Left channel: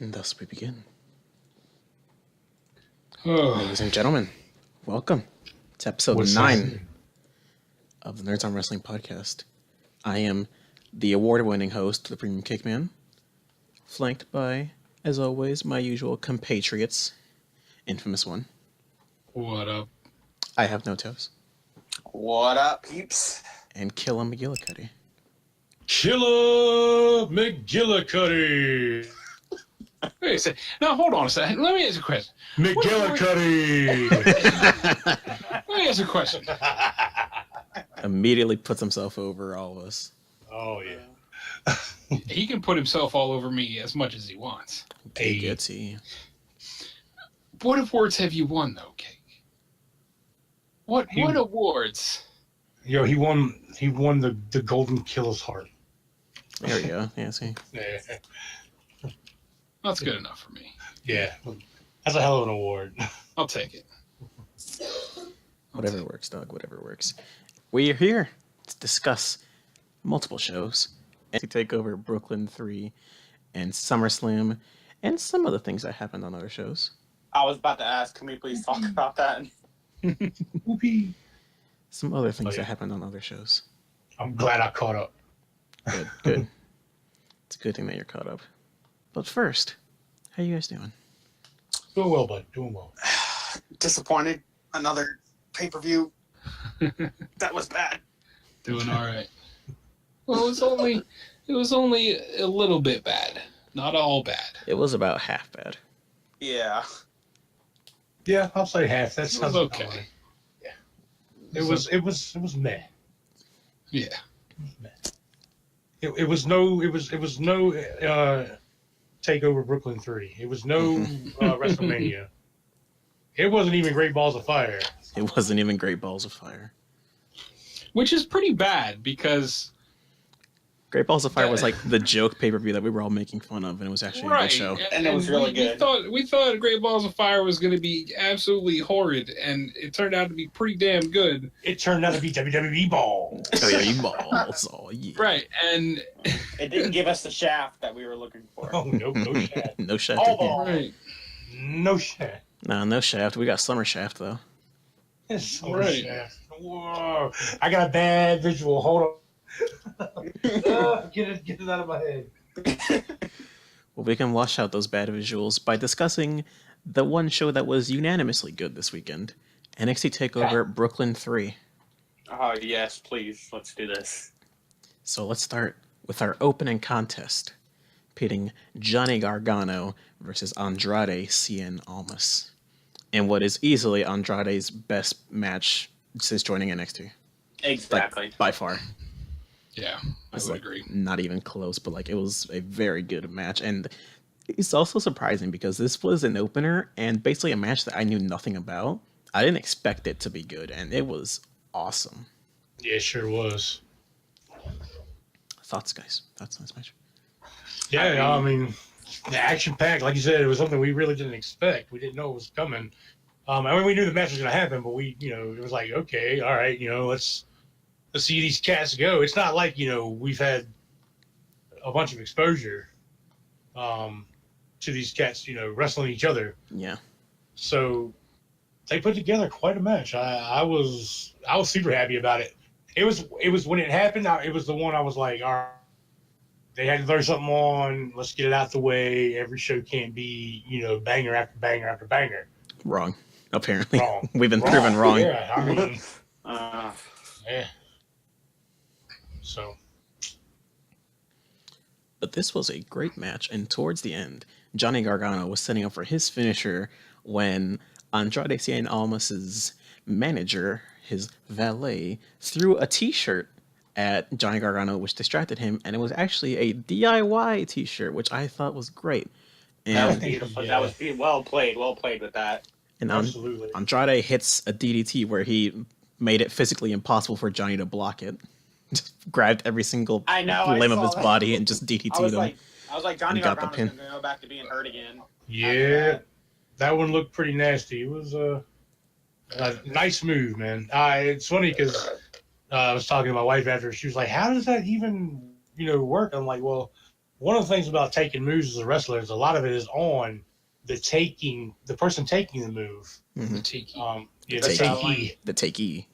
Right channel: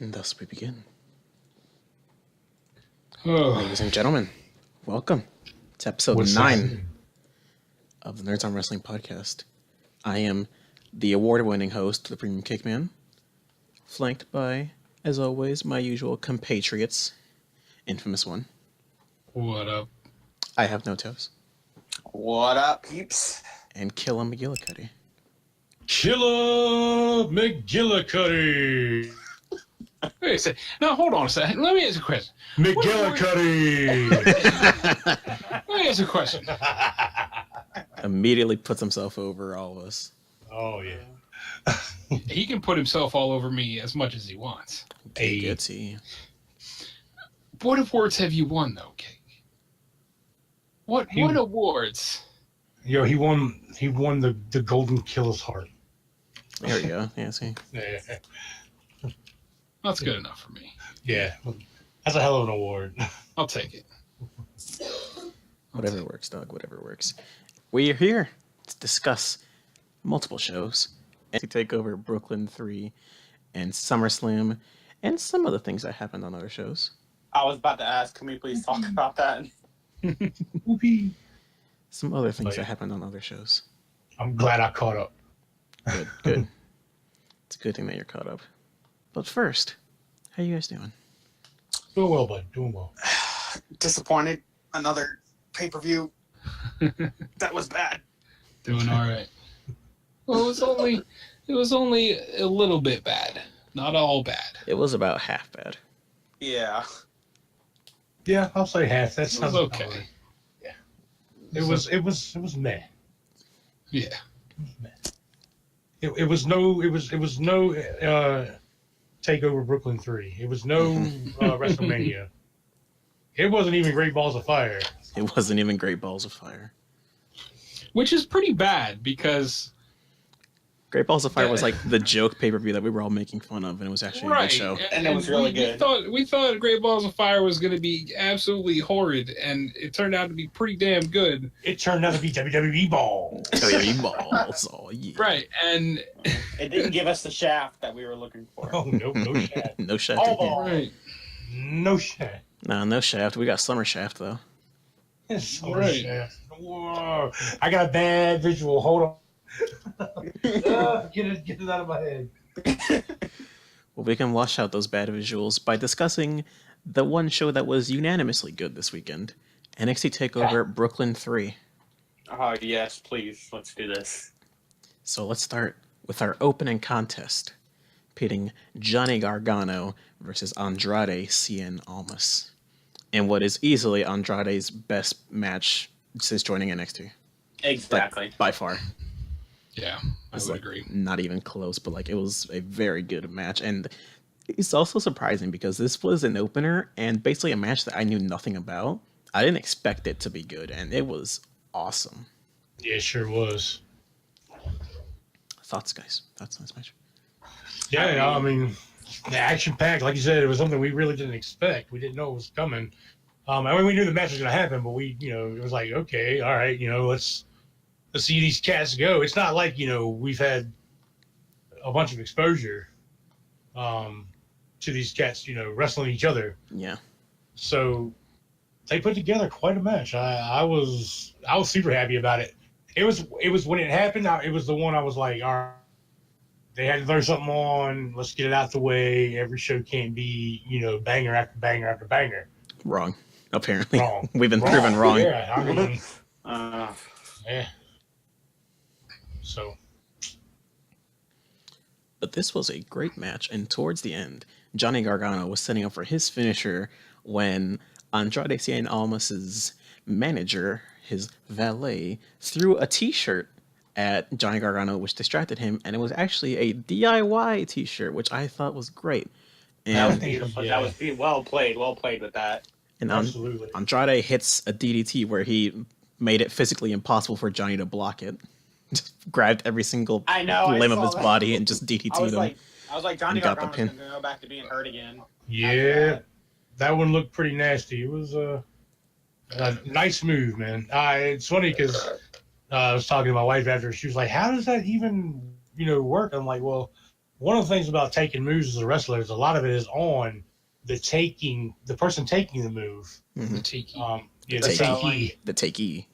And thus we begin. Oh, Ladies and gentlemen, welcome to episode 9 of the Nerds on Wrestling podcast. I am the award-winning host, the Premium Kickman, flanked by, as always, my usual compatriots, infamous one. what up? I have no toes. What up, peeps? And Killa McGillicuddy. Killer McGillicuddy. Wait a second. Now, hold on a second. Let me ask a question. McGillicuddy! Let me ask a question. Immediately puts himself over all of us. Oh, yeah. He can put himself all over me as much as he wants. Take it, see. What awards have you won, though, Cake? What awards? Yo, he won the Golden Killer's Heart. There we go. Yeah, see. Yeah. That's good enough for me. Yeah. That's a hell of an award. I'll take it. Whatever works, dog. Whatever works. We are here to discuss multiple shows. NXT Takeover Brooklyn III and Summerslam and some other things that happened on other shows. I was about to ask, can we please talk about that? Whoopee. Some other things that happened on other shows. I'm glad I caught up. Good, good. It's a good thing that you're caught up. But first, how you guys doing? Doing well, bud. Doing well. Disappointed. Another pay-per-view. That was bad. Doing all right. Well, it was only a little bit bad. Not all bad. It was about half bad. Yeah. Yeah, I'll say half. That It sounds was okay. Yeah. It was meh. Yeah. It was no Takeover Brooklyn 3. It was no WrestleMania. It wasn't even Great Balls of Fire. It wasn't even Great Balls of Fire. Which is pretty bad because... Great Balls of Fire was like the joke pay-per-view that we were all making fun of, and it was actually a good show. And it was really good. We thought Great Balls of Fire was going to be absolutely horrid, and it turned out to be pretty damn good. It turned out to be WWE Balls. WWE Balls. Oh, yeah. Right, and... It didn't give us the shaft that we were looking for. Oh, no shaft. No shaft All again. ball. Right. No shaft. No shaft. We got Summer Shaft, though. Yes, Right. shaft. Whoa. I got a bad visual. Hold on. Get it out of my head. Well, we can wash out those bad visuals by discussing the one show that was unanimously good this weekend, NXT Takeover Brooklyn III. Oh, yes, please. Let's do this. So let's start with our opening contest, pitting Johnny Gargano versus Andrade Cien Almas, in what is easily Andrade's best match since joining NXT. Exactly. Like, by far. Yeah, I It's would like agree. not even close, but like it was a very good match. And it's also surprising because this was an opener and basically a match that I knew nothing about. I didn't expect it to be good, and it was awesome. Yeah, it sure was. Thoughts, guys? Thoughts on this match? Yeah, I mean, action-packed. Like you said, it was something we really didn't expect. We didn't know it was coming. I mean, we knew the match was going to happen, but it was like, okay, all right, let's see these cats go. It's not like, we've had a bunch of exposure to these cats, wrestling each other. Yeah. So they put together quite a match. I was super happy about it. It was when it happened. It was the one I was like, all right, they had to throw something on. Let's get it out the way. Every show can't be, banger after banger after banger. Wrong. Apparently. Wrong. We've been proven wrong. Yeah, I mean, yeah. So. But this was a great match, and towards the end, Johnny Gargano was setting up for his finisher when Andrade Cien Almas's manager, his valet, threw a t-shirt at Johnny Gargano, which distracted him, and it was actually a DIY t-shirt, which I thought was great. And That was beautiful. That was well played with that. And Absolutely. Andrade hits a DDT where he made it physically impossible for Johnny to block it. Just grabbed every single limb of his body and just DDT'd him. I was like, Johnny got the Gargano's pin. gonna go back to being hurt again. Yeah, that one looked pretty nasty. It was a nice move, man. It's funny because I was talking to my wife after. She was like, "How does that even, work?" I'm like, "Well, one of the things about taking moves as a wrestler is a lot of it is on the person taking the move. Mm-hmm. The take takee. The takee.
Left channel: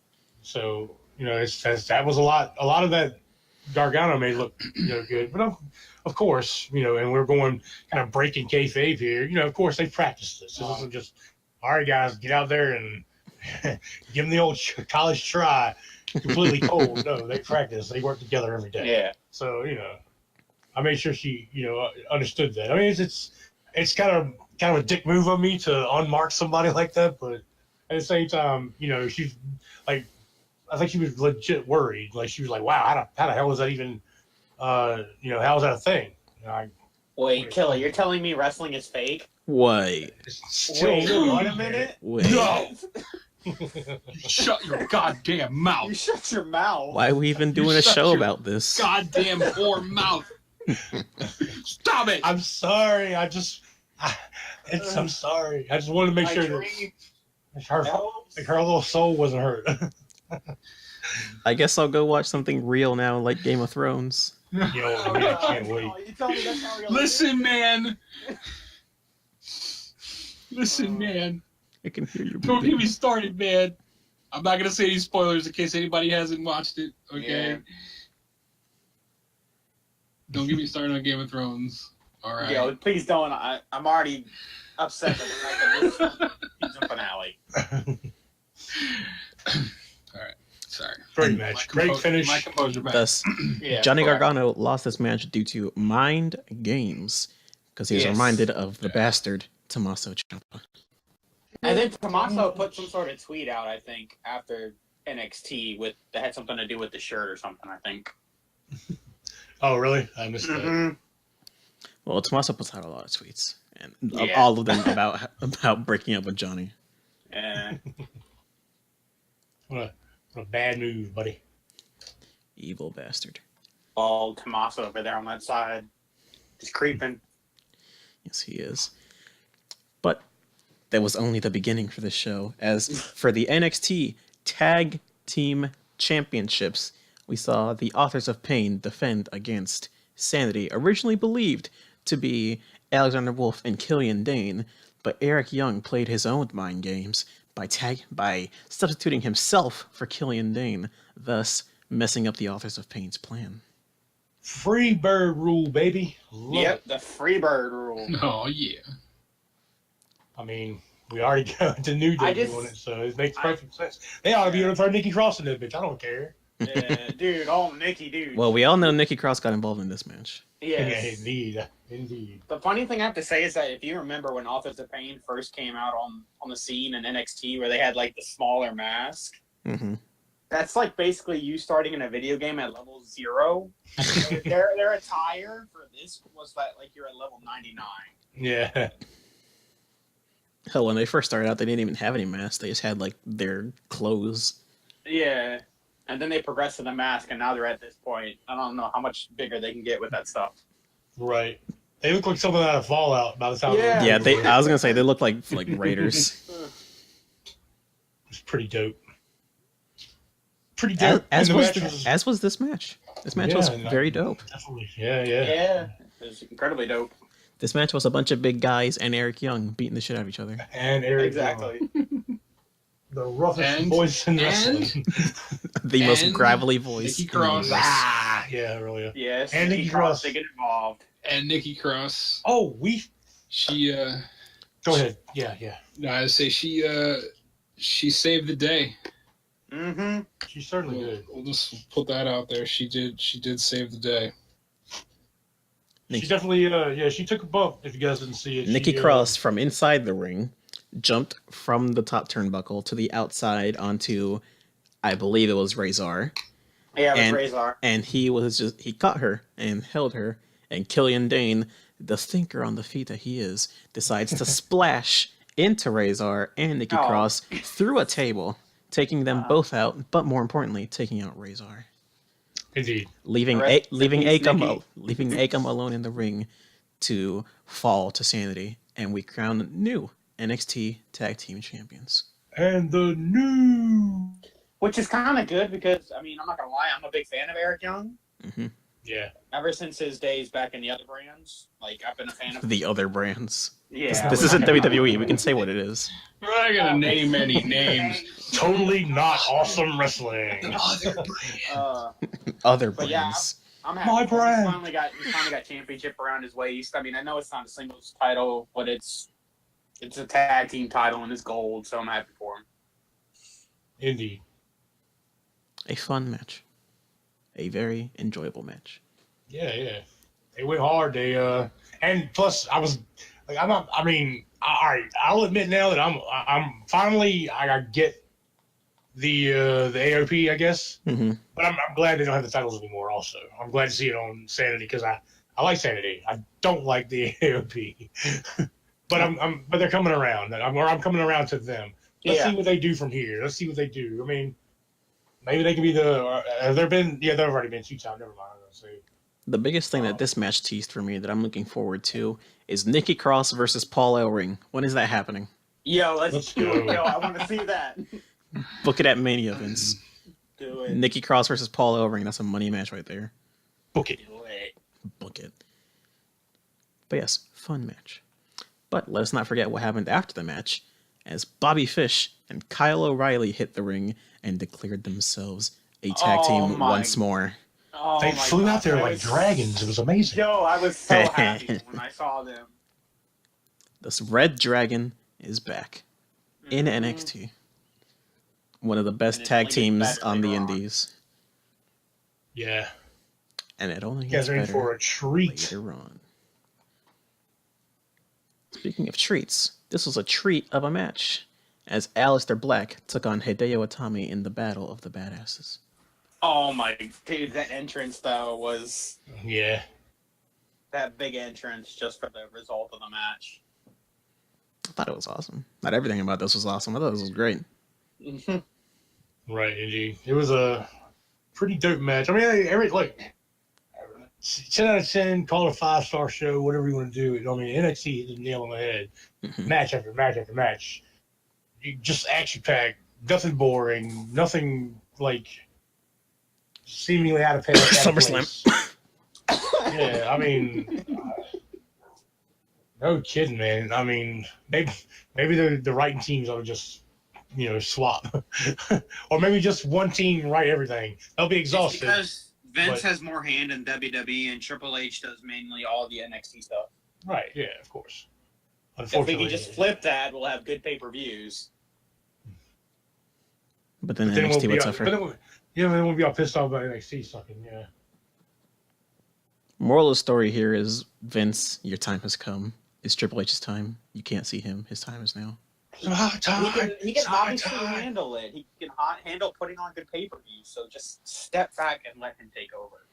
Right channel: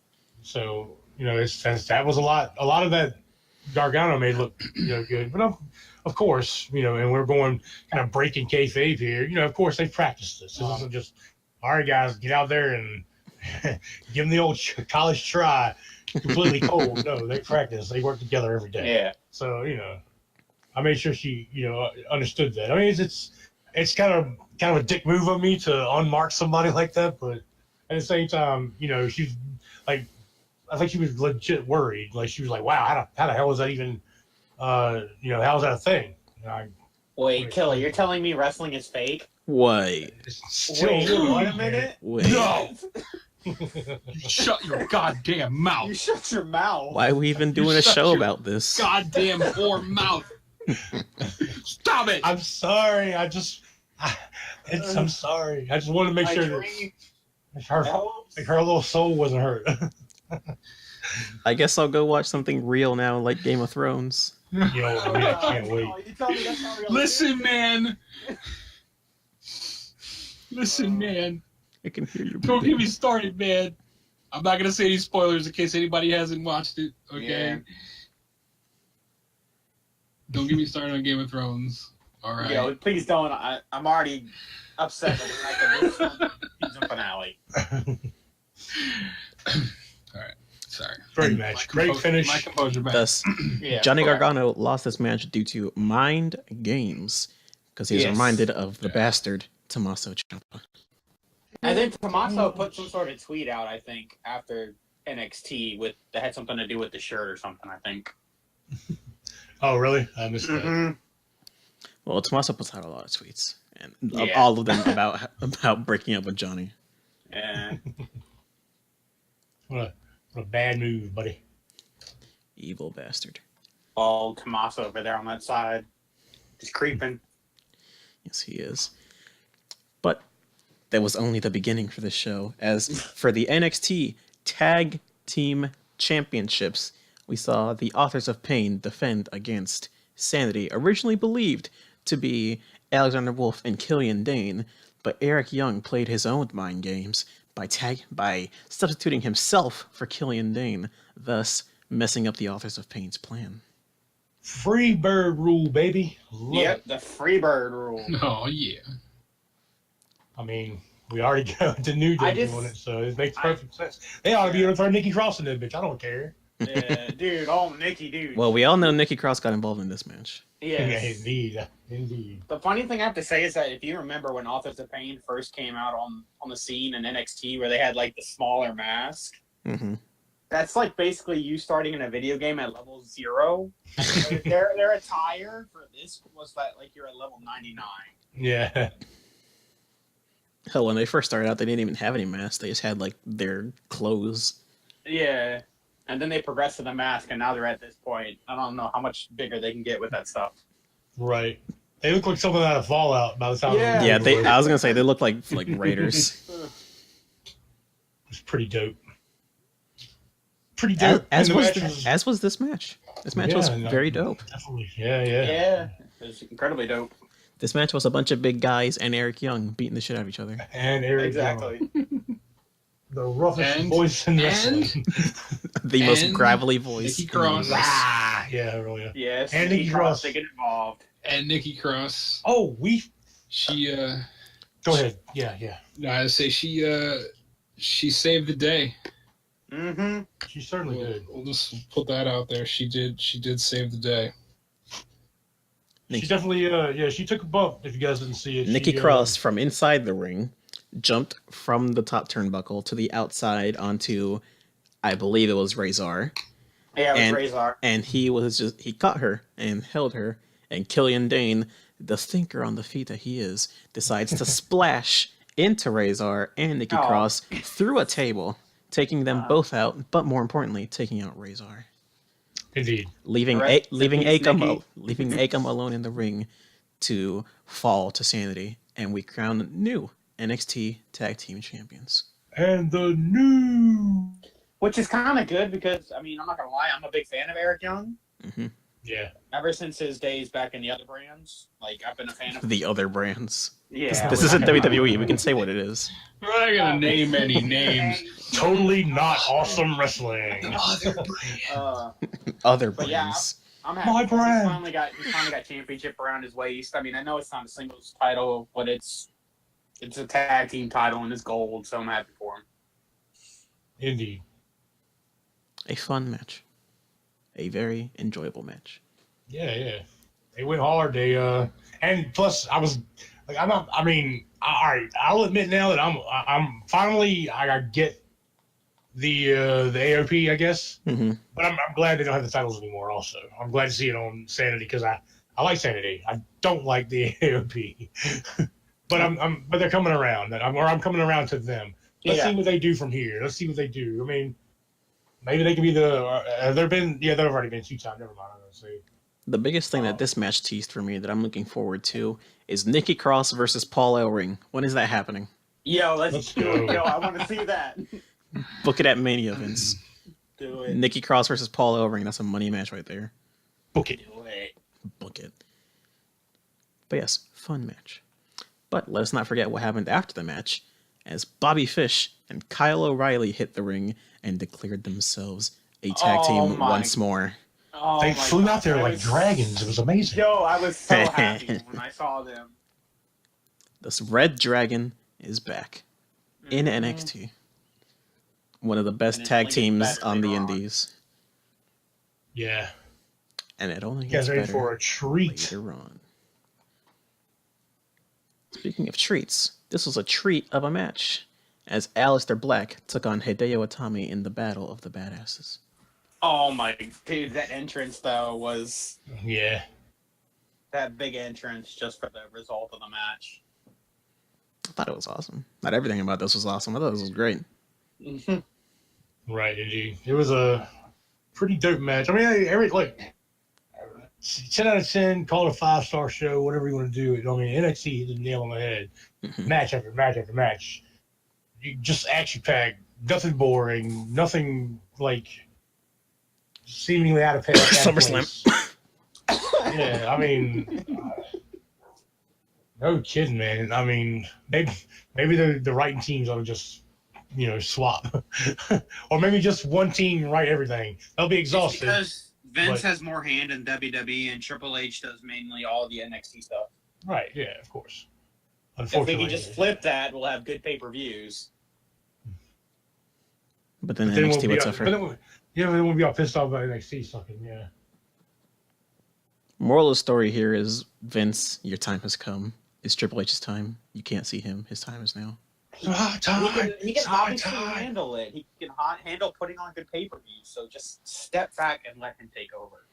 So that was a lot of that Gargano made look good, but of course and we're going kind of breaking kayfabe here. Of course they practiced this. This isn't just all right, guys, get out there and give them the old college try, completely cold. No, they practice. They work together every day. Yeah. So I made sure she understood that. I mean, it's kind of a dick move of me to unmark somebody like that, but at the same time, she's like, I think she was legit worried. Like she was like, wow, how the hell is that even, how is that a thing? Wait, Killer, you're telling me wrestling is fake? Wait. Wait, wait a minute. Wait. No! Shut your goddamn mouth. You shut your mouth. Why are we even doing a shut show your about this? Goddamn whore mouth. Stop it! I'm sorry. I'm sorry. I just wanted to make sure that her little soul wasn't hurt. I guess I'll go watch something real now, like Game of Thrones. I can't wait. Listen, man. Listen, man. I can hear you. Don't get me started, man. I'm not gonna say any spoilers in case anybody hasn't watched it. Okay. Yeah. Don't get me started on Game of Thrones. All right. Yo, please don't. I'm already upset with the fact that this season finale. All right. Sorry. Great match. Great finish. My composure back. Thus, Yeah, Johnny correct. Gargano lost this match due to mind games because he was Yes. reminded of the bastard Tommaso Ciampa. And then Tommaso put some sort of tweet out, I think, after NXT that had something to do with the shirt or something, I think. Oh, really? I missed that. Mm-hmm. Well, Tommaso puts out a lot of tweets, and Yeah. all of them about breaking up with Johnny. Yeah. What a bad move, buddy. Evil bastard. All Tommaso over there on that side. Just creeping. Yes, he is. But that was only the beginning for this show. As for the NXT Tag Team Championships, we saw the Authors of Pain defend against Sanity, originally believed to be Alexander Wolf and Killian Dane, but Eric Young played his own mind games by substituting himself for Killian Dane, thus messing up the Authors of Pain's plan. Free bird rule, baby. Love Yep, it. the Freebird rule. Oh yeah. I mean, we already got to New Day doing it, so it makes perfect sense. They ought to be able to throw Nikki Cross in that bitch. I don't care. Yeah, dude, Nikki, dude. Well, we all know Nikki Cross got involved in this match. Yes. Yeah, indeed. The funny thing I have to say is that if you remember when Authors of Pain first came out on the scene in NXT, where they had like the smaller mask, Mm-hmm. that's like basically you starting in a video game at level 0. their attire for this was that like you're at level 99. Yeah. Hell, when they first started out, they didn't even have any masks. They just had like their clothes. Yeah. And then they progressed to the mask, and now they're at this point. I don't know how much bigger they can get with that stuff. Right. They look like something out of Fallout by the time. Yeah. Yeah, I was gonna say they look like Raiders. It's pretty dope. Pretty dope. as And the was match as was this match. This match was very dope. Definitely. Yeah. Yeah. It was incredibly dope. This match was a bunch of big guys and Eric Young beating the shit out of each other. And Eric Exactly. Young, the roughest And- voice in wrestling. The most And gravelly voice. Nikki in the Cross. universe. Ah, yeah, really. Yes. And Nikki Nikki Cross Cross. to get involved. And Nikki Cross. Oh, She go ahead. Yeah. no, I say she saved the day. Mm-hmm. She certainly did. We'll just put that out there. She did save the day. She definitely, she took a bump. If you guys didn't see it, Nikki she, Cross from inside the ring jumped from the top turnbuckle to the outside onto, I believe it was Razor, Yeah, it was Razor. and he caught her and held her, and Killian Dane, the thinker on the feet that he is, decides to splash into Razor and Nikki Oh. Cross through a table, taking them both out, but more importantly, taking out Razor. Indeed. Leaving Correct. leaving Nikki. Akam alone in the ring to fall to Sanity, and we crown new NXT Tag Team Champions. And the new. Which is kind of good because, I mean, I'm not going to lie, I'm a big fan of Eric Young. Hmm Yeah. Ever since his days back in the other brands, like I've been a fan of. The other brands. Yeah, This isn't WWE. We can say what it is. We're not gonna name any names. Totally not awesome wrestling. Other But yeah, brands. I'm happy. My because brand. He finally got championship around his waist. I mean, I know it's not a singles title, but it's a tag team title and it's gold, so I'm happy for him. Indeed. A fun match. A very enjoyable match. Yeah. They went hard. They and plus I was like I'm not. I mean, all right. I'll admit now that I'm finally I get the AOP, I guess. Mm-hmm. But I'm glad they don't have the titles anymore. Also, I'm glad to see it on Sanity because I like Sanity. I don't like the AOP. But but they're coming around. I'm coming around to them. Let's see what they do from here. Let's see what they do. I mean, maybe they could be the. They've already been 2 times. Never mind. Let's see. The biggest thing that this match teased for me that I'm looking forward to is Nikki Cross versus Paul Ellering. When is that happening? Yo, let's do it. go. Yo, I want to see that. Book it at Mania, Vince. Do it. Nikki Cross versus Paul Ellering. That's a money match right there. Book it. Do it. Book it. But yes, fun match. But let us not forget what happened after the match, as Bobby Fish and Kyle O'Reilly hit the ring and declared themselves a tag team once more. Oh They my flew God, out there I like was- dragons. It was amazing. Yo, I was so happy when I saw them. This Red Dragon is back in NXT. One of the best And it's tag only teams better on the later on. Indies. Yeah. And it only You gets guys ready for better a treat? later on. Speaking of treats, this was a treat of a match, as Aleister Black took on Hideo Itami in the Battle of the Badasses. Oh my dude, that entrance though was Yeah. that big entrance just for the result of the match. I thought it was awesome. Not everything about this was awesome. I thought this was great. Right, indeed. It was a pretty dope match. I mean, every 10 out of 10, call it a 5-star show, whatever you want to do. I mean, NXT hit the nail on the head. Mhm. Match after match after match. Just action packed, nothing boring, nothing like seemingly out of place. SummerSlam. Yeah, I mean, no kidding, man. I mean, maybe the writing teams ought to just swap, or maybe just one team write everything. They'll be exhausted. Because Vince but- has more hand in WWE and Triple H does mainly all the NXT stuff. Right? Yeah, of course. If we Unfortunately, could just flip that, we'll have good pay-per-views. But then then NXT we'll would be suffer. But then we'll be all pissed off about NXT sucking. Yeah. Moral of the story here is, Vince, your time has come. It's Triple H's time. You can't see him. His time is now. He can obviously handle it. He can handle putting on good pay-per-views. So just step back and let him take over.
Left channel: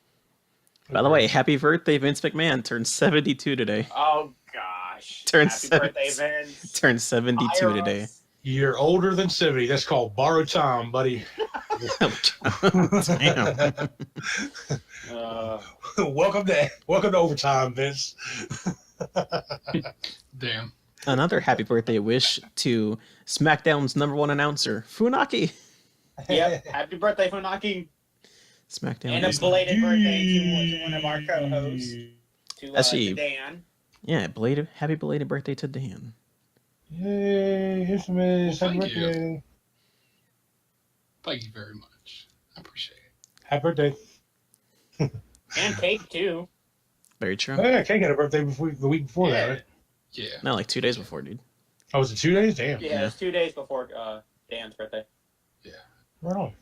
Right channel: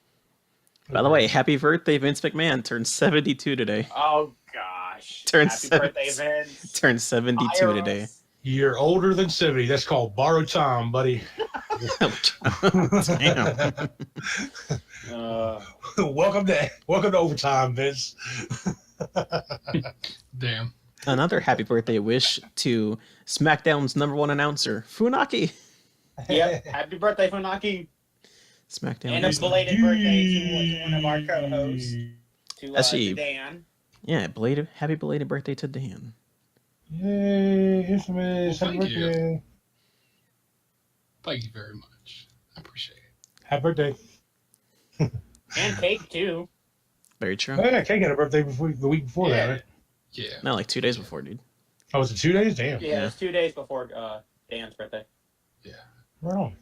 By the way, happy birthday, Vince McMahon. Turned 72 today. Oh gosh! Turns Happy 70. birthday, Vince. Turned 72 Fire today. us. You're older than 70. That's called borrowed time, buddy. Damn. welcome to overtime, Vince. Damn. Another happy birthday wish to SmackDown's #1 announcer, Funaki. Yep. Happy birthday, Funaki. SmackDown And a is belated birthday to one of our co-hosts, Actually- to Dan. happy belated birthday to Dan. Yay, infamous. Happy Thank you. birthday. Thank you very much. I appreciate it. Happy birthday. And cake, too. Very true. Oh, yeah, Kate had a birthday the week before that, right? Yeah. No, like 2 days before, dude. Oh, was it 2 days? Damn. Yeah, it's 2 days before Dan's birthday. Right on.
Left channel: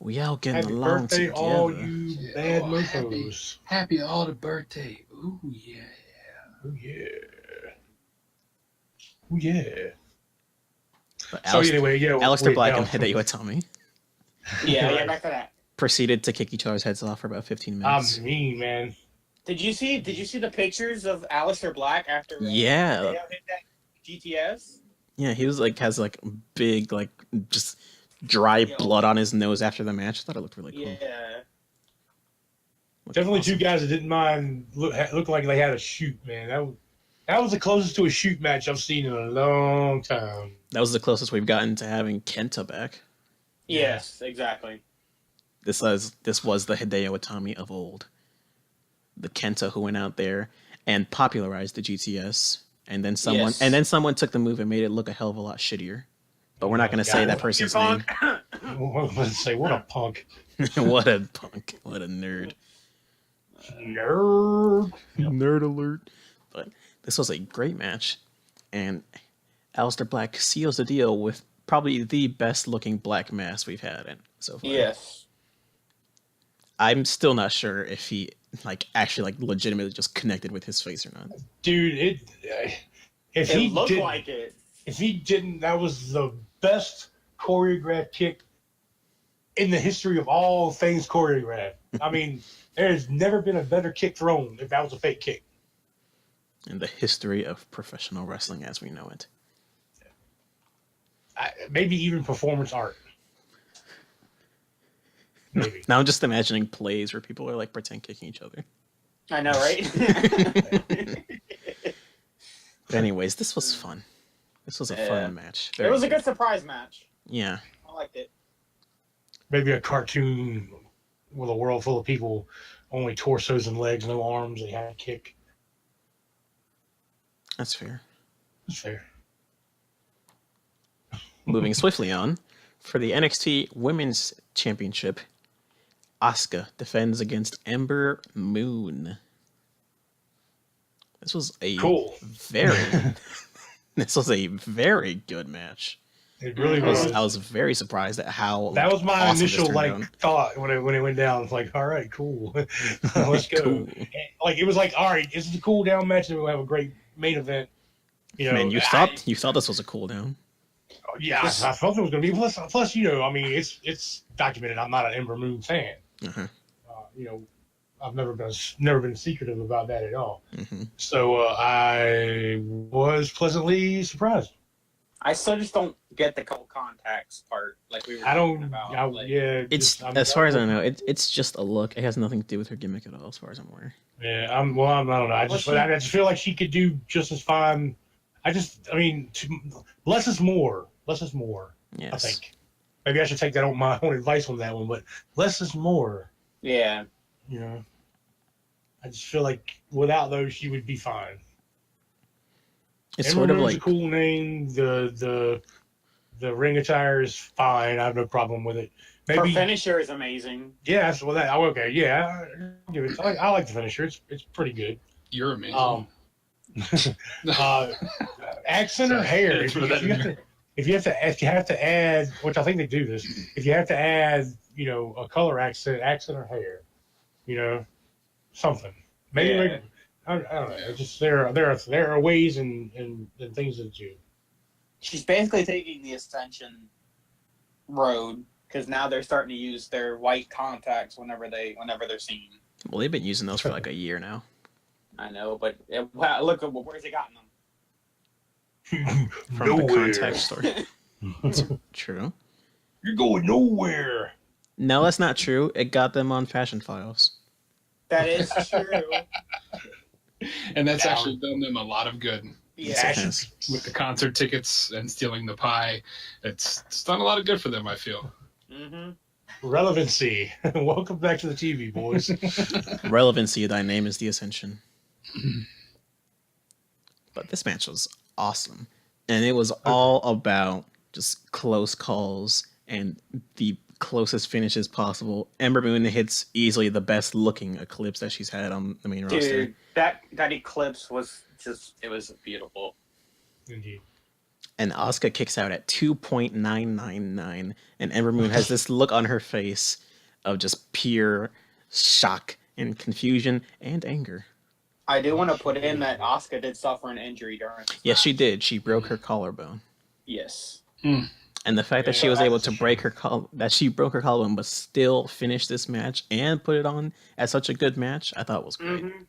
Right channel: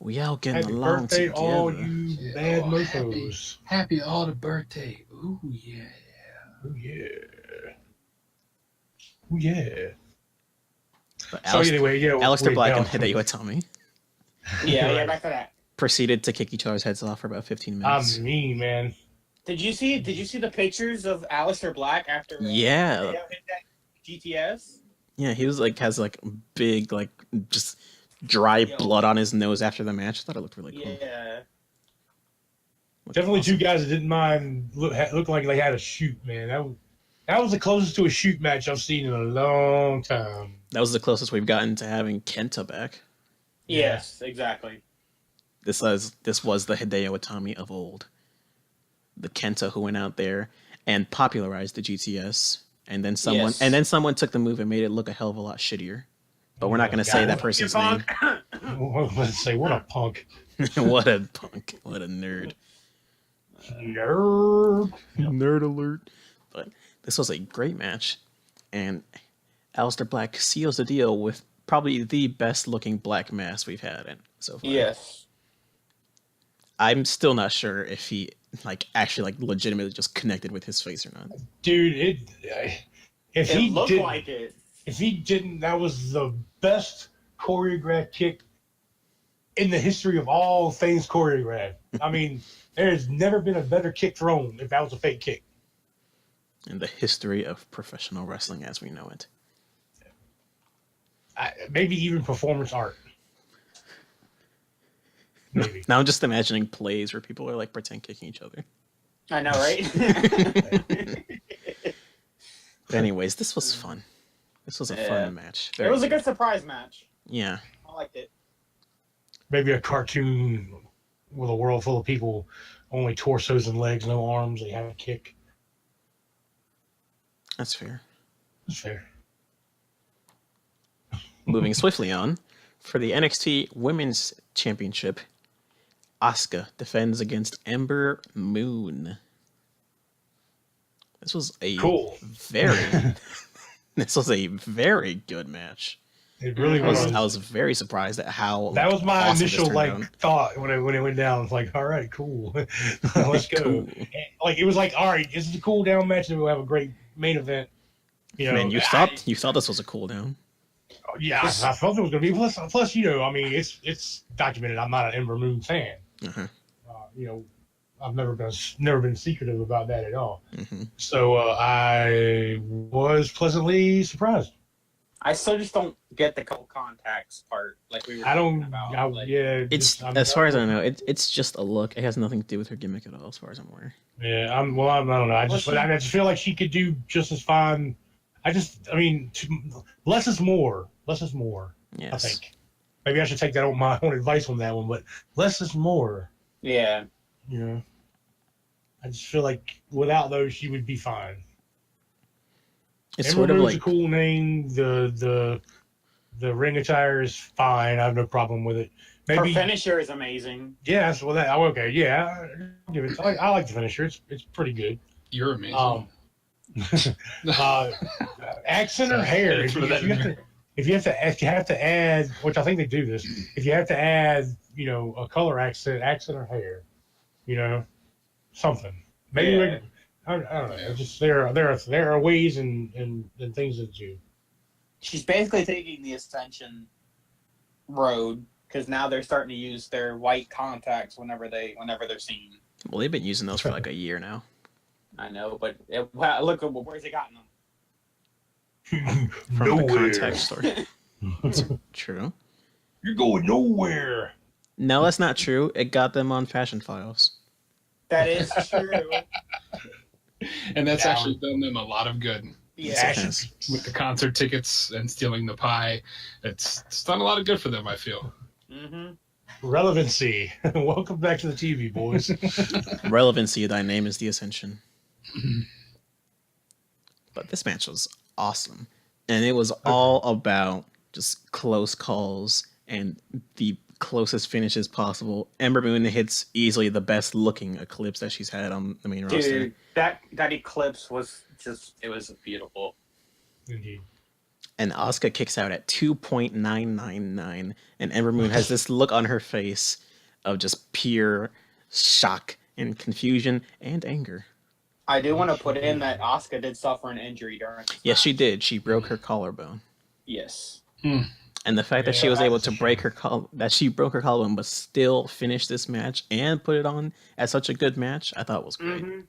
We all getting Happy along birthday, together. all you Yeah. bad Oh, mofos. Happy all the birthday. Ooh, yeah. Oh, yeah. Oh, yeah. But So anyway, yeah. Aleister Black and now- Hideo Itami Yeah, back to that. proceeded to kick each other's heads off for about 15 minutes. I'm mean, man. Did you see the pictures of Aleister Black after Yeah. Hideo hit that GTS? Yeah, he was has big, just dry blood on his nose after the match. I thought it looked really cool. Yeah. Looked Definitely awesome. 2 guys that didn't mind look like they had a shoot, man. That was the closest to a shoot match I've seen in a long time. That was the closest we've gotten to having Kenta back. Yes, exactly. This was the Hideo Itami of old. the Kenta who went out there and popularized the GTS, and then Yes. someone took the move and made it look a hell of a lot shittier. But we're not going to say that person's name. Let's say, what a punk. What a punk. What a nerd. Nerd. Nerd alert. But this was a great match, and Aleister Black seals the deal with probably the best looking black mask we've had in so far. Yes. I'm still not sure if he actually legitimately just connected with his face or not. Dude, if It he looked didn't, like it. if he didn't, that was the best choreographed kick in the history of all things choreographed. I mean, there's never been a better kick thrown if that was a fake kick. In the history of professional wrestling as we know it. Maybe even performance art. Maybe. Now I'm just imagining plays where people are pretend kicking each other. I know, right? But anyways, this was fun. This was a fun match. Very it was a good surprise match. Yeah. I liked it. Maybe a cartoon with a world full of people, only torsos and legs, no arms. They have to kick. That's fair. That's fair. Moving swiftly on, for the NXT Women's Championship, Asuka defends against Ember Moon. This was a this was a very good match. It really was. I was very surprised at how that was my awesome initial thought when it went down. It's like, all right, cool, let's go. Cool. It was like, all right, this is a cool down match, and we'll have a great main event. Man, you thought this was a cool down. Yeah, I thought it was going to be. Plus, I mean, it's documented. I'm not an Ember Moon fan. Uh-huh. I've never been secretive about that at all. Mm-hmm. So I was pleasantly surprised. I still just don't get the couple contacts part, like we were talking about. It's as far as I know, it's just a look. It has nothing to do with her gimmick at all, as far as I'm aware. Yeah, I don't know. I just feel like she could do just as fine. Less is more. Less is more. Yes. I think. Maybe I should take that on my own advice on that one, but less is more. Yeah. I just feel like without those, she would be fine. It's Ember sort of Moon's like a cool name. The ring attire is fine. I have no problem with it. Her finisher is amazing. Yeah, okay. Yeah, I like the finisher. It's pretty good. You're amazing. Accent or hair? If you have to add, which I think they do this, if you have to add, a color accent or hair, something. Maybe I don't know. Just there are ways and things that do. She's basically taking the Ascension road because now they're starting to use their white contacts whenever they're seen. Well, they've been using those for a year now. I know, but look at where's it gotten them? From the contact store. True. You're going nowhere. No, that's not true. It got them on Fashion Files. That is true. And that's actually done them a lot of good. Yes. With the concert tickets and stealing the pie. It's done a lot of good for them, I feel. Mm-hmm. Relevancy. Welcome back to the TV, boys. Relevancy, thy name is the Ascension. But this match was awesome. And it was all about just close calls and the closest finishes possible. Ember Moon hits easily the best looking Eclipse that she's had on the main roster. Dude, that Eclipse was it was beautiful. Indeed. And Asuka kicks out at 2.999, and Ember Moon has this look on her face of just pure shock and confusion and anger. I do want to put in that Asuka did suffer an injury during this Yes, match. she did. She broke her collarbone. Yes. And the fact that she was able to broke her collarbone but still finish this match and put it on as such a good match, I thought was great. Mm-hmm.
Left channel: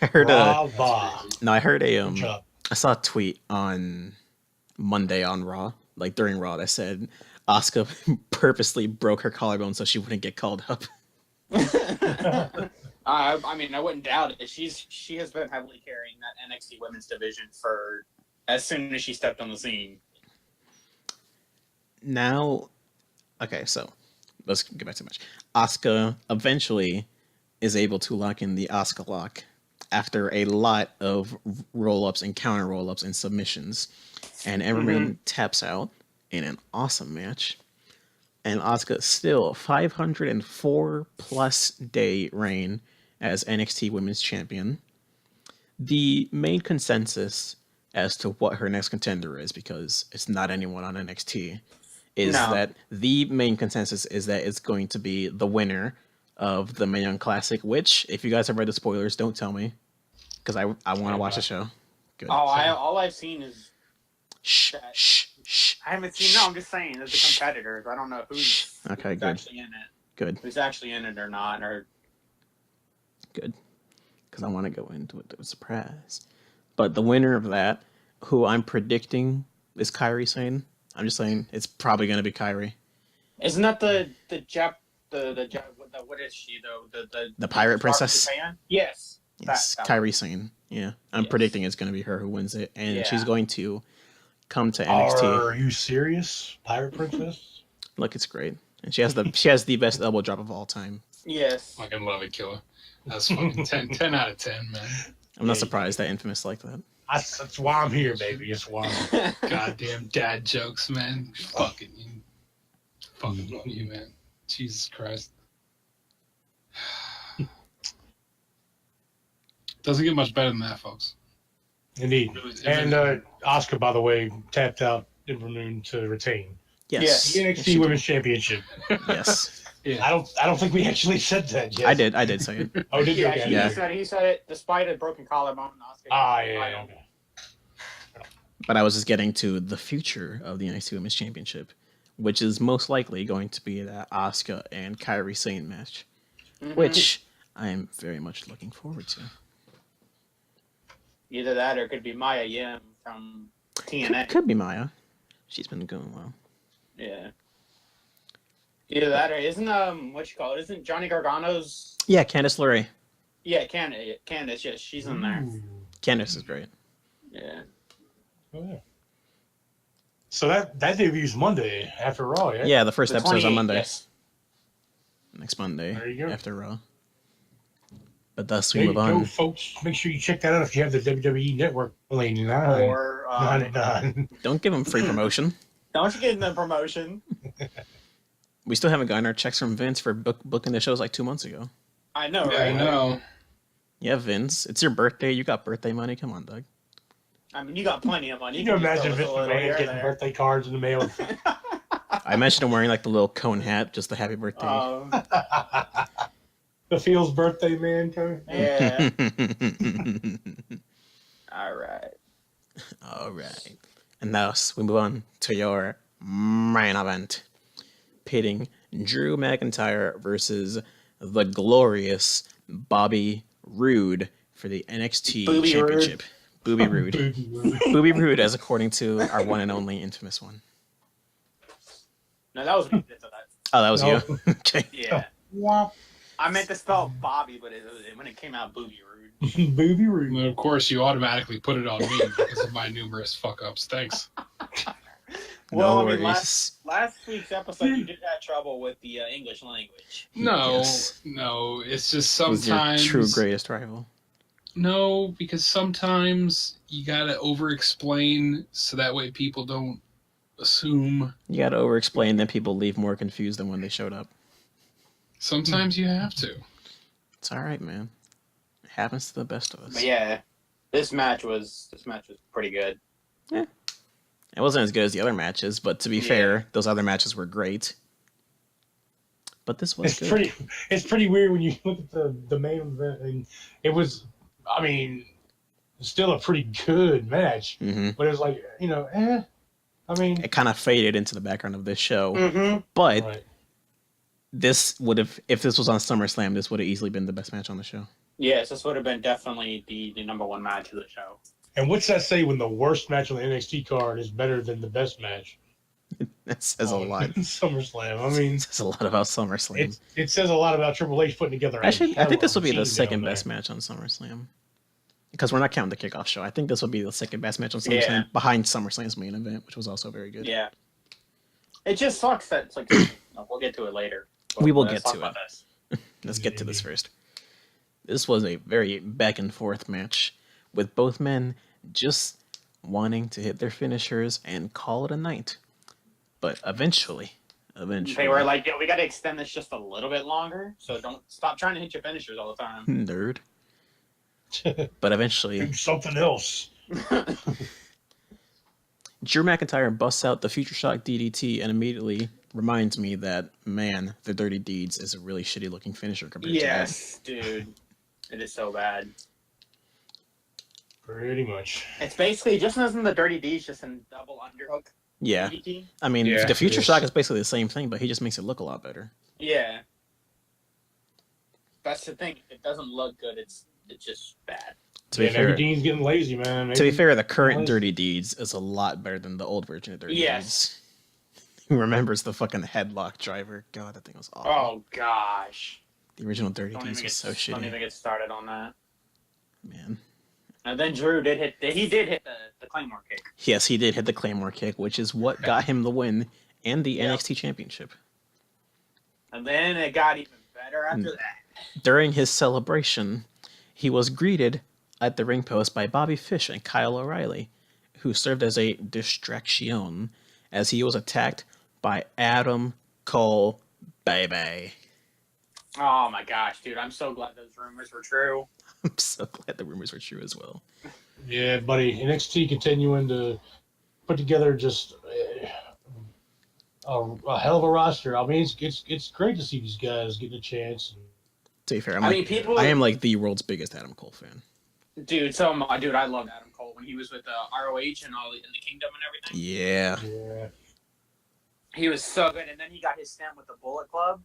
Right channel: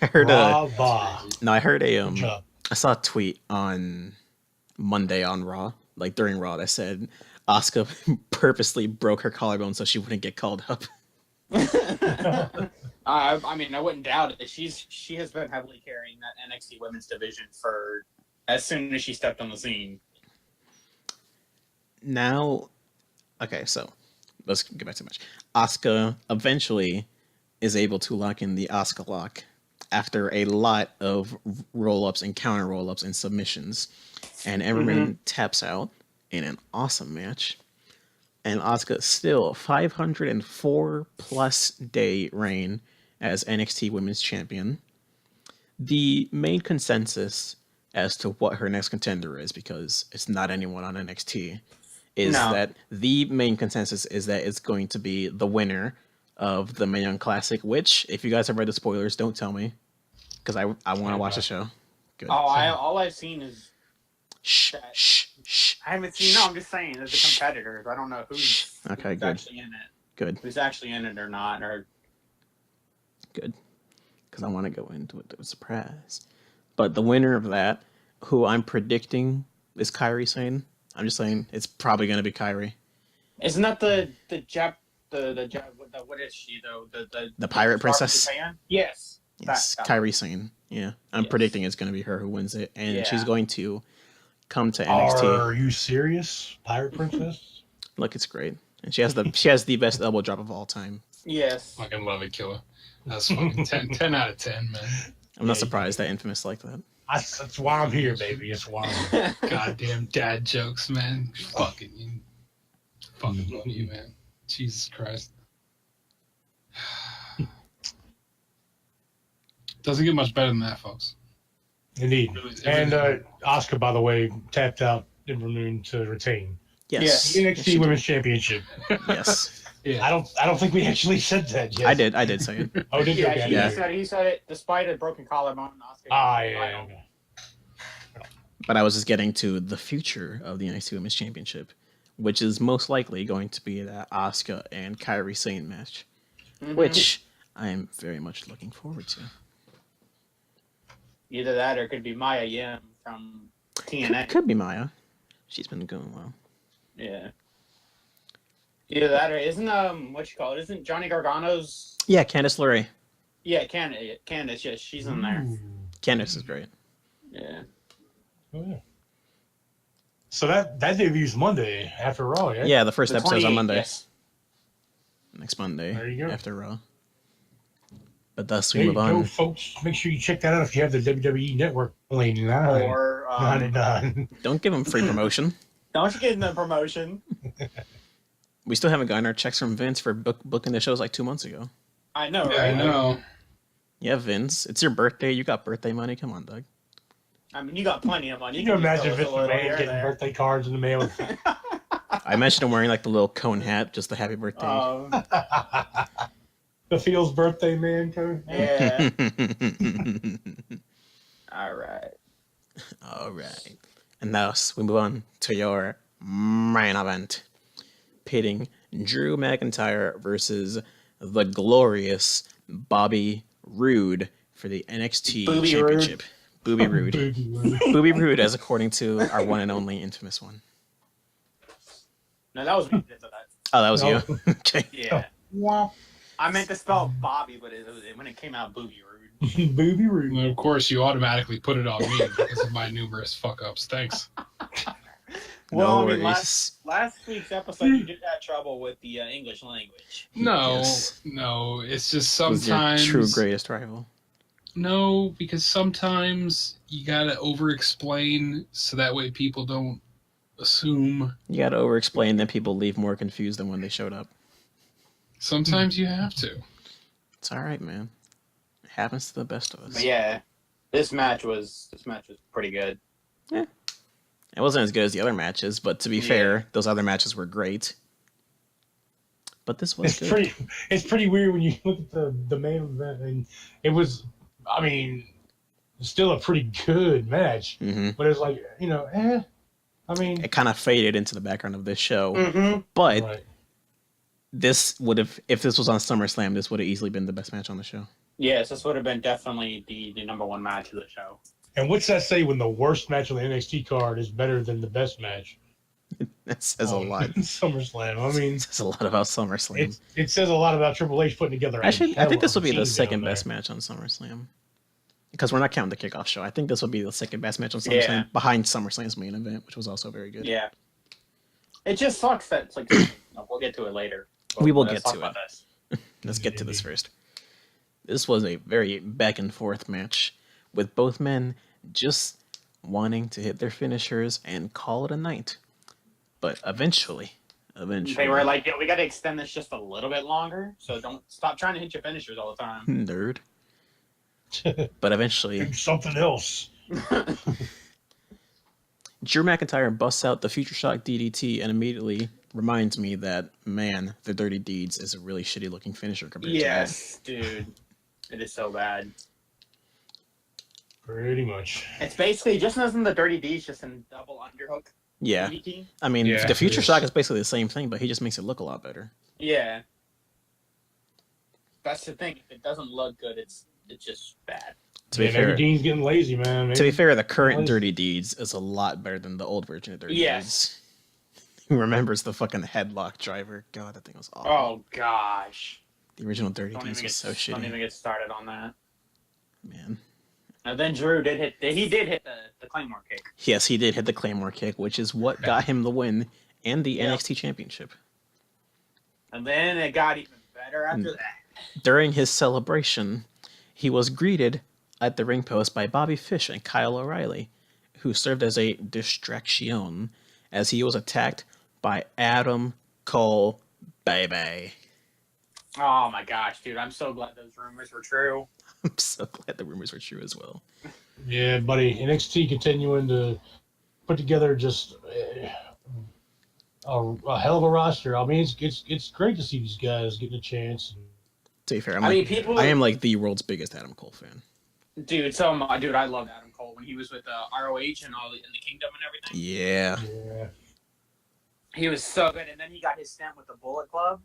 I heard I saw a tweet on Monday on Raw, during Raw, that said Asuka purposely broke her collarbone so she wouldn't get called up. I mean, I wouldn't doubt it. She has been heavily carrying that NXT Women's division for as soon as she stepped on the scene. Now, okay, so let's get back to the match. Asuka eventually is able to lock in the Asuka lock after a lot of roll-ups and counter roll-ups and submissions. And Everman taps out in an awesome match. And Asuka still 504 plus day reign as NXT Women's Champion. The main consensus as to what her next contender is, because it's not anyone on NXT, is that the main consensus is that it's going to be the winner of the Mae Young Classic, which, if you guys have read the spoilers, don't tell me, because I want to watch the show. Good. Oh, all I've seen is... Shh. I haven't seen... No, I'm just saying, as the competitors. I don't know who's actually in it. Good. Who's actually in it or not. Or Good. Because I want to go into it to a surprise. But the winner of that, who I'm predicting is Kairi Sane. I'm just saying it's probably going to be Kairi. Isn't that the what is she though? The Pirate Princess? Japan? Yes. Yes, Kairi Sane. Yeah. I'm predicting it's going to be her who wins it. And she's going to come to NXT. Are you serious? Pirate Princess? Look, it's great. And she has the best elbow drop of all time. Yes. Fucking love it, killer. That's fucking 10 out of 10, man. I'm not surprised that Infamous like that. That's why I'm here, baby. That's why I'm here. Goddamn dad jokes, man. Fucking love you, man. Jesus Christ. Doesn't get much better than that, folks. Indeed. And Asuka, by the way, tapped out Ember Moon to retain. Yes. The NXT Women's Championship. Yes. Yeah. I don't think we actually said that yet. I did say it. Oh, did you? Yeah, Okay. he said it despite a broken collarbone. Yeah. But I was just getting to the future of the NXT Women's Championship, which is most likely going to be that Asuka and Kairi Sane match, which I am very much looking forward to. Either that or it could be Maya Yim from TNA. Could be Maya. She's been going well. Yeah. Either that or isn't Johnny Gargano's... Yeah, Candice LeRae. Yeah, Candice, yes, she's in there. Candice is great. Yeah. Oh, yeah. So that debuts Monday after Raw, yeah? Yeah, the first episode's on Monday. Yes. Next Monday There you go. after Raw. But thus we There you move on. go, folks. Make sure you check that out if you have the WWE Network lane. 99. Or... 99. Don't give them free promotion. Don't you get the promotion. We still haven't gotten our checks from Vince for booking the shows like 2 months ago. I know, Yeah, right? I know. Yeah, Vince. It's your birthday. You got birthday money. Come on, Doug. I mean, you got plenty of money. You can imagine just Vince throw us a little McMahon here getting there. birthday cards in the mail. I mentioned him wearing like the little cone hat, just the happy birthday. The Feels birthday man code. Yeah. All right. All right. And thus we move on to your main event, pitting Drew McIntyre versus the glorious Bobby Roode for the NXT Booby Championship. Booby Roode. Booby Roode, as according to our one and only infamous one. No, that was me that did that. Oh, that was No. you? Okay. Yeah. Wow. I meant to spell Bobby, but when it came out, Booby Rude. Booby Roode. And of course, you automatically put it on me because of my numerous fuck-ups. Thanks. No I mean, worries. last week's episode, you did have trouble with the English language. No, Yes. no. It's just Who's your sometimes... true greatest rival? No, because sometimes you gotta over-explain so that way people don't assume. You gotta over-explain, then people leave more confused than when they showed up. Sometimes you have to. It's all right, man. It happens to the best of us. But yeah, this match was pretty good. It wasn't as good as the other matches, but to be fair, those other matches were great. But this was good. It's pretty weird when you look at the main event, and it was, I mean, still a pretty good match, Hmm. but it was like, I mean, It kind of faded into the background of this show. Mm-hmm. But right. this would have, if this was on SummerSlam, this would have easily been the best match on the show. Yes, this would have been definitely the number one match of the show. And what's that say when the worst match on the NXT card is better than the best match? That says a lot. SummerSlam. I mean, It says a lot about SummerSlam. it said a lot about Triple H putting together. I think this will be the team second down best there. match on SummerSlam. Because we're not counting the kickoff show. I think this will be the second best match on SummerSlam Yeah. behind SummerSlam's main event, which was also very good. Yeah. It just sucks that it's like we'll get to it later. We will Let's get talk to about it. this. Let's get to this first. This was a very back and forth match with both men just wanting to hit their finishers and call it a night. But eventually, They were like, "Yo, we got to extend this just a little bit longer, so don't stop trying to hit your finishers all the time." nerd. But eventually, Do something else. Drew McIntyre busts out the Future Shock DDT and immediately reminds me that, man, the Dirty Deeds is a really shitty looking finisher compared to that. Yes, dude, it is so bad. Pretty much. It's basically just isn't the Dirty D's just in double underhook. Yeah. DDT? I mean, Yeah, the Future it is. Shock is basically the same thing, but he just makes it look a lot better. Yeah. That's the thing. If it doesn't look good, it's just bad. To be Yeah, fair, maybe Dean's getting lazy, man. to be Maybe. fair, the current Lazy. Dirty Deeds is a lot better than the old version of Dirty Yes. Deeds. Who remembers the fucking headlock driver? God, that thing was awful. Oh gosh. The original Dirty Don't Deeds even was so Don't even shitty. get started on that. Man. And then Drew did hit the Claymore kick. Yes, he did hit the Claymore kick, which is what got him the win and the Yeah. NXT Championship. And then it got even better after that. During his celebration, he was greeted at the ring post by Bobby Fish and Kyle O'Reilly, who served as a distraction as he was attacked by Adam Cole Baby. Oh my gosh, dude! I'm so glad those rumors were true. I'm so glad the rumors were true as well. Yeah, buddy. NXT continuing to put together just a hell of a roster. I mean, it's great to see these guys getting a chance. To be fair, I mean, people. I am like the world's biggest Adam Cole fan. Dude, so am I. Dude, I loved Adam Cole when he was with ROH and all in the Kingdom and everything. Yeah. Yeah. He was so good, and then he got his stint with the Bullet Club.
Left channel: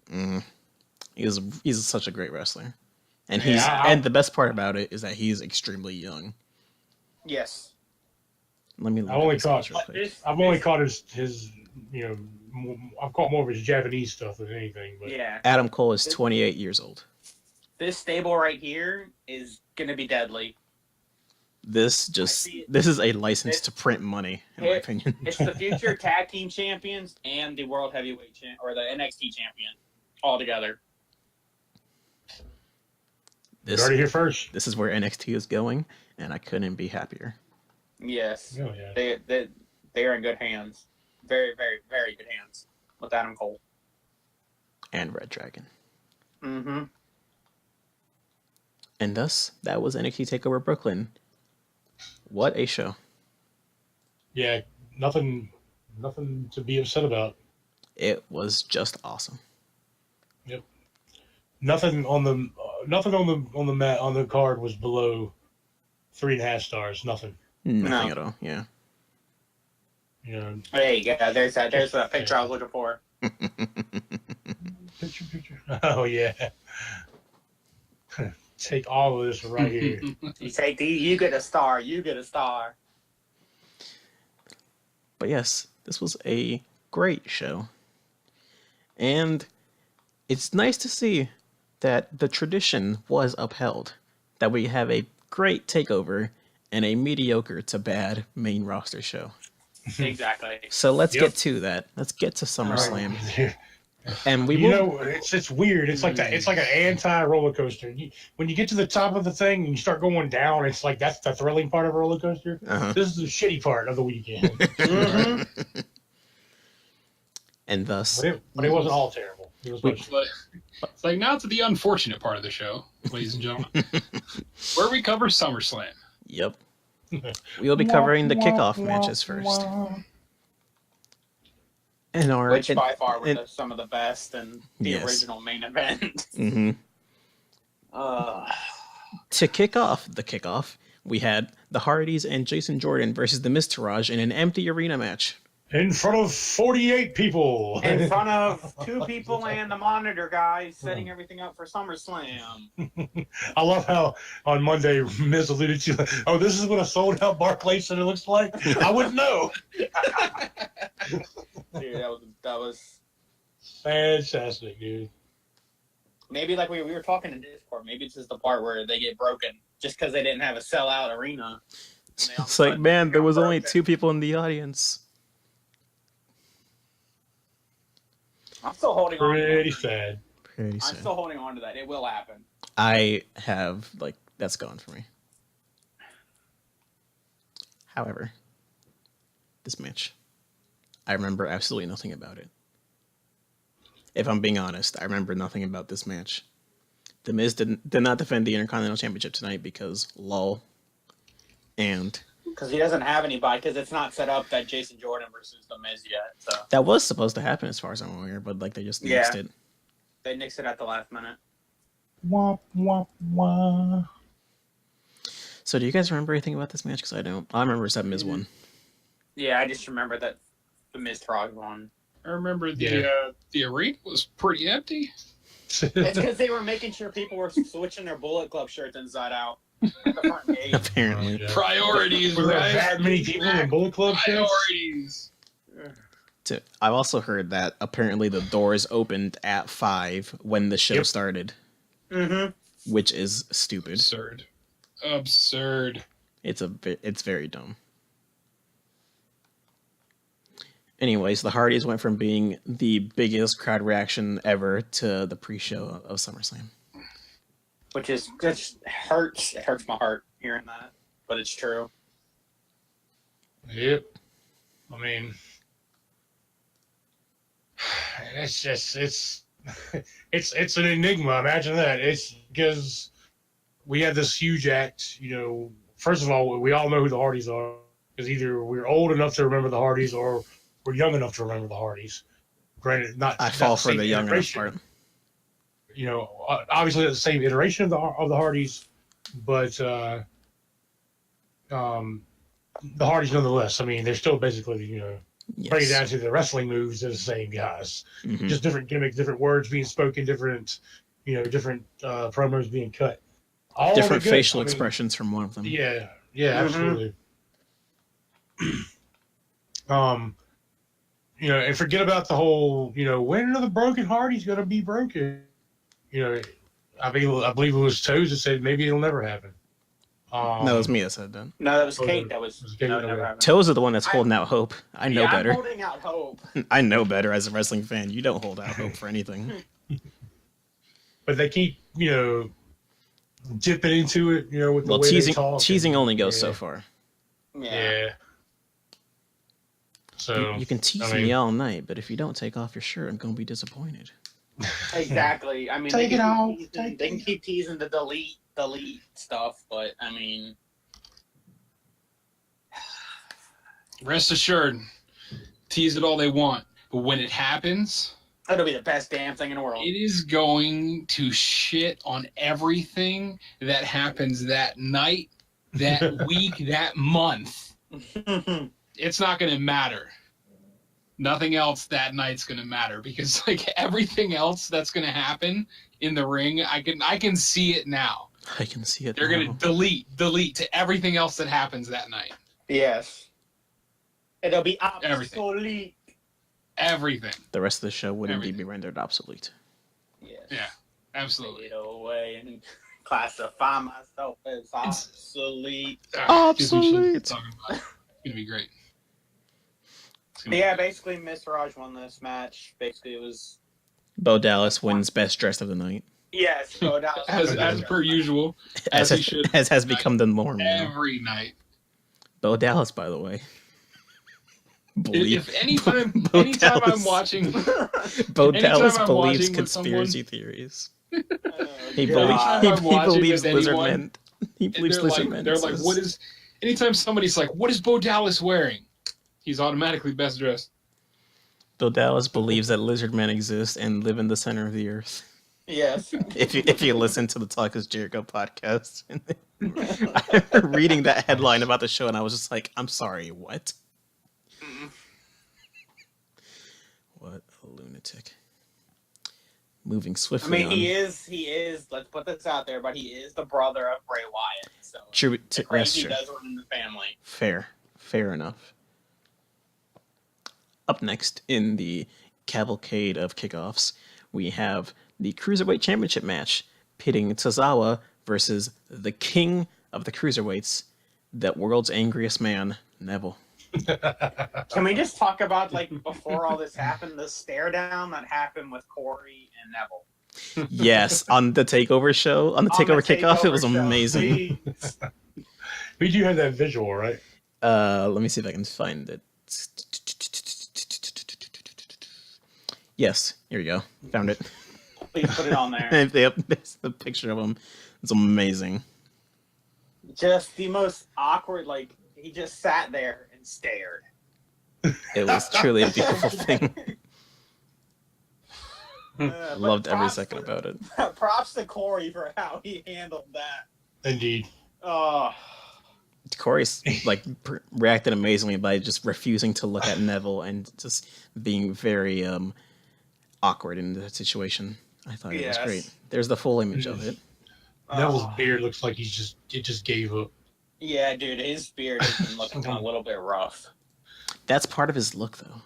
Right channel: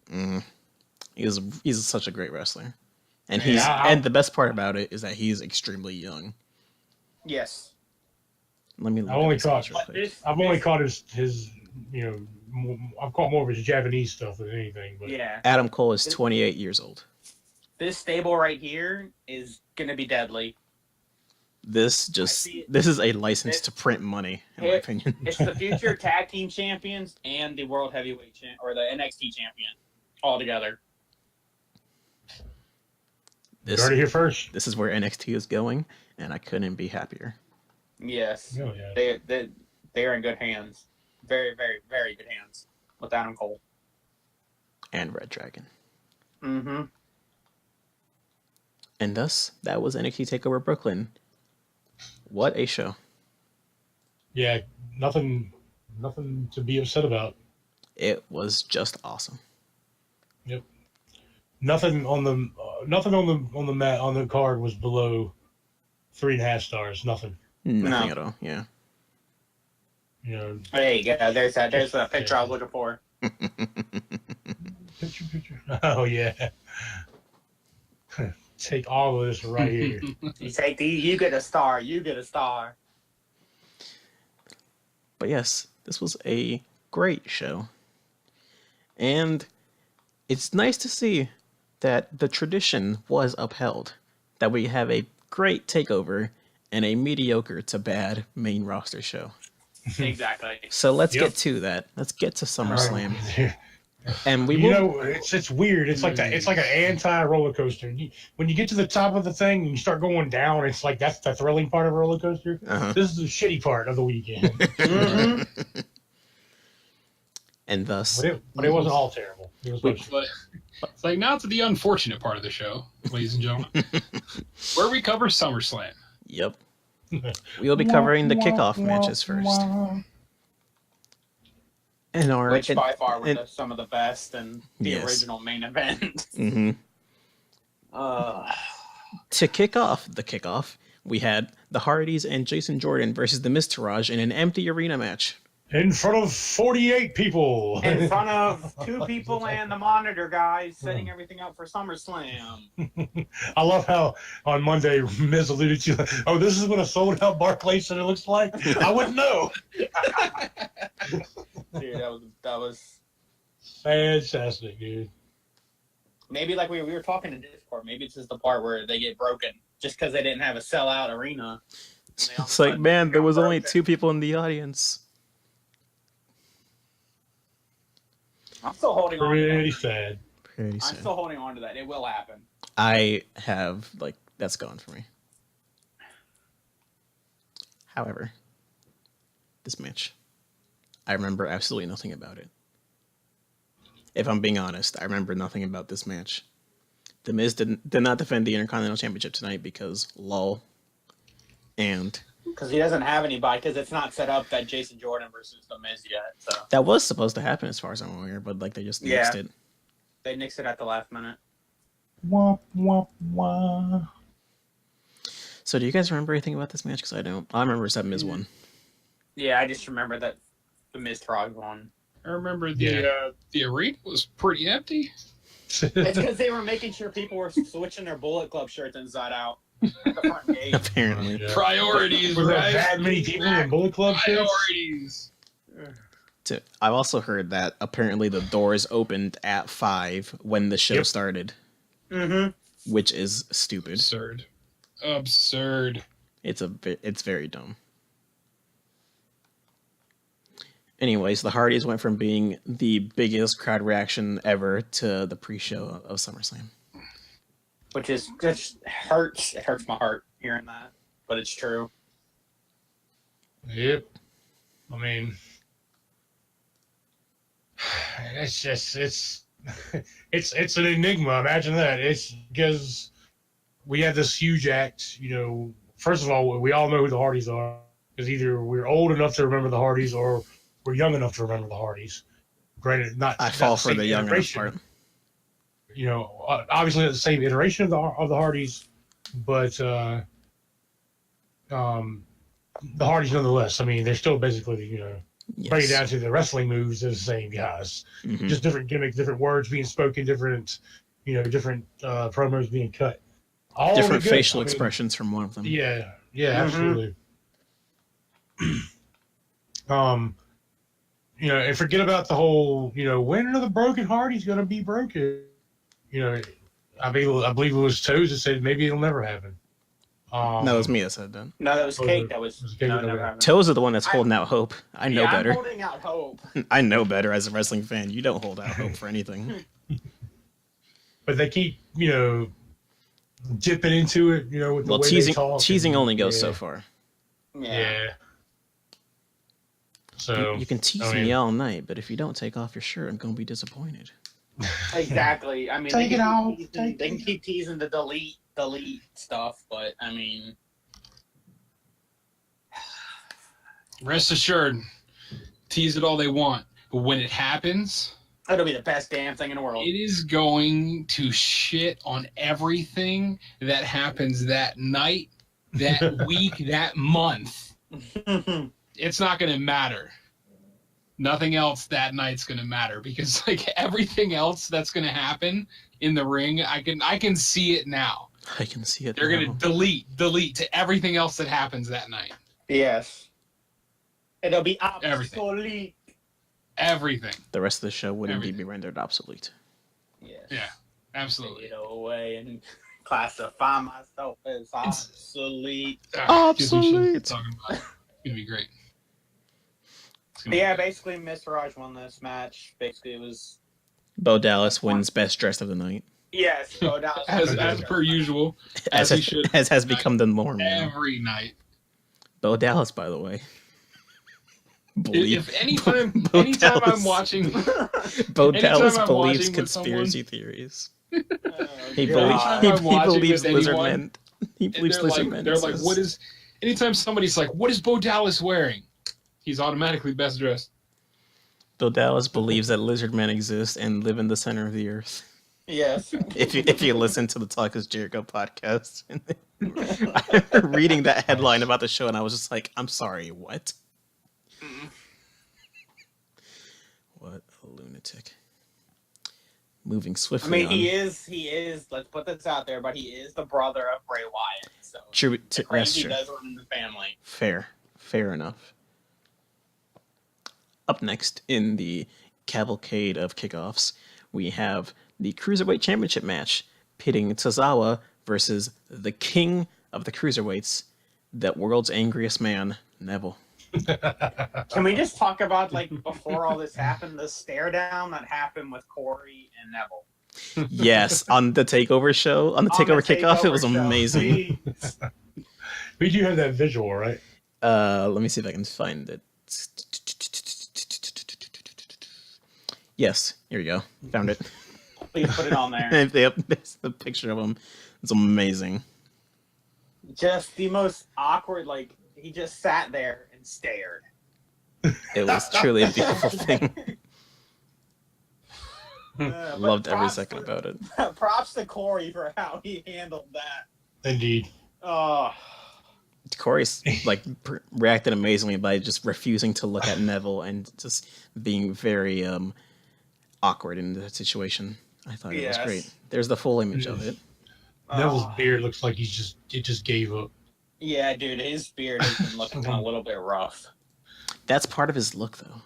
He's such a great wrestler, and Yeah, and the best part about it is that he's extremely young. Yes. Let me look I've only at his age caught real quick. I've only caught his I've caught more of his Japanese stuff than anything. But Yeah. Adam Cole is 28 years old. This stable right here is gonna be deadly. This is a license to print money, in my opinion. It's the future tag team champions and the world heavyweight or the NXT champion all together. you heard it here first. This is where NXT is going, and I couldn't be happier. Yes. Oh, yeah. They are in good hands. Very, very, very good hands with Adam Cole. And Red Dragon. Mm-hmm. And thus, that was NXT Takeover Brooklyn. What a show. Yeah, nothing to be upset about. It was just awesome. Yep. Nothing on the on the card was below 3.5 stars. Nothing. Nothing No. at all, yeah. You know. There you go. There's that picture I was looking for. Picture. Oh yeah. Take all of this right here. You take you get a star. You get a star. But yes, this was a great show. And it's nice to see that the tradition was upheld. That we have a great takeover and a mediocre to bad main roster show. Exactly. So let's Yep. get to that. Let's get to SummerSlam. Right. And we You will. know, it's weird. It's like that. It's like an anti roller coaster. When you get to the top of the thing and you start going down, it's like that's the thrilling part of a roller coaster. Uh-huh. This is the shitty part of the weekend. Mm-hmm. And thus, but it wasn't all terrible. It was much- It's like now to the unfortunate part of the show, ladies and gentlemen, where we cover SummerSlam. yep. We will be covering the kickoff matches first. And Which by far were some of the best and the Yes. original main event. hmm Uh, To kick off the kickoff, we had the Hardys and Jason Jordan versus the Miztourage in an empty arena match. in front of 48 people. in front of 2 people and the monitor guys setting everything up for SummerSlam. I love how on Monday Miz alluded to, oh, this is what a sold out Barclays Center looks like. I wouldn't know. Dude, that was Fantastic, dude. maybe like we were talking in Discord. Maybe this is the part where they get broken just because they didn't have a sellout arena. It's like, man, there was only 2 people in the audience. I'm still holding on. Pretty sad. Pretty I'm soon. still holding on to that. It will happen. I have, like, that's gone for me. However, this match, I remember absolutely nothing about it. If I'm being honest, I remember nothing about this match. The Miz did not defend the Intercontinental Championship tonight because lol. And Because he doesn't have anybody, because it's not set up that Jason Jordan versus The Miz yet. So that was supposed to happen as far as I'm aware, but like they just nixed it. they nixed it at the last minute. Wah, wah, wah. So do you guys remember anything about this match? Because I don't. I remember that Miz won. Yeah, I just remember that The Miz Frog won. I remember the arena was pretty empty. It's because they were making sure people were switching their Bullet Club shirts inside out at the front gate. Apparently. Yeah. Priorities, Were there right? that many people in the Bullet Club shirts? Priorities. I've also heard that apparently the doors opened at 5 when the show started, which is stupid. Absurd. It's very dumb. Anyways, the Hardys went from being the biggest crowd reaction ever to the pre-show of SummerSlam. Which is just hurts. It hurts my heart hearing that, but it's true. Yep. I mean, it's just it's an enigma. Imagine that. It's because we have this huge act. You know, first of all, we all know who the Hardys are because either we're old enough to remember the Hardys or we're young enough to remember the Hardys. Granted, I fall for the young enough part. You know, obviously the same iteration of the Hardys, but the Hardys nonetheless. I mean, they're still basically, you know, right down to the wrestling moves, they're the same guys. Mm-hmm. Just different gimmicks, different words being spoken, different promos being cut. All different facial expressions from one of them. Yeah, absolutely. You know, and forget about the whole, you know, when are the broken Hardys going to be broken? You know, I believe it was Toes that said maybe it'll never happen. No, it was me that said that. No, that was Kate. That was Kate. no, never happened. Toes are the one that's holding out hope. I know better. I'm holding out hope. I know better as a wrestling fan. You don't hold out hope for anything. But they keep, you know, dipping into it, you know, with the way teasing they talk teasing only goes so far. Yeah. So you can tease me all night, but if you don't take off your shirt, I'm gonna be disappointed. Exactly. I mean, Take it off. They can keep teasing the delete stuff, but I mean, Rest assured, tease it all they want, but when it happens, it'll be the best damn thing in the world. it is going to shit on everything that happens that night, that week, that month. It's not going to matter. Nothing else that night's going to matter because like everything else that's going to happen in the ring, I can see it now. I can see it. They're going to delete to everything else that happens that night. Yes. It'll be obsolete. Everything. The rest of the show would indeed be rendered obsolete. Yes. Yeah, absolutely. Get away and classify myself as obsolete. Obsolete. It's going to be great. Yeah, basically, Miss Raj won this match. Basically, it was Bo Dallas wins best dressed of the night. yes, Bo Dallas as per usual, as has become the norm now. Every night. Bo Dallas, by the way. Anytime Dallas, I'm watching, Bo Dallas I'm believes watching conspiracy theories. He believes lizard men. He believes lizard men. They're like, what is? Anytime somebody's like, what is Bo Dallas wearing? He's automatically best dressed. Bo Dallas believes that lizard men exist and live in the center of the earth. Yes. If you listen to the Talk is Jericho podcast, I remember reading that headline about the show, and I was just like, I'm sorry, what? What a lunatic. Moving swiftly I mean, on. he is, let's put this out there, but he is the brother of Bray Wyatt. So True, that's true. does run in the family. Fair enough. Up next in the cavalcade of kickoffs, we have the Cruiserweight Championship match pitting Tozawa versus the king of the Cruiserweights, the world's angriest man, Neville. Can we just talk about, like, before all this happened, the stare down that happened with Corey and Neville? Yes, on the Takeover show, on the Takeover kickoff, it was Takeover show. amazing. We do have that visual, right? Let me see if I can find it. Yes, here we go. Found it. Please put it on there. There's the picture of him. It's amazing. Just the most awkward, like, he just sat there and stared. It was truly a beautiful thing. But Loved every props second about it. Props to Corey for how he handled that. Indeed. Oh, Corey's like reacted amazingly by just refusing to look at Neville and just being very awkward in the situation. I thought it was Yes. great. There's the full image of it. Neville's oh. beard looks like it just gave up. Yeah, dude, his beard has been looking a little bit rough. That's part of his look, though.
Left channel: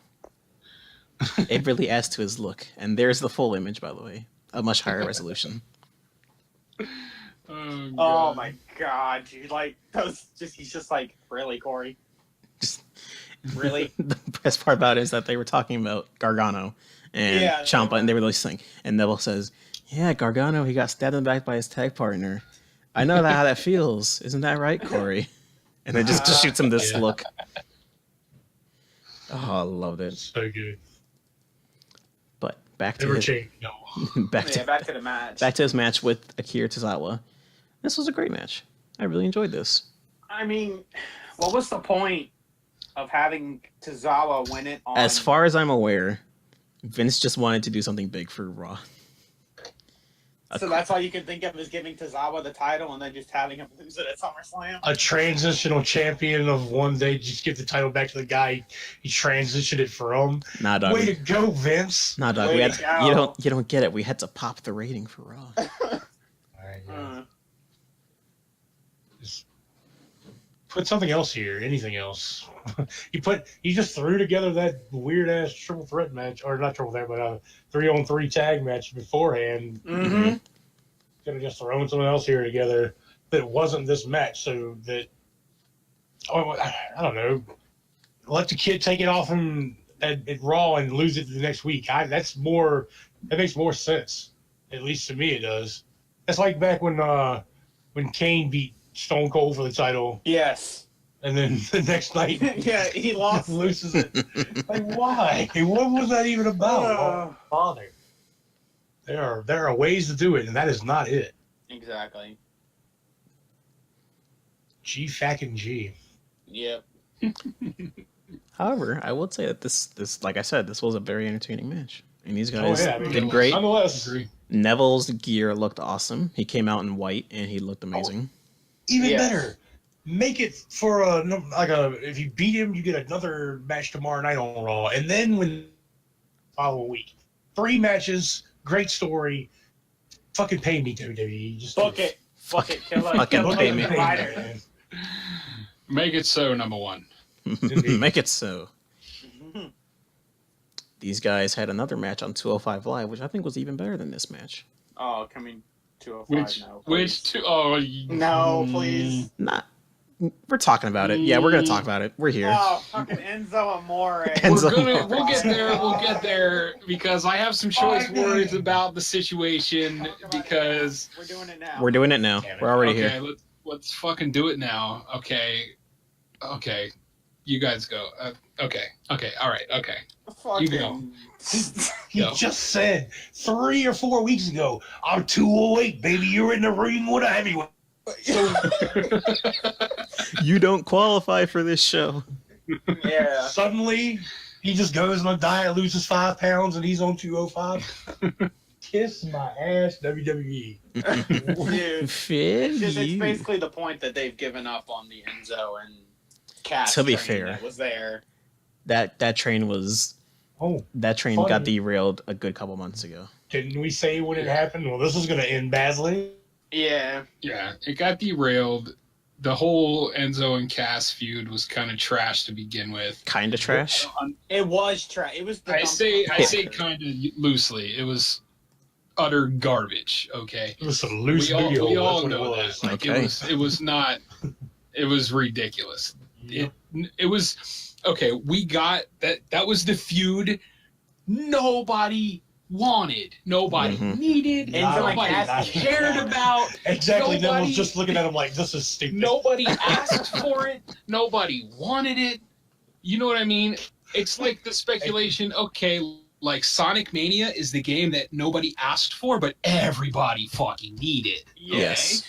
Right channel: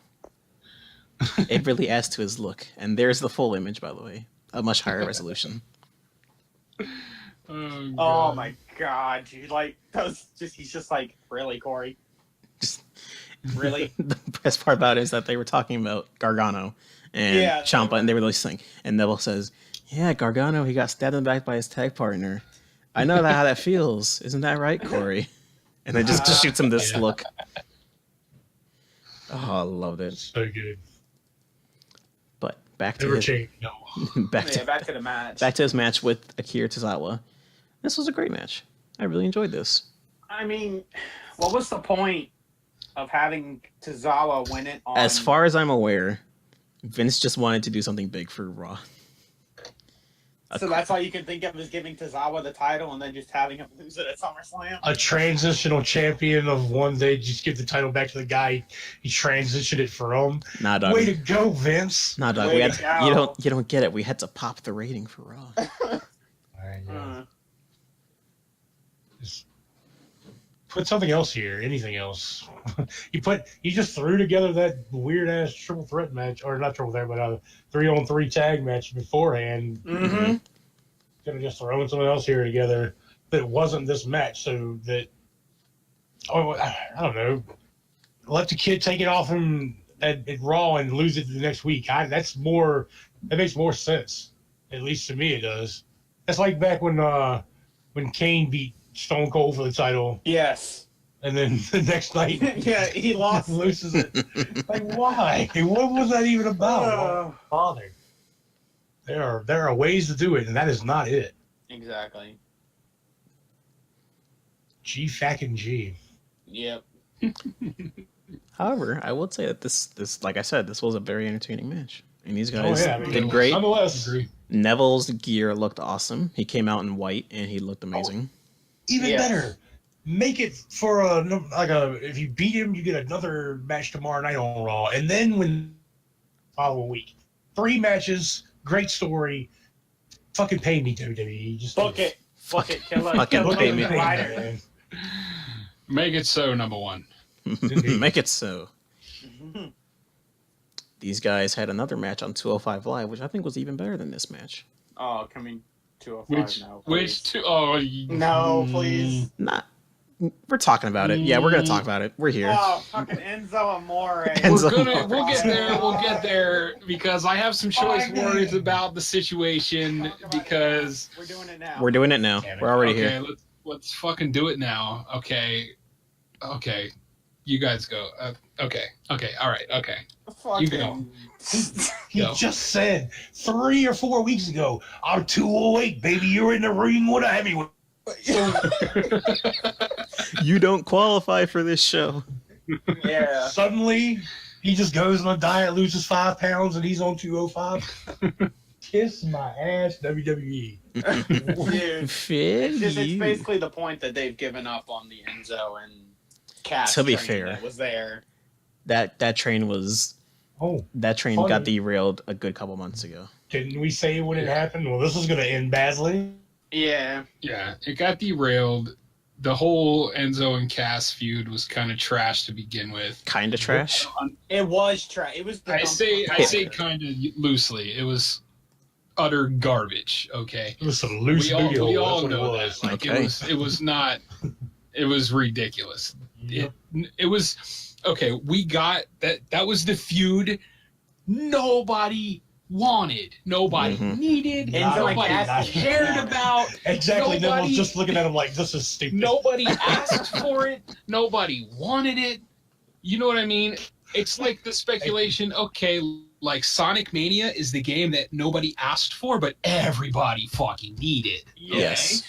It really adds to his look. And there's the full image, by the way, a much higher resolution. Oh my god, dude! Like he's just like, really, Corey? Just Really? the best part about it is that they were talking about Gargano and Yeah, Ciampa, and they were really saying, and Neville says, "Yeah, Gargano, he got stabbed in the back by his tag partner. I know how that feels. Isn't that right, Corey?" And then just shoots him this look. Oh, I loved it. So good. But back to Never his, change. No. Back to the match. back to his match with Akira Tozawa. This was a great match. I really enjoyed this. I mean, what was the point of having Tozawa win it on... As far as I'm aware, Vince just wanted to do something big for Raw. So that's all you can think of is giving Tozawa the title and then just having him lose it at SummerSlam? A transitional champion of one day, just give the title back to the guy. He transitioned it for him. Nah, dog. Way to go, Vince. Nah, dog. Way We had to go. you don't get it. We had to pop the rating for Raw. Just put something else here. Anything else? you just threw together that weird ass triple threat match, or not triple threat, but a 3-on-3 tag match beforehand. Mm-hmm. Could have just thrown something else here together that wasn't this match, so that I don't know. Let the kid take it off him at Raw and lose it the next week. That makes more sense. At least to me, it does. That's like back when Kane beat Stone Cold for the title, Yes. and then the next night, Yeah, he lost. loses it. Like, why? What was that even about? Father. There are ways to do it, and that is not it. Exactly. G fucking G. Yep. However, I would say that this, like I said, this was a very entertaining match, and these guys I mean, did great. Nonetheless, Neville's gear looked awesome. He came out in white, and he looked amazing. even Yes. better. Make it for if you beat him, you get another match tomorrow night on Raw, and then when following week, 3 matches, great story. Fucking pay me, WWE. Just Book it. Book it. Kill it. Fucking Kill it. pay me. Rider. man. Make it so, number one. Make it so. These guys had another match on 205 Live, which I think was even better than this match. Oh, coming 205 now. Which please. two? Oh, No, please. Not. We're talking about it. Yeah, we're gonna talk about it. We're here. Oh, fucking Enzo Amore. Enzo we'll get there. We'll get there because I have some choice words about the situation because We're doing it now. We're doing it now. We're already okay, here. let's fucking do it now. Okay, you guys go. Okay, all right, okay. Fucking... You go. He Yo. just said 3 or 4 weeks ago, I'm 208, baby. You're in the ring with a heavyweight. You don't qualify for this show. Yeah. Suddenly, he just goes on a diet, loses 5 pounds, and he's on 205. Kiss my ass, WWE. Dude. Fair It's you. basically the point that they've given up on the Enzo and Cass. To be train fair. that was there. That train was Oh, got Funny. derailed a good couple months ago. didn't we say when it happened? Well, this is going to end badly. Yeah. Yeah, it got derailed. The whole Enzo and Cass feud was kind of trash to begin with. Kinda trash. It was trash. It was the I dump- say kind of loosely. It was utter garbage. Okay, It was some loose we all video. know That's what it that. was. Like, Okay. it was not. It was ridiculous. Yep. It was okay, we got that. That was the feud nobody wanted, nobody needed, Enzo and nobody Cassidy. cared about. Exactly. Then was Nobody, just looking at him like, this is stupid. nobody asked for it. Nobody wanted it. You know what I mean? It's like the speculation. Okay, like Sonic Mania is the game that nobody asked for, but everybody fucking needed. Okay? Yes.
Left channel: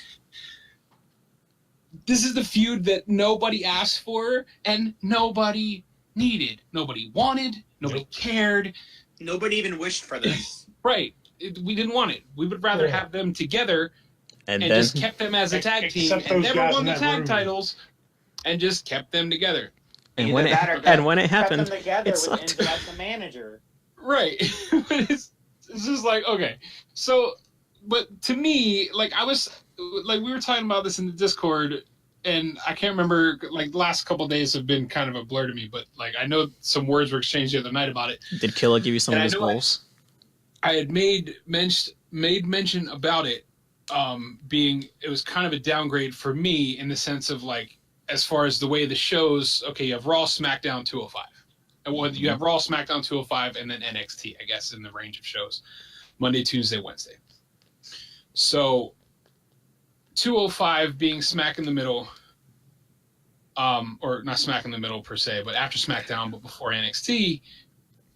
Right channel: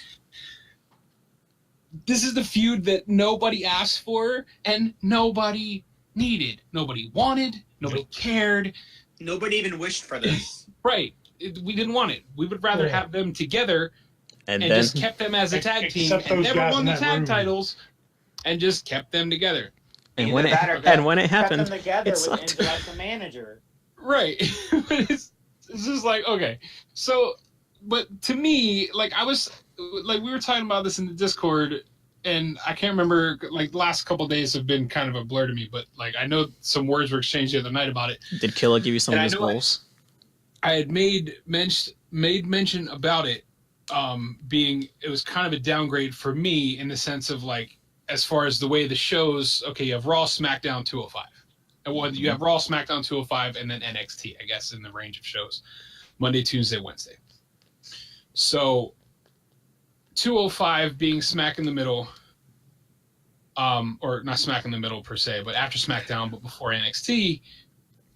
This is the feud that nobody asked for and nobody needed. Nobody wanted. Nobody cared. Nobody even wished for this. Right. We didn't want it. We would rather have them together And and then just kept them as a tag team Except and those never guys won in the that tag room. titles and just kept them together. and Either when that or it kept happened, them together it with sucked. Enzo as the manager. Right. But it's just like, okay. So, but to me, like we were talking about this in the Discord, and I can't remember, like the last couple of days have been kind of a blur to me, but like I know some words were exchanged the other night about it. Did Killa give you some And of I his know goals? I had made mention about it being, it was kind of a downgrade for me in the sense of like, as far as the way the shows, okay, you have Raw, SmackDown, 205. And well, you have Raw, SmackDown, 205, and then NXT, I guess, in the range of shows. Monday, Tuesday, Wednesday. So 205 being smack in the middle, or not smack in the middle per se, but after SmackDown, but before NXT,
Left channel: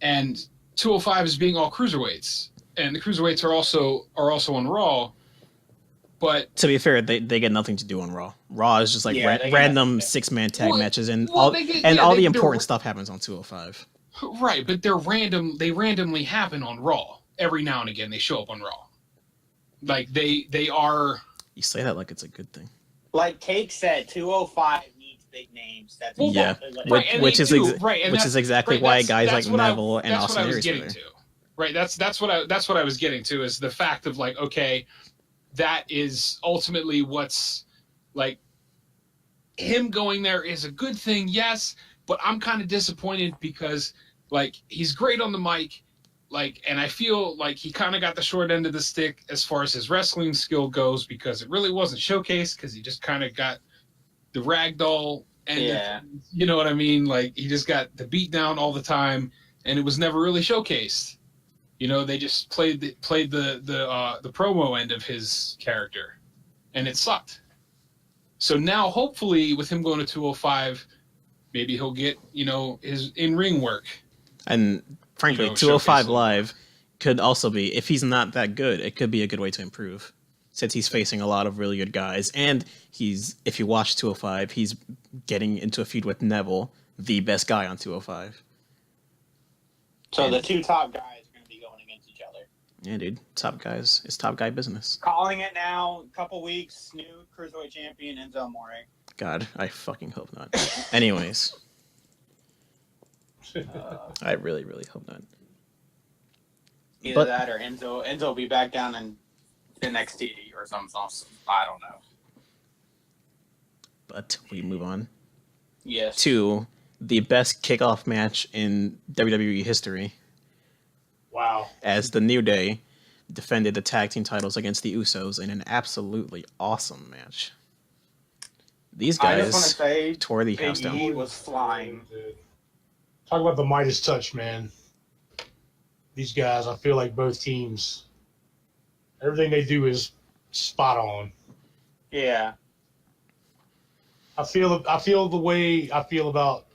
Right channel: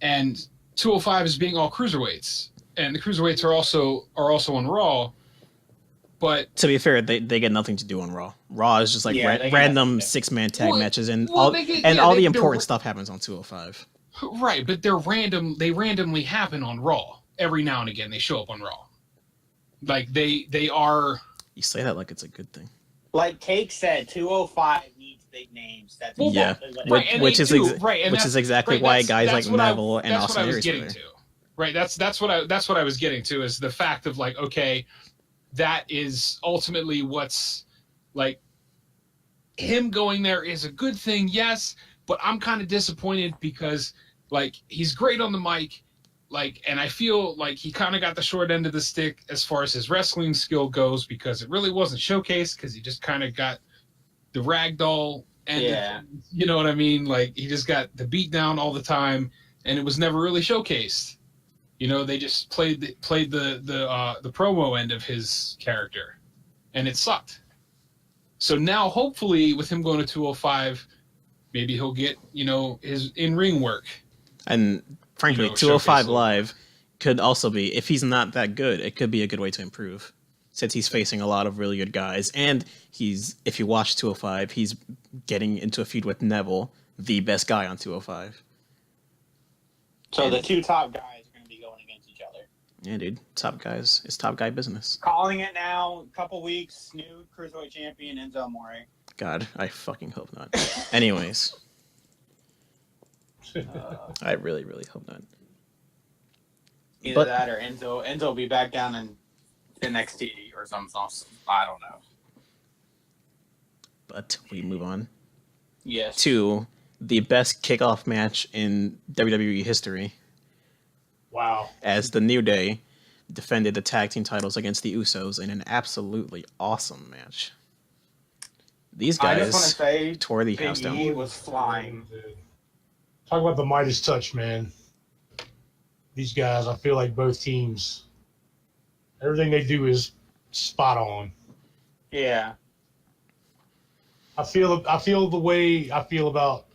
and 205 is being all cruiserweights, and the cruiserweights are also on Raw. But To be fair, they get nothing to do on Raw. Raw is just like Yeah, they get random nothing. 6-man tag Well, matches, and well, all they get- and yeah, all they- the they're- important stuff happens on 205. right, but they're random. They randomly happen on Raw every now and again. They show up on Raw, like they are. You say that like it's a good thing. Like Cake said, 205 needs big names. That's Well, Yeah. exactly what it Right, is. and Which they is do, ex- right, and which that's- is exactly right, why that's- guys like that's what I- Neville and that's what Austin I was Aries were getting there. to. Right, that's what I was getting to, is the fact of like, okay, that is ultimately what's like, him going there is a good thing, yes, but I'm kind of disappointed because like he's great on the mic, like, and I feel like he kind of got the short end of the stick as far as his wrestling skill goes, because it really wasn't showcased, because he just kind of got the ragdoll and Yeah. you know what I mean, like he just got the beat down all the time, and it was never really showcased. You know, they just played the promo end of his character, and it sucked. So now, hopefully, with him going to 205, maybe he'll get, you know, his in-ring work. And frankly, You know, 205 showcase it. Live could also be, if he's not that good, it could be a good way to improve. Since he's facing a lot of really good guys, and if you watch 205, he's getting into a feud with Neville, the best guy on 205. So the two top guys are going to be going against each other. Yeah, dude, top guys, it's top guy business. Calling it now, couple weeks, new Cruiserweight Champion Enzo Amore. God, I fucking hope not. Anyways, I really, really hope not. Either But- that or Enzo will be back down in NXT or something. I don't know. But we move on Yes. to the best kickoff match in WWE history, Wow. as the New Day defended the tag team titles against the Usos in an absolutely awesome match. These I just want to guys say, tore the Big house down. E was flying. Talk about the Midas touch, man. These guys, I feel like both teams, everything they do is spot on. Yeah. I feel the way I feel about,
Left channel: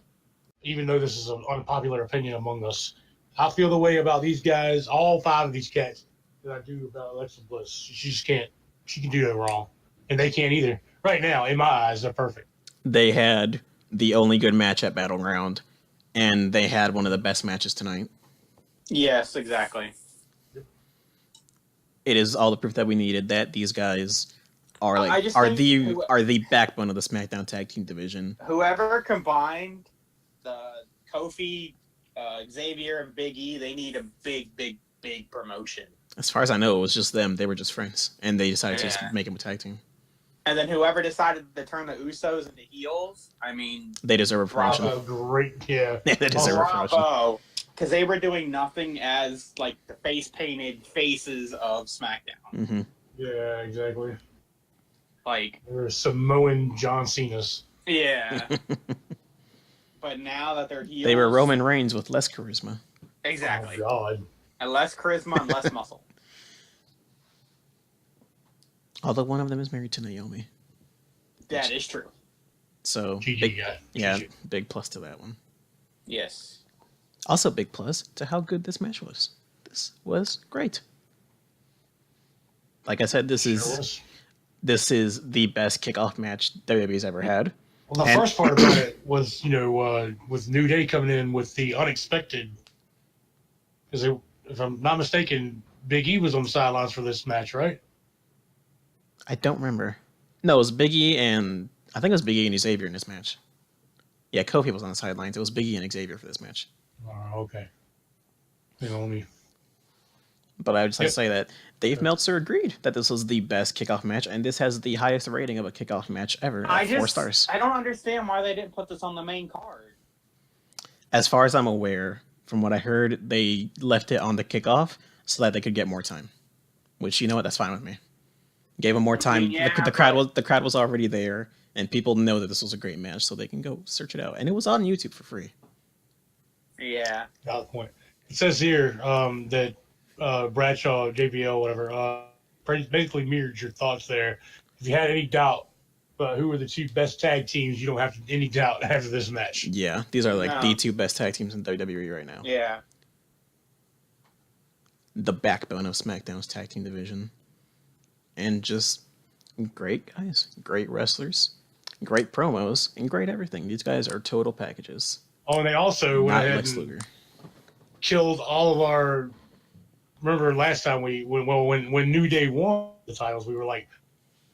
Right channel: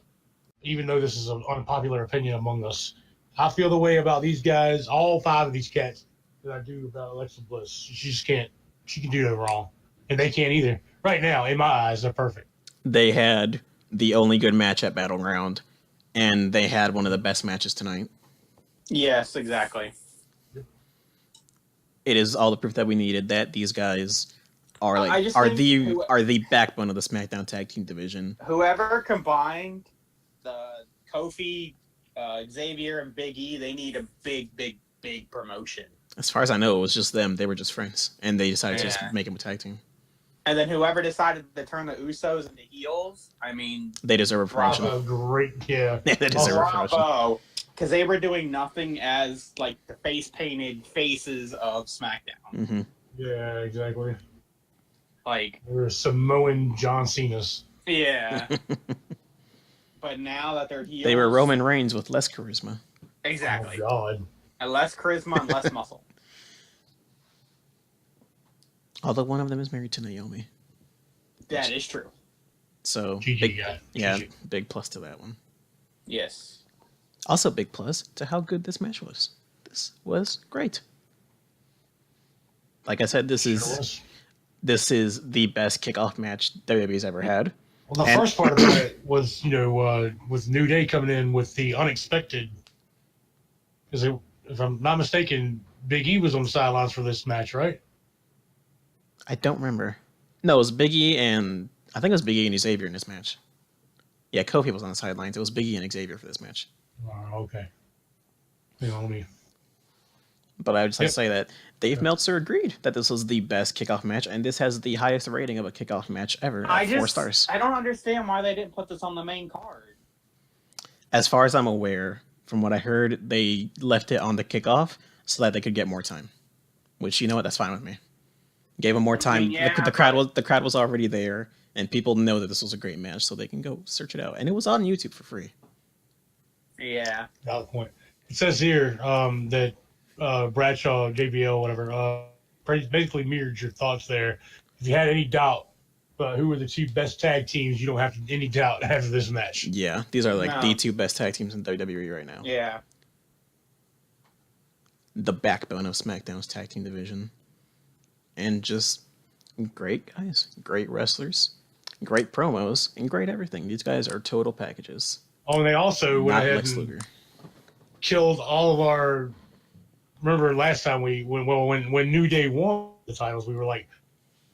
even though this is an unpopular opinion among us, I feel the way about these guys, all 5 of these cats, that I do about Alexa Bliss. She just can't. She can do no wrong, and they can't either. Right now, in my eyes, they're perfect. They had the only good match at Battleground, and they had one of the best matches tonight. Yes, exactly. It is all the proof that we needed that these guys are I like just are think the backbone of the SmackDown Tag Team division. Whoever combined the Kofi, Xavier, and Big E, they need a big, big, big promotion. As far as I know, it was just them. They were just friends, and they decided to just Yeah. make them a tag team. And then whoever decided to turn the Usos into heels, I mean, They deserve a promotion. Bravo, great, yeah. Yeah, they deserve a promotion. bravo. Because they were doing nothing as, like, the face-painted faces of SmackDown. Hmm Yeah, exactly. Like, They're Samoan John Cena's. yeah. But But now that they're heels, They were Roman Reigns with less charisma. Exactly. Oh, God. And less charisma and less muscle. Although one of them is married to Naomi. That is true. So, GG, big, guy. yeah, GG. big plus to that one. Yes. Also, big plus to how good this match was. This was great. Like I said, this Sure is was. the best kickoff match WWE's ever had. Well, the And- first part about it was, with New Day coming in with the unexpected. Because if I'm not mistaken, Big E was on the sidelines for this match, right? I don't remember. No, it was Big E and I think it was Big E and Xavier in this match. Yeah, Kofi was on the sidelines. It was Big E and Xavier for this match. Oh, okay. Let me. But I would just like Yep. to say that Dave Meltzer agreed that this was the best kickoff match, and this has the highest rating of a kickoff match ever at 4 stars. I don't understand why they didn't put this on the main card. As far as I'm aware, from what I heard, they left it on the kickoff so that they could get more time. Which, you know what, that's fine with me. Gave them more time. Yeah, the crowd was already there, and people know that this was a great match, so they can go search it out. And it was on YouTube for free. Yeah. Valid point. It says here that Bradshaw, JBL, whatever, basically mirrored your thoughts there. If you had any doubt about who were the two best tag teams, you don't have any doubt after this match. Yeah, these are like No. the two best tag teams in WWE right now. Yeah. The backbone of SmackDown's tag team division. And just great guys, great wrestlers, great promos, and great everything. These guys are total packages. Oh, and they also went Not ahead Lex and Luger. killed all of our. Remember last time when New Day won the titles, we were like,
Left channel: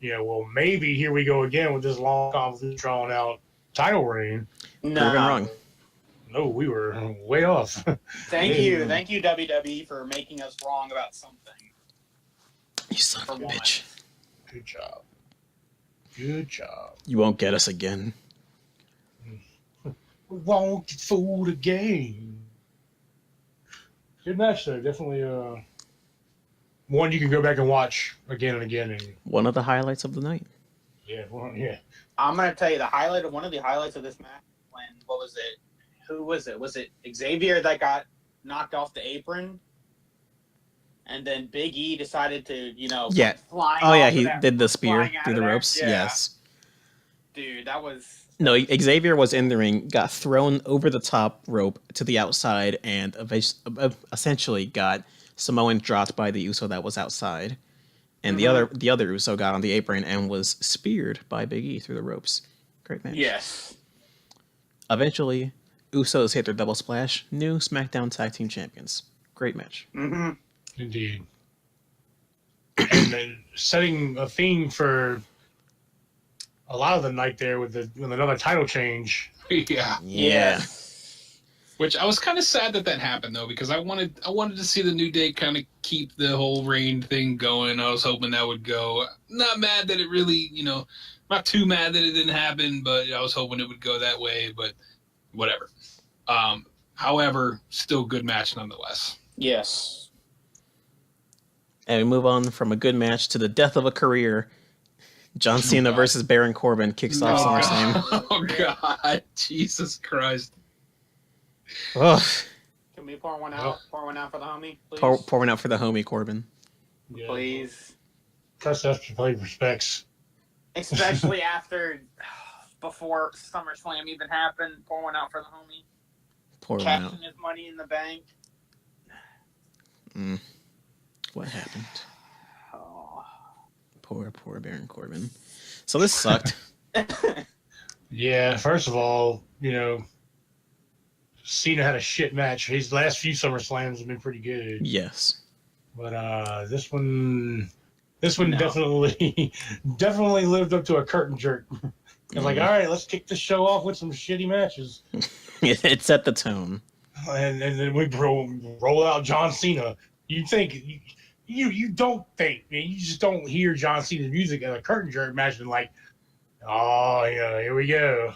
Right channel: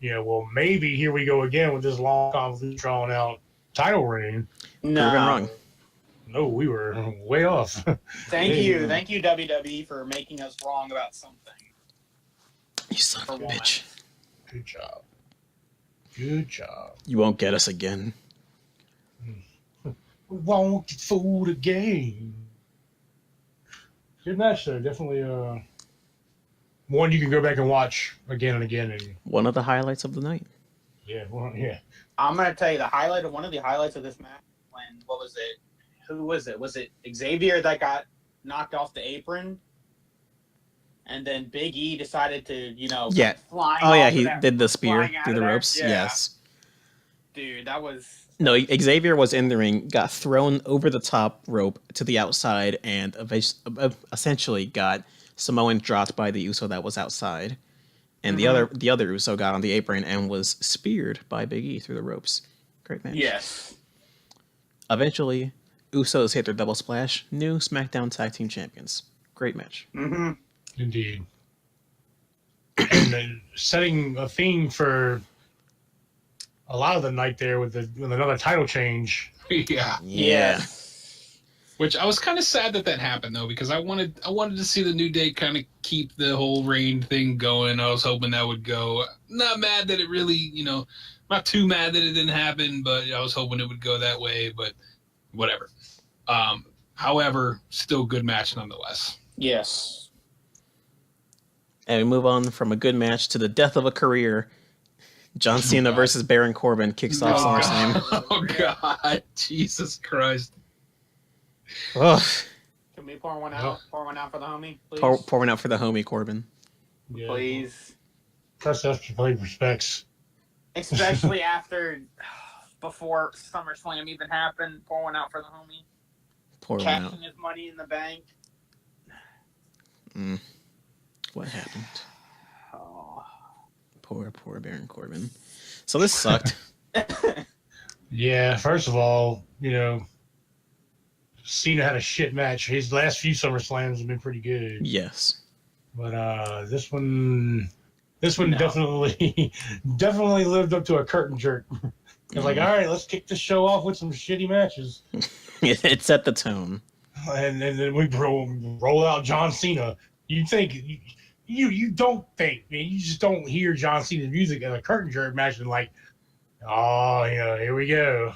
well, maybe here we go again with this long, convoluted, drawn out title reign. No. Proven wrong. No, we were way off. Thank you, WWE, for making us wrong about something. You son of a bitch. Good job. Good job. You won't get us again. We won't get fooled again. Good match, though. Definitely one you can go back and watch again and again. And One of the highlights of the night. yeah, yeah. I'm gonna tell you one of the highlights of this match. What was it? Who was it? Was it Xavier that got knocked off the apron? And then Big E decided to, Yeah. fly. Oh yeah, he did the spear flying out through of the there? ropes. Yeah. Yes. Dude, that was. No, Xavier was in the ring, got thrown over the top rope to the outside, and essentially got Samoan dropped by the Uso that was outside. And the other Uso got on the apron and was speared by Big E through the ropes. Great match. Yes. Eventually, Usos hit their double splash. New SmackDown Tag Team Champions. Great match. Mm-hmm. Indeed. And then setting a theme for a lot of the night there with another title change. Yeah. Yeah. Which I was kind of sad that happened though, because I wanted to see the New Day kind of keep the whole Reign thing going. I was hoping that would go. Not mad that it really, not too mad that it didn't happen, but I was hoping it would go that way. But whatever. However, still good match nonetheless. Yes. And we move on from a good match to the death of a career. John Cena versus Baron Corbin kicks off SummerSlam. Oh God, Jesus Christ! Ugh. Can we pour one out? Pour one out for the homie, please. Pour one out for the homie Corbin. Yeah. Please. Trust us to play respects. Especially before SummerSlam even happened. Pour one out for the homie. Pour one out. Cashing his money in the bank. What happened? Oh. Poor Baron Corbin. So this sucked. Yeah, first of all, Cena had a shit match. His last few SummerSlams have been pretty good. Yes. But this one No. definitely lived up to a curtain jerk. It's like, all right, let's kick the show off with some shitty matches. It set the tone. And then we roll out John Cena. You think you don't think, man, you just don't hear John Cena's music in a curtain jerk match and like, oh yeah, here we go.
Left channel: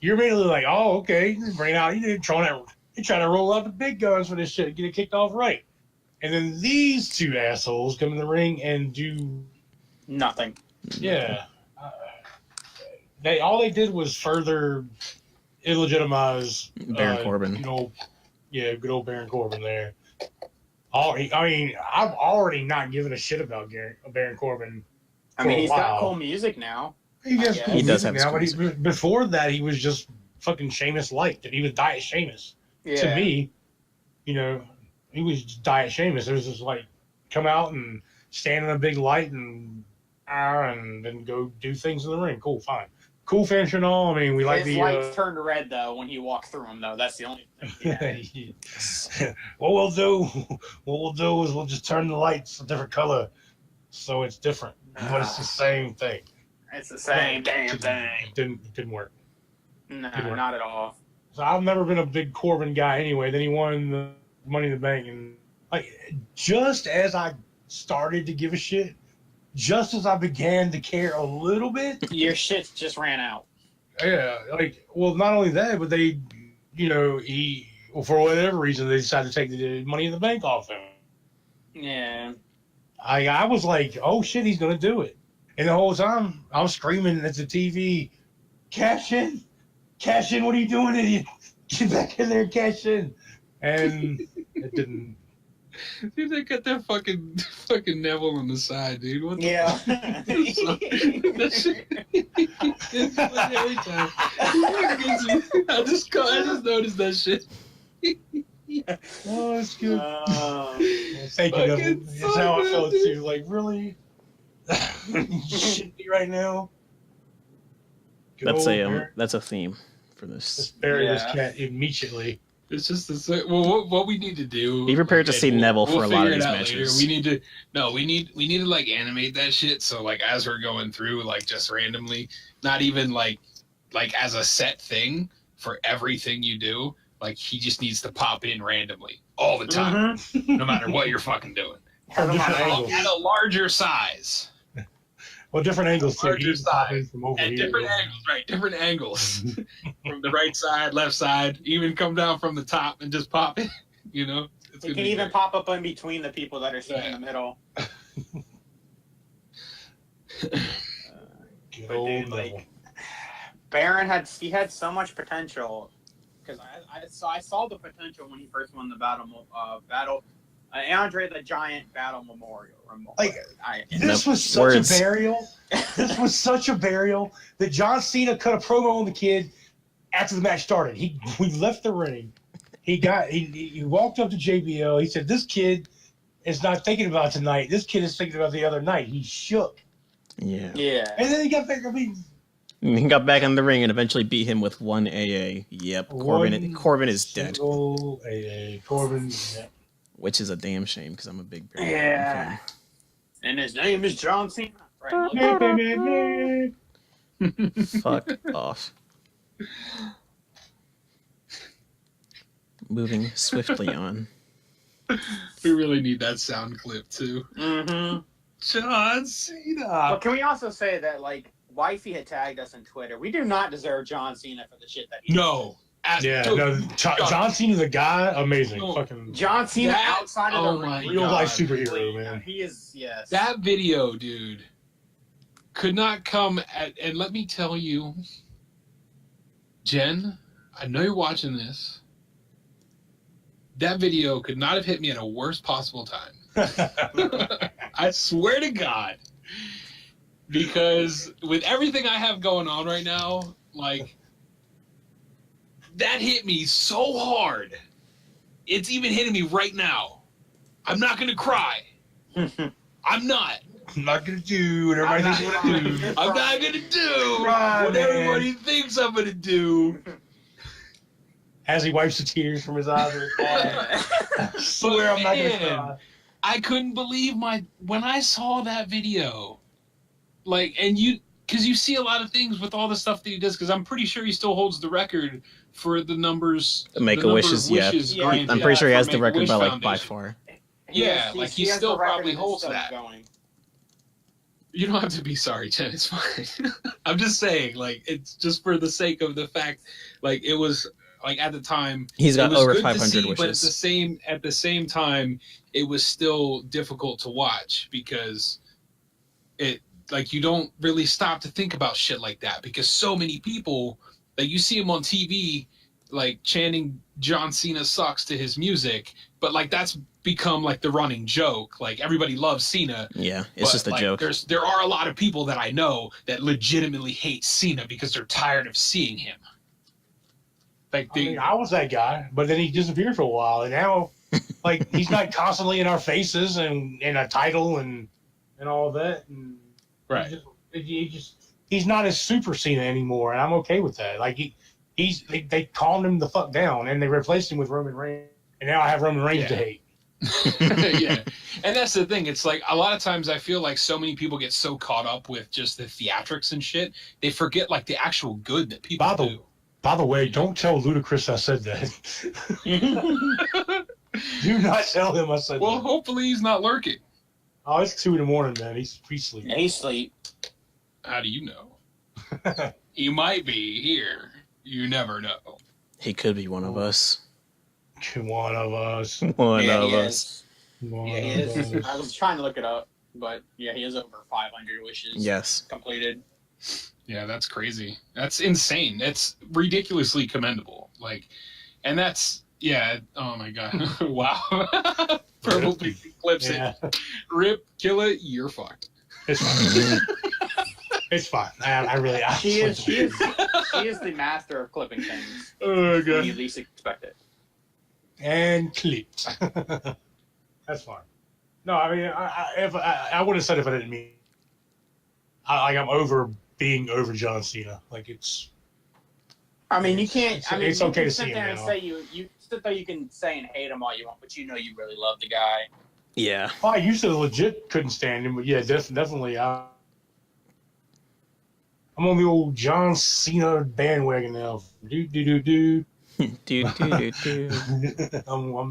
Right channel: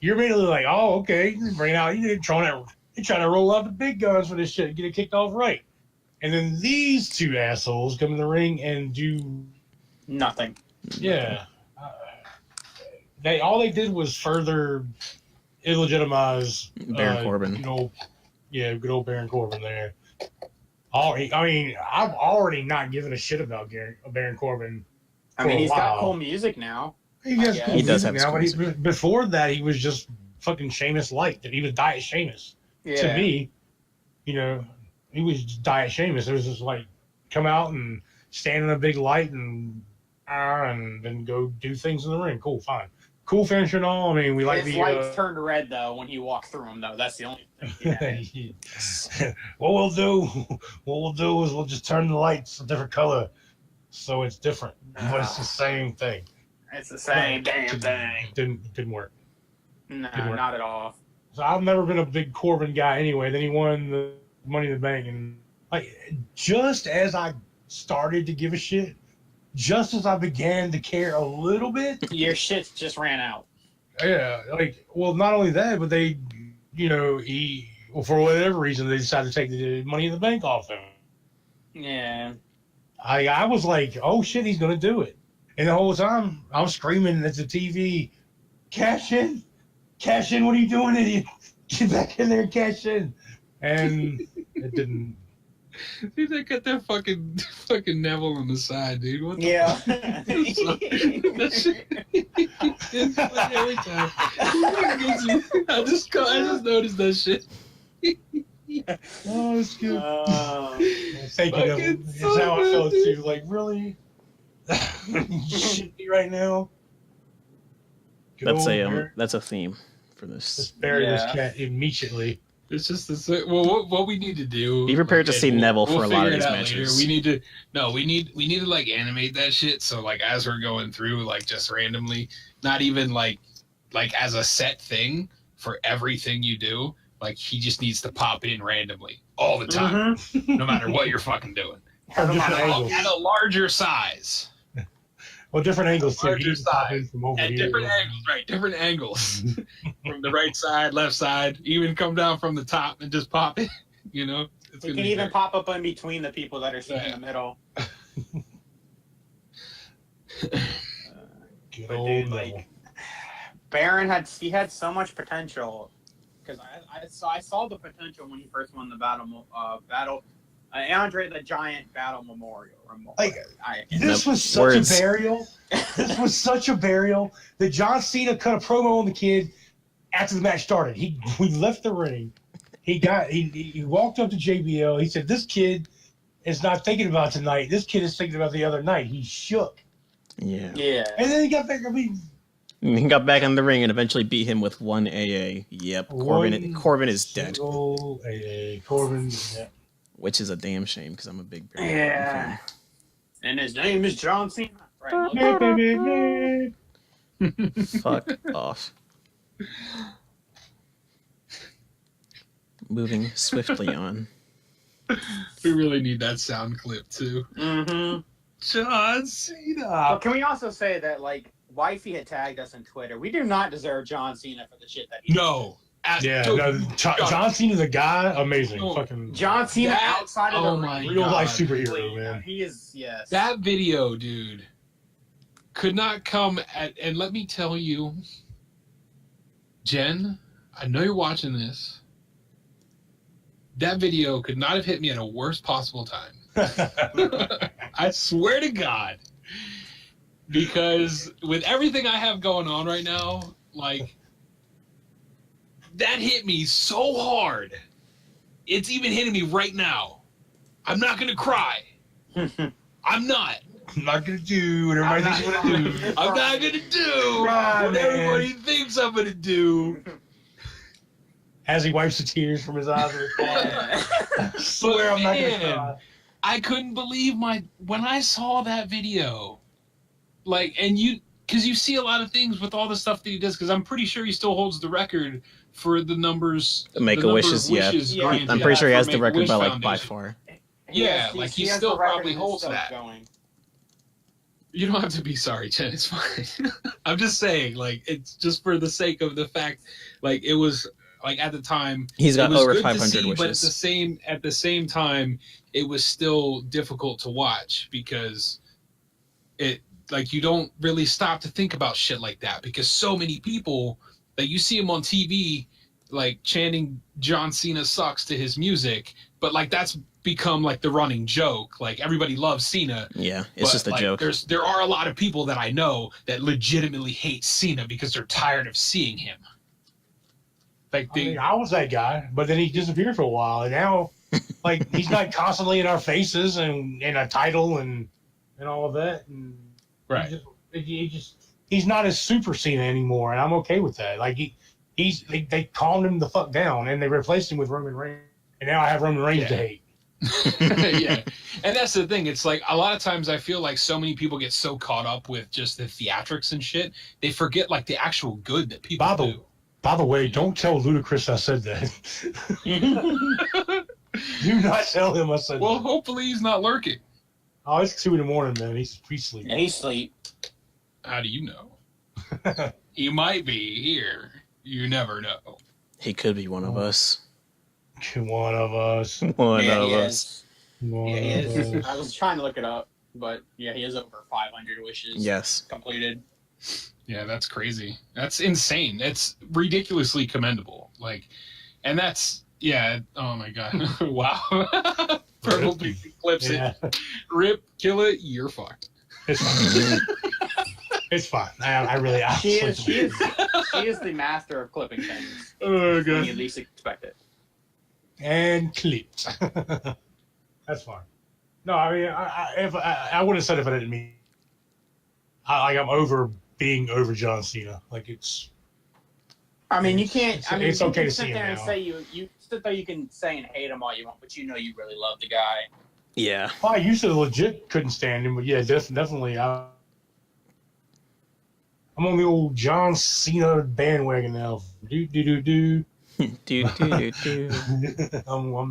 You're immediately like, oh, okay, bring it out. You're trying to roll out the big guns for this shit, get it kicked off right. And then these two assholes come in the ring and do Nothing. yeah. All they did was further illegitimize Baron Corbin. Good old Baron Corbin there. I've already not given a shit about Baron Corbin. I mean, he's got cool music now. He has cool He does music have now, cool but before that, he was just fucking Sheamus light. That he was Diet Sheamus. Yeah. To me, he was Diet Sheamus. It was just like come out and stand in a big light and then go do things in the ring. Cool, fine. Cool finish and all. I mean, we like his lights turned red though when he walked through them though. That's the only thing. What we'll do is we'll just turn the lights a different color, so it's different, but it's the same thing. It's the same damn thing. Didn't work. No, not at all. So I've never been a big Corbin guy anyway. Then he won the Money in the Bank, and just as I started to give a shit, just as I began to care a little bit, your shit just ran out. Yeah, not only that, but they, for whatever reason, they decided to take the Money in the Bank off him. Yeah. I was like, oh shit, he's gonna do it, and the whole time I'm screaming at the TV, cash in, what are you doing, idiot? Get back in there, cash in, and it didn't. Dude, they got that fucking Neville on the side, dude. What the fuck? That shit. It's funny every time. I just noticed that shit. Oh, it's good. Thank you, Neville. It's how I felt too. Like, really? You shit me right now? That's a theme for this. Let's bury this cat immediately. It's just what we need to do. Be prepared to see Neville for a lot of these matches. Later. We need to like animate that shit. So like as we're going through, like just randomly, not even like as a set thing for everything you do. Like he just needs to pop in randomly all the time, no matter what you're fucking doing. At a larger size. Well, different angles too. Larger side. At different angles, right? Different angles. From the right side, left side, even come down from the top and just pop it. It can even pop up in between the people that are sitting in the middle. Baron had so much potential because I saw the potential when he first won the Andre the Giant Battle Memorial. This was such a burial. This was such a burial that John Cena cut a promo on the kid after the match started. We left the ring. He walked up to JBL. He said, "This kid is not thinking about tonight. This kid is thinking about the other night." He shook. Yeah. Yeah. And then he got back. He got back in the ring and eventually beat him with one AA. Yep. Corbin is dead. AA. Corbin. Yeah. Which is a damn shame because I'm a big Baron Corbin fan. And his name is John Cena. Right. Fuck off. Moving swiftly on. We really need that sound clip too. Mm-hmm. John Cena. But can we also say that Wifey had tagged us on Twitter? We do not deserve John Cena for the shit that he did. John Cena, the guy, amazing. Fucking John Cena outside of the ring. Real life superhero, man. He is, yes. That video, dude, could not come and let me tell you, Jen, I know you're watching this. That video could not have hit me at a worst possible time. I swear to God. Because with everything I have going on right now, that hit me so hard. It's even hitting me right now. I'm not going to cry. I'm not. I'm not going to do what everybody thinks I'm going to do. I'm not going to do what everybody thinks I'm going to do. As he wipes the tears from his eyes. I swear I'm not going to cry. I couldn't believe when I saw that video. Because you see a lot of things with all the stuff that he does, because I'm pretty sure he still holds the record for the numbers. Make-A-Wishes, yeah. I'm pretty sure he has the record by far. Yeah, he still probably holds that. You don't have to be sorry, Chen. It's fine. I'm just saying, it's just for the sake of the fact, it was at the time. He's got over 500 wishes. But at the same time, it was still difficult to watch because it you don't really stop to think about shit like that because so many people Like you see him on TV, like chanting John Cena sucks to his music, but like that's become like the running joke. Like everybody loves Cena. Yeah, it's just a like, joke. There are a lot of people that I know that legitimately hate Cena because they're tired of seeing him. Like I was that guy, but then he disappeared for a while, and now, like, he's not constantly in our faces and in a title and all that. And right. He's not as super Cena anymore, and I'm okay with that. Like they calmed him the fuck down, and they replaced him with Roman Reigns, and now I have Roman Reigns to hate. Yeah, and that's the thing. It's like a lot of times I feel like so many people get so caught up with just the theatrics and shit, they forget like the actual good that people do. By the way, don't tell Ludacris I said that. Do not tell him I said that. Well, hopefully he's not lurking. Oh, it's 2 a.m, man. He's asleep. Yeah, he's asleep. How do you know? He might be here. You never know. He could be one of us. One of us. One of us. Yeah, he is. I was trying to look it up, but yeah, he has over 500 wishes. Yes. Completed. Yeah, that's crazy. That's insane. That's ridiculously commendable. Like, and that's, yeah, oh my God. Wow. Purple flips it. Rip, kill it, you're fucked. It's fine. It's fine. I really... She is the master of clipping things. Oh, God. You at least expect it. And clipped. That's fine. No, I mean, I wouldn't have said it if I didn't mean... I'm over being over John Cena. Like, it's... I mean, you can't... I mean, it's okay to see him and now. say you sit there, you can say and hate him all you want, but you know you really love the guy. Yeah. Well, I used to legit couldn't stand him, but yeah, definitely. I'm on the old John Cena bandwagon now. Do. I'm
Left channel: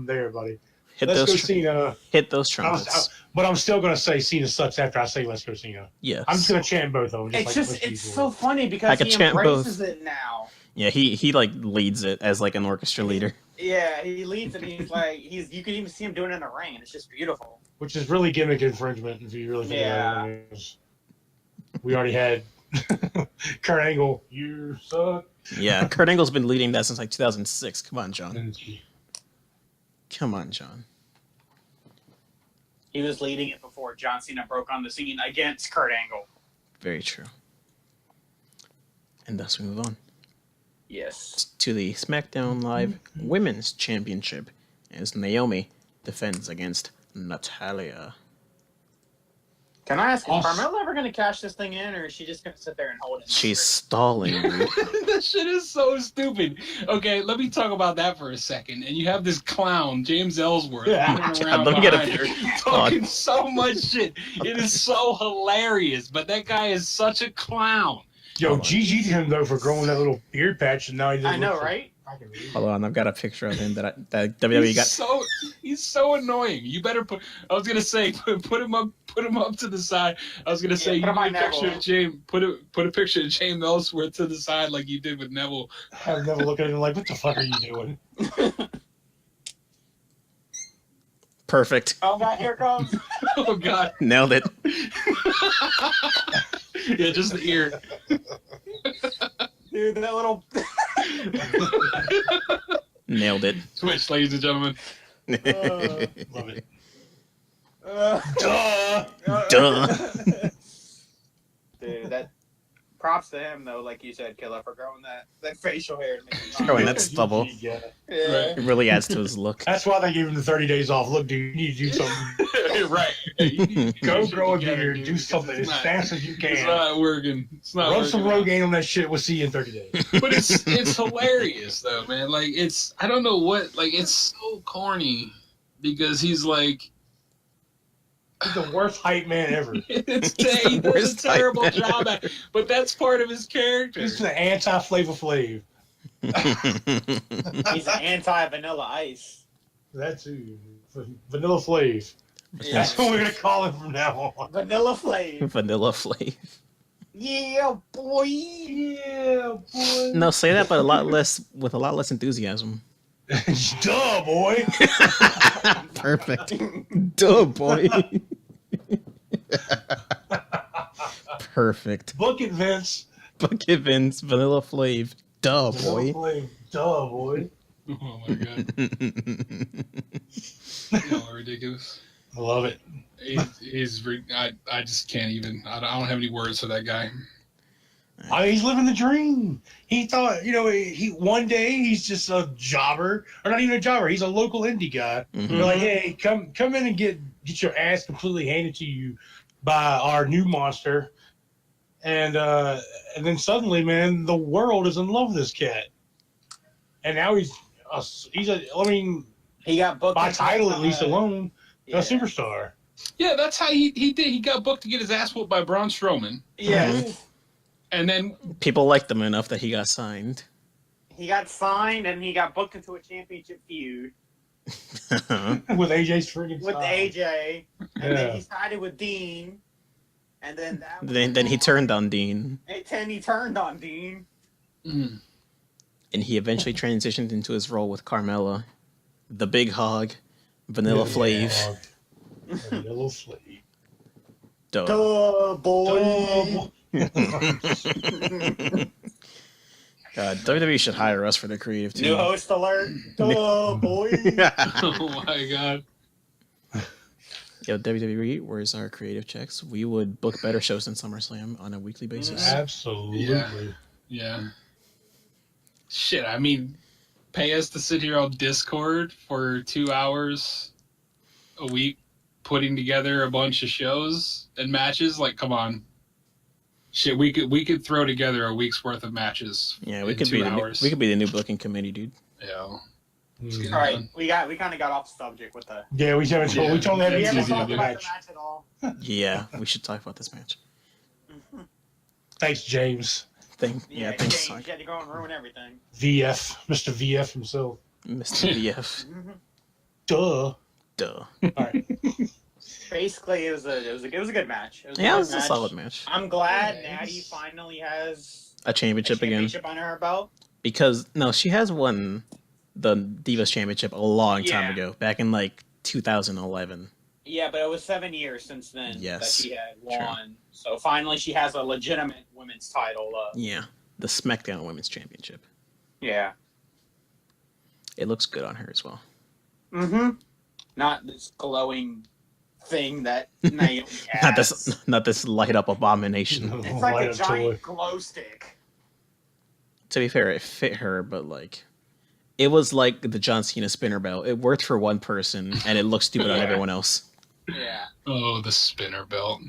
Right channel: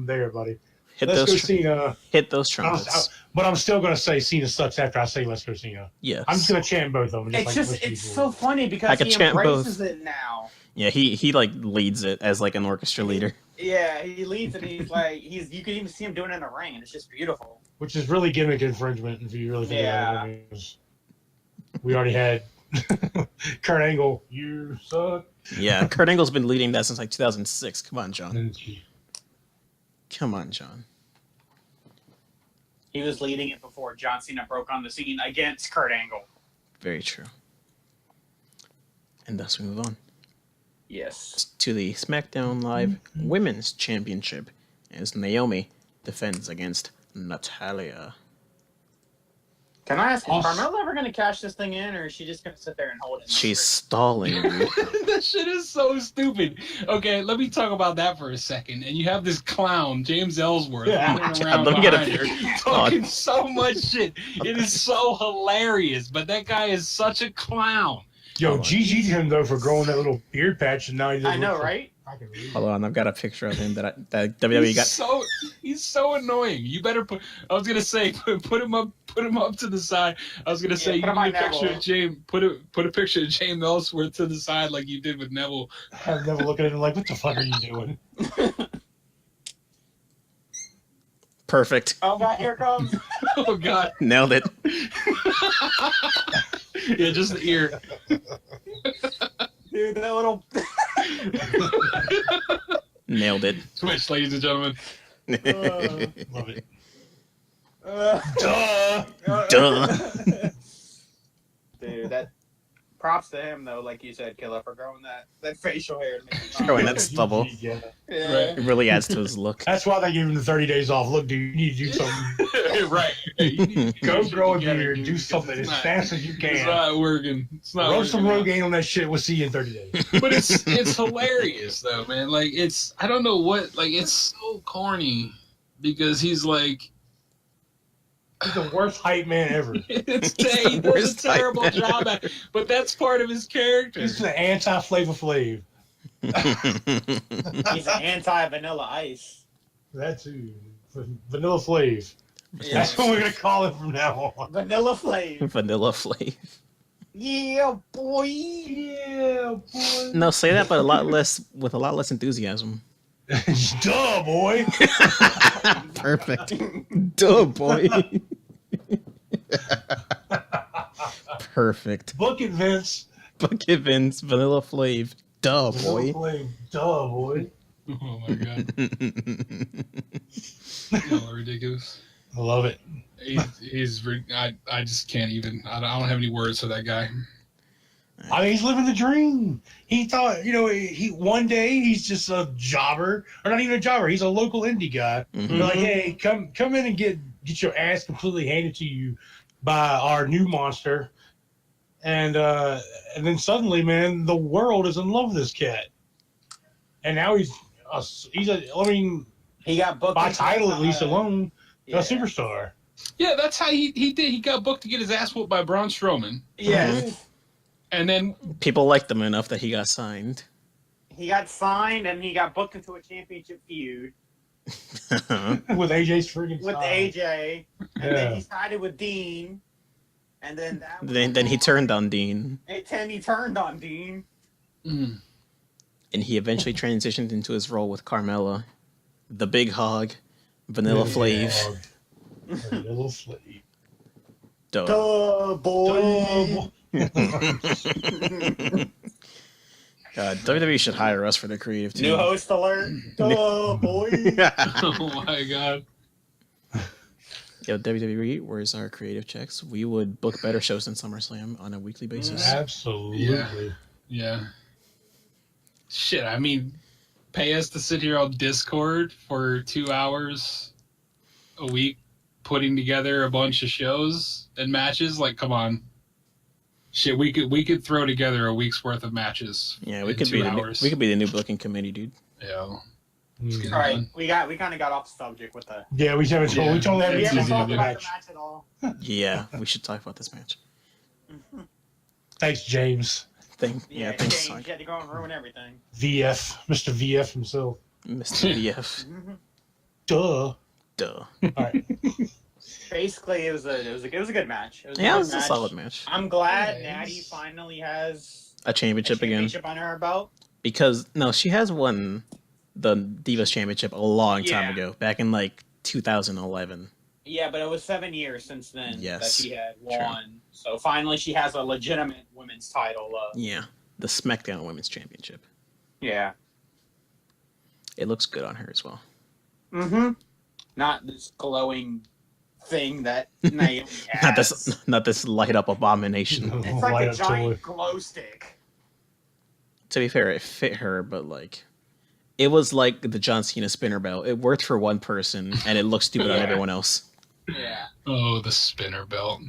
there, buddy. Let's go Cena. Hit those trumpets. But I'm still gonna say Cena sucks after I say let's go Cena. Yes. I'm just gonna chant both of them. It's so funny because I could chant embraces both. it now. Yeah, he like leads it as like an orchestra leader. Yeah, he leads it. He's like you can even see him doing it in the ring, and it's just beautiful. Which is really gimmick infringement if you really think about it. We already had Kurt Angle. You suck. Yeah, Kurt Angle's been leading that since like 2006. Come on, John. Come on, John. He was leading it before John Cena broke on the scene against Kurt Angle. Very true. And thus we move on. Yes. To the SmackDown Live Women's Championship as Naomi defends against Natalya. Can I ask, is Carmella ever going to cash this thing in, or is she just going to sit there and hold it? She's stalling, dude. That shit is so stupid. Okay, let me talk about that for a second. And you have this clown, James Ellsworth, Let me get a picture. Talking so much shit. It is so hilarious, but that guy is such a clown. Yo, GG to him though for growing that little beard patch, and now he doesn't. I know, right? Hold on, I've got a picture of him that WWE got. He's so annoying. You better put. I was gonna say put him up to the side. I was gonna say you need a picture of James. Put a picture of James Ellsworth to the side like you did with Neville. Have Neville looking at him like, what the fuck are you doing? Perfect. Oh God, here it comes. Oh God, nailed it. Yeah, just the ear. Dude, that little. Nailed it. Switch, ladies and gentlemen. Love it. Duh. Dude, that. Props to him though, like you said, Killer, for growing that facial hair. Growing that stubble. Yeah. It really adds to his look. That's why they gave him the 30 days off. Look, dude, you need to do something. Right. Go grow a beard. Do something as fast as you can. It's not working. It's not Rub working. some Rogaine on that shit. We'll see you in 30 days. But it's hilarious though, man. Like I don't know what. Like it's so corny because he's like. He's the worst hype man ever. He does a terrible job at it, but that's part of his character. He's the anti-Flavor Flav. He's an anti-Vanilla Ice. That too. Vanilla Flav. Yeah. That's what we're going to call him from now on. Vanilla Flav. Vanilla Flav. Yeah, boy. Yeah, boy. No, say that, but with a lot less enthusiasm. Duh, boy. Perfect. Duh, boy. Perfect. Book it, Vince. Bucket Vince, Vanilla Flav. Duh, boy. Duh, boy. Oh my god. No, ridiculous. I love it. I just can't even. I don't have any words for that guy. I mean, he's living the dream. He thought, he one day he's just a jobber, or not even a jobber. He's a local indie guy. Mhm. They're like, hey, come in and get your ass completely handed to you by our new monster, and then suddenly, man, the world is in love with this cat, and now he got booked by into, title at least alone, yeah. a superstar. Yeah, that's how he did. He got booked to get his ass whooped by Braun Strowman. Yes. Mhm. And then People liked him enough that he got signed. He got signed and he got booked into a championship feud With AJ's freaking with style. AJ, and then Yeah. he sided with Dean, and then that. Then he turned on Dean, And he turned on Dean. mm, and he eventually transitioned into his role with Carmella, the Big Hog, Vanilla Flav. Vanilla Flav. Duh. Duh, boy. God, WWE should hire us for the creative team. New host alert. Duh, boy. oh my god. Yo, WWE, where's our creative checks? We would book better shows than SummerSlam on a weekly basis. Absolutely. Yeah. Shit, I mean, pay us to sit here on Discord for 2 hours a week, putting together a bunch of shows and matches. Like, come on. Shit, we could throw together a week's worth of matches. Yeah, we in could 2 be hours. the new booking committee, dude. Yeah. Mm. All right, we kind of got off subject with the. Yeah, we haven't told. Yeah. We told We that haven't easy to talked do. about the match. match at all. Yeah, we should talk about this match. Thanks, James. Thanks, James, Sonic. you had to go and ruin everything. VF, Mr. VF himself. Mr. VF. Duh. Duh. All right. Basically, it was a good match. It was Yeah, good it was a match. solid match. I'm glad Nice. Natty finally has A championship again. championship under her belt. Because, no, she has won the Divas Championship a long time Yeah. ago, back in like 2011. Yeah, but it was 7 years since then Yes, that she had true. won. So finally, she has a legitimate women's title. Yeah, the SmackDown Women's Championship. Yeah. It looks good on her as well. Mm-hmm. Not this glowing thing that Naomi has. Not this light up abomination. It's like Light a up giant toy. glow stick. To be fair, it fit her, but like, it was like the John Cena spinner belt. It worked for one person, and it looked stupid on Yeah. everyone else. Yeah. Oh, the spinner belt.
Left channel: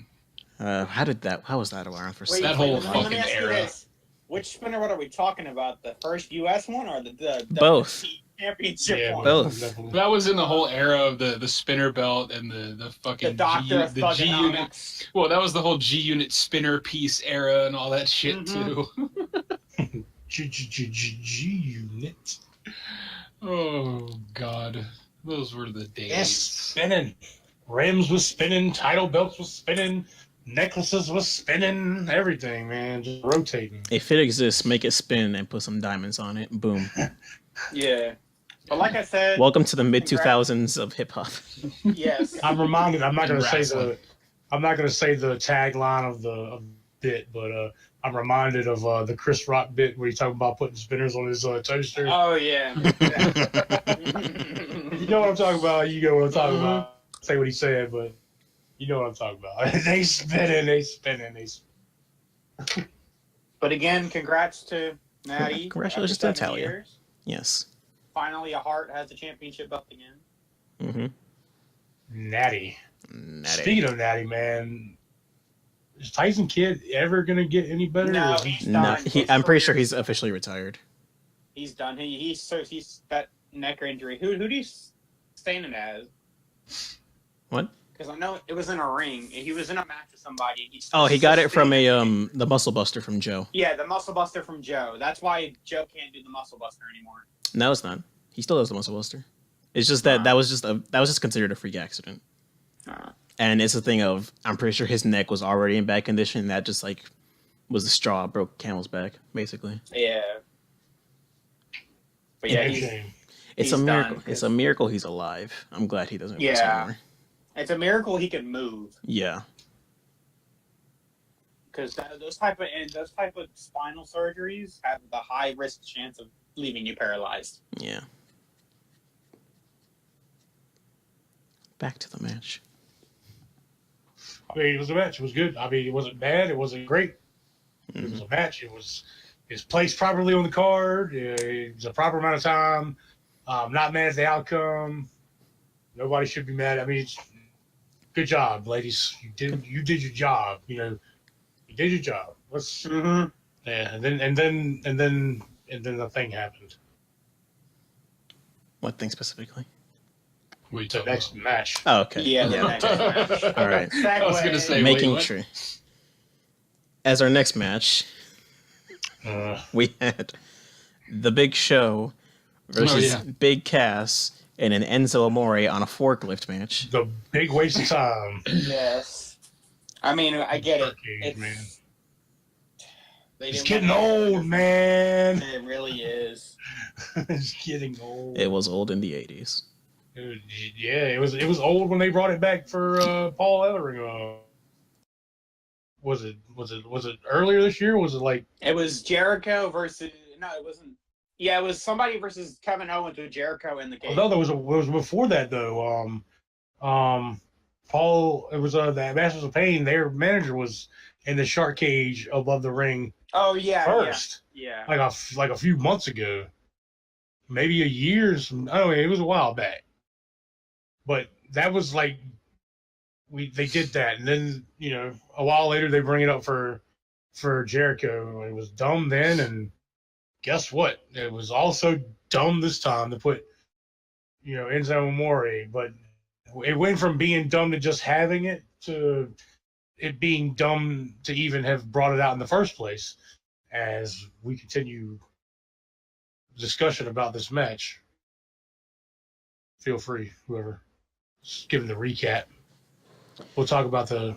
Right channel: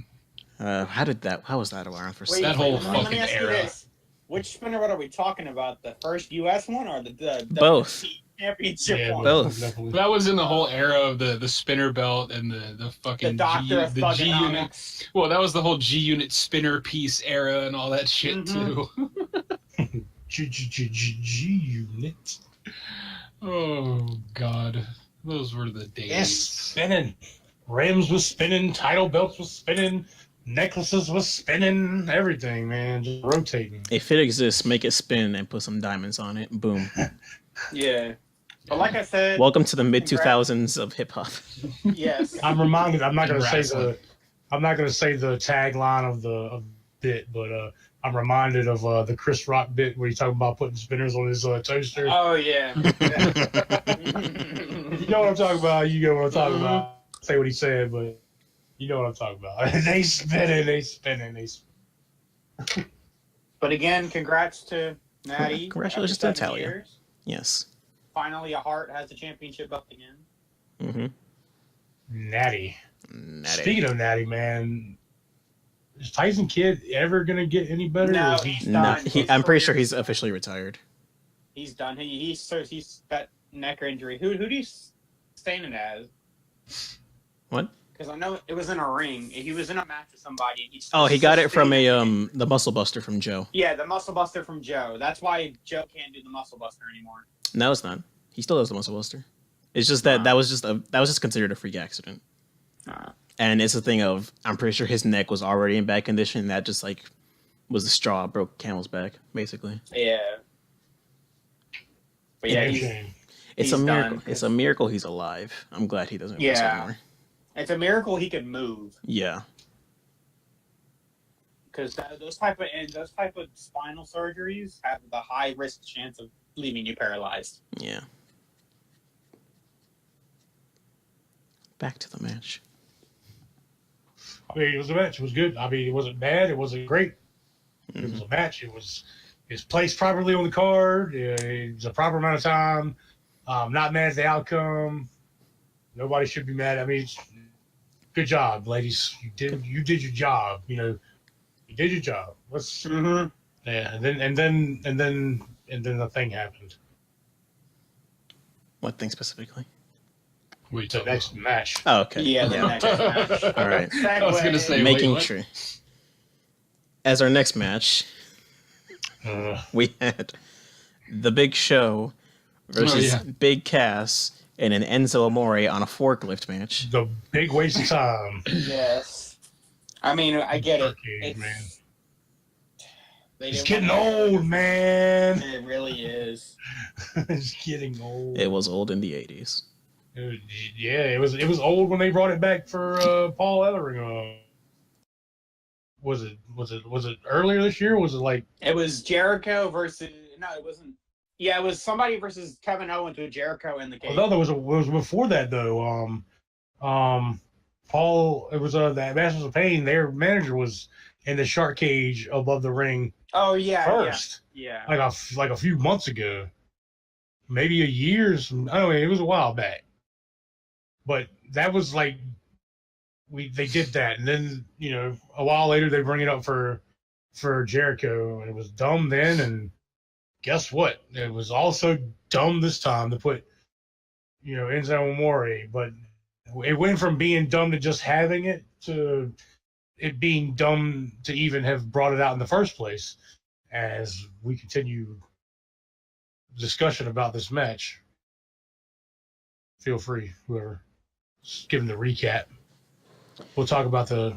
How was that around for Wait, That so whole let long? me fucking ask you era. this. Which spinner what are we talking about? The first U.S. one or the Both. championship Yeah, one? Both. definitely. That was in the whole era of the spinner belt and the fucking The Doctor of the G unit. Thugonomics. Well, that was the whole G unit spinner piece era and all that shit Mhm. too. G unit. Oh God, those were the days. Yes, spinning. Rims was spinning. Title belts was spinning. Necklaces was spinning. Everything, man, just rotating. If it exists, make it spin and put some diamonds on it. Boom. Yeah. But like I said, Welcome to the mid 2000s of hip hop. yes. I'm reminded. I'm not In going to say wrestling. the tagline of the bit, but I'm reminded of the Chris Rock bit where he's talking about putting spinners on his toaster. Oh yeah. You know what I'm talking about. You know what I'm talking about. Say what he said, but you know what I'm talking about. They spinning. But again, congrats to Natty. Congratulations to After 7 Natalya. years, Yes. finally, a Hart has the championship belt again. Mm-hmm. Natty. Speaking of Natty, man, is Tyson Kidd ever gonna get any better? No, Or is he- he's No, done. I'm pretty sure he's officially retired. He's done. He's that neck injury. Who do you stand it as? What? Because I know it was in a ring. He was in a match with somebody. And Oh, he got it from the Muscle Buster from Joe. Yeah, the Muscle Buster from Joe. That's why Joe can't do the Muscle Buster anymore. No, it's not. He still does the Muscle Buster. It's just that was just considered a freak accident. And it's a thing of, I'm pretty sure his neck was already in bad condition. That just like was the straw broke camel's back, basically. Yeah. But yeah, Damn he's, shame. It's He's a miracle. done. It's a miracle he's alive. I'm glad he doesn't wrestle Yeah. anymore. it's a miracle he could move. Yeah. because those type of spinal surgeries have the high risk chance of leaving you paralyzed. Yeah. Back to the match. I mean, it was a match. It was good. I mean, it wasn't bad. It wasn't great. It was Mhm. a match. It was placed properly on the card. It was a proper amount of time. Not mad at the outcome. Nobody should be mad. I mean, good job, ladies. You did your job. You did your job. Let's Mm-hmm. yeah. And then the thing happened. What thing specifically? Wait, The next match. Oh, okay. Yeah, the next match. All right. I was gonna say, Making wait, what? sure. As our next match, we had the Big Show versus Big Cass in an Enzo Amore on a forklift match. The big waste of time. Yes. I mean, I get it. Arcade, man. It's Getting getting old, man. It really is. It's getting old. It was old in the 80s. It was old when they brought it back for Paul Ellering. Was it earlier this year? Or was it like It was Jericho versus it wasn't. Yeah, it was somebody versus Kevin Owens with Jericho in the cage. no? There was before that though. Paul. It was the Masters of Pain. Their manager was in the shark cage above the ring Oh yeah, first, yeah. like a few months ago, maybe a year's. I don't know. It was a while back, but that was like they did that, and then a while later they bring it up for Jericho, and it was dumb then, and guess what? It was also dumb this time to put Enzo Amore, but it went from being dumb to just having it to it being dumb to even have brought it out in the first place. As we continue discussion about this match, feel free, whoever, just give them the recap. We'll talk about the.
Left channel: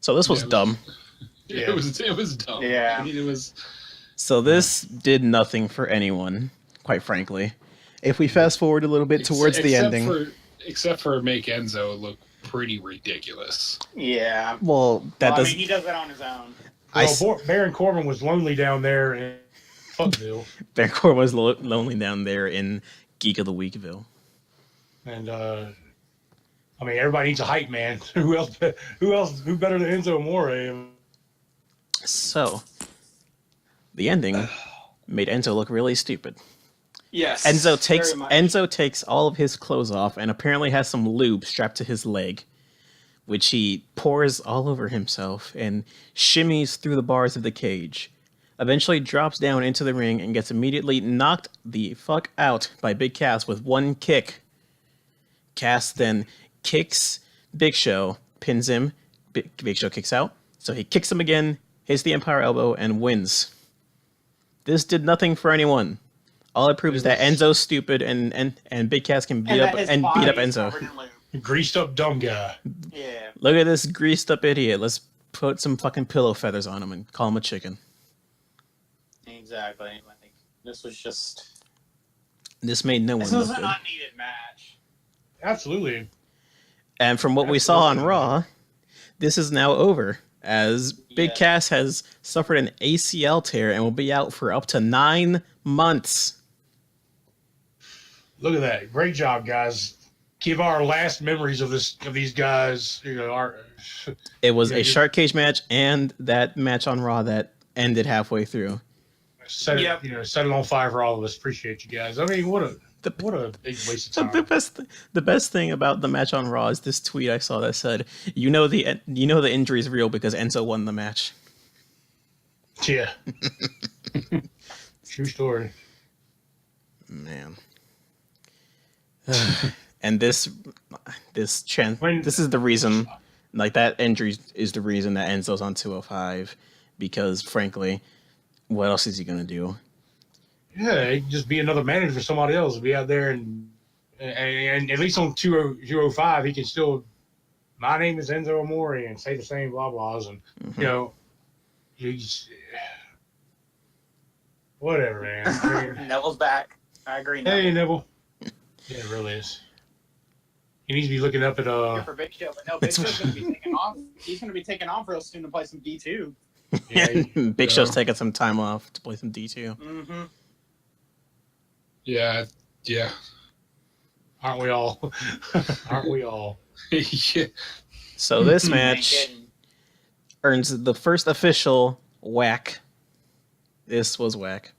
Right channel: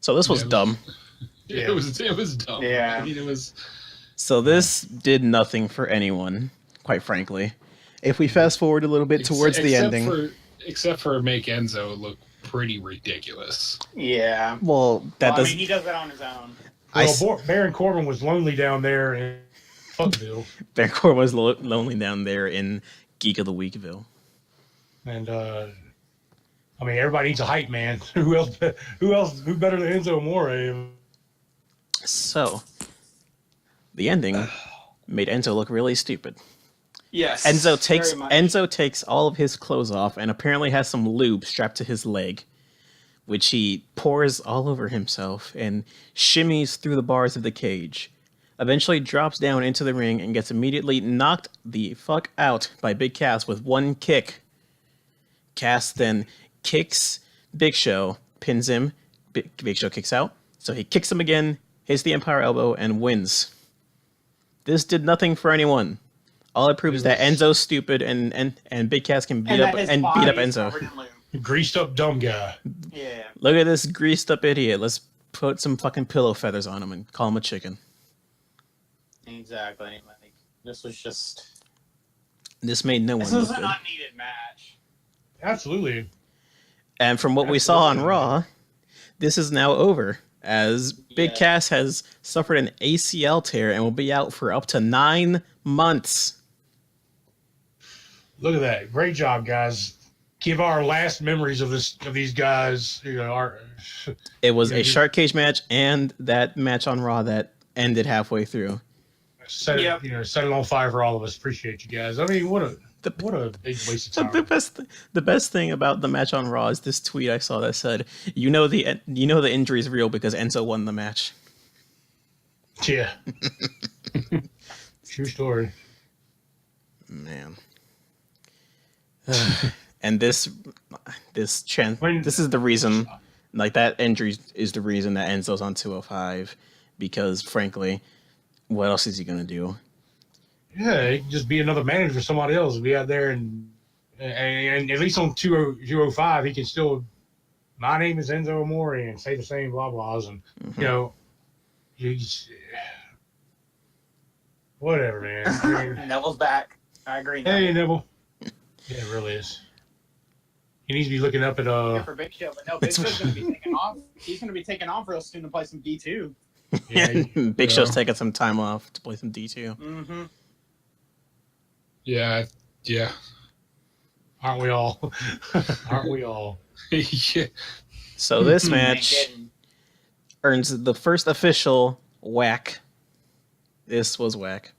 So this was dumb. Yeah. It was dumb. Yeah. I mean, it was. So this did nothing for anyone, quite frankly. If we fast forward a little bit towards the ending. Except for make Enzo look pretty ridiculous. Yeah. Well, that does. I mean, he does that on his own. Baron Corbin was lonely down there in Fuckville. Baron Corbin was lonely down there in Geek of the Weekville. And I mean, everybody needs a hype man. Who better than Enzo Amore? So the ending made Enzo look really stupid. Yes. Enzo takes all of his clothes off and apparently has some lube strapped to his leg, which he pours all over himself and shimmies through the bars of the cage. Eventually drops down into the ring and gets immediately knocked the fuck out by Big Cass with one kick. Cass then kicks Big Show, pins him. Big Show kicks out, so he kicks him again, hits the Empire Elbow, and wins. This did nothing for anyone. All it proves is that Enzo's stupid and Big Cass can beat up Enzo. Greased up dumb guy. Yeah. Look at this greased up idiot. Let's put some fucking pillow feathers on him and call him a chicken. Exactly. Like, this was just. This made no one This look was an good. unneeded match. Absolutely. And from what we saw on Raw, this is now over, as Big Cass has suffered an ACL tear and will be out for up to 9 months. Look at that. Great job, guys. Give our last memories of these guys, It was a shark cage match and that match on Raw that ended halfway through. set it on fire for all of us. Appreciate you guys. I mean, what a big waste of time. The best thing about the match on Raw is this tweet I saw that said, the injury is real because Enzo won the match. Yeah. True story. Man. And this is the reason, like, that injury is the reason that Enzo's on 205, because frankly, what else is he gonna do? Yeah, he can just be another manager for somebody else. Be out there and at least on 205, he can still. My name is Enzo Amore and say the same blah blahs and he's whatever, man. Neville's back. I agree. Hey, Neville. Yeah, it really is. He needs to be looking up at Good for Big Show, but no, Big Show's going to be taking off. He's going to be taking off real soon to play some D2. Yeah, Big Show's taking some time off to play some D2. Mm-hmm. Yeah. Aren't we all? Aren't we all? Yeah. So this match earns the first official whack. This was whack.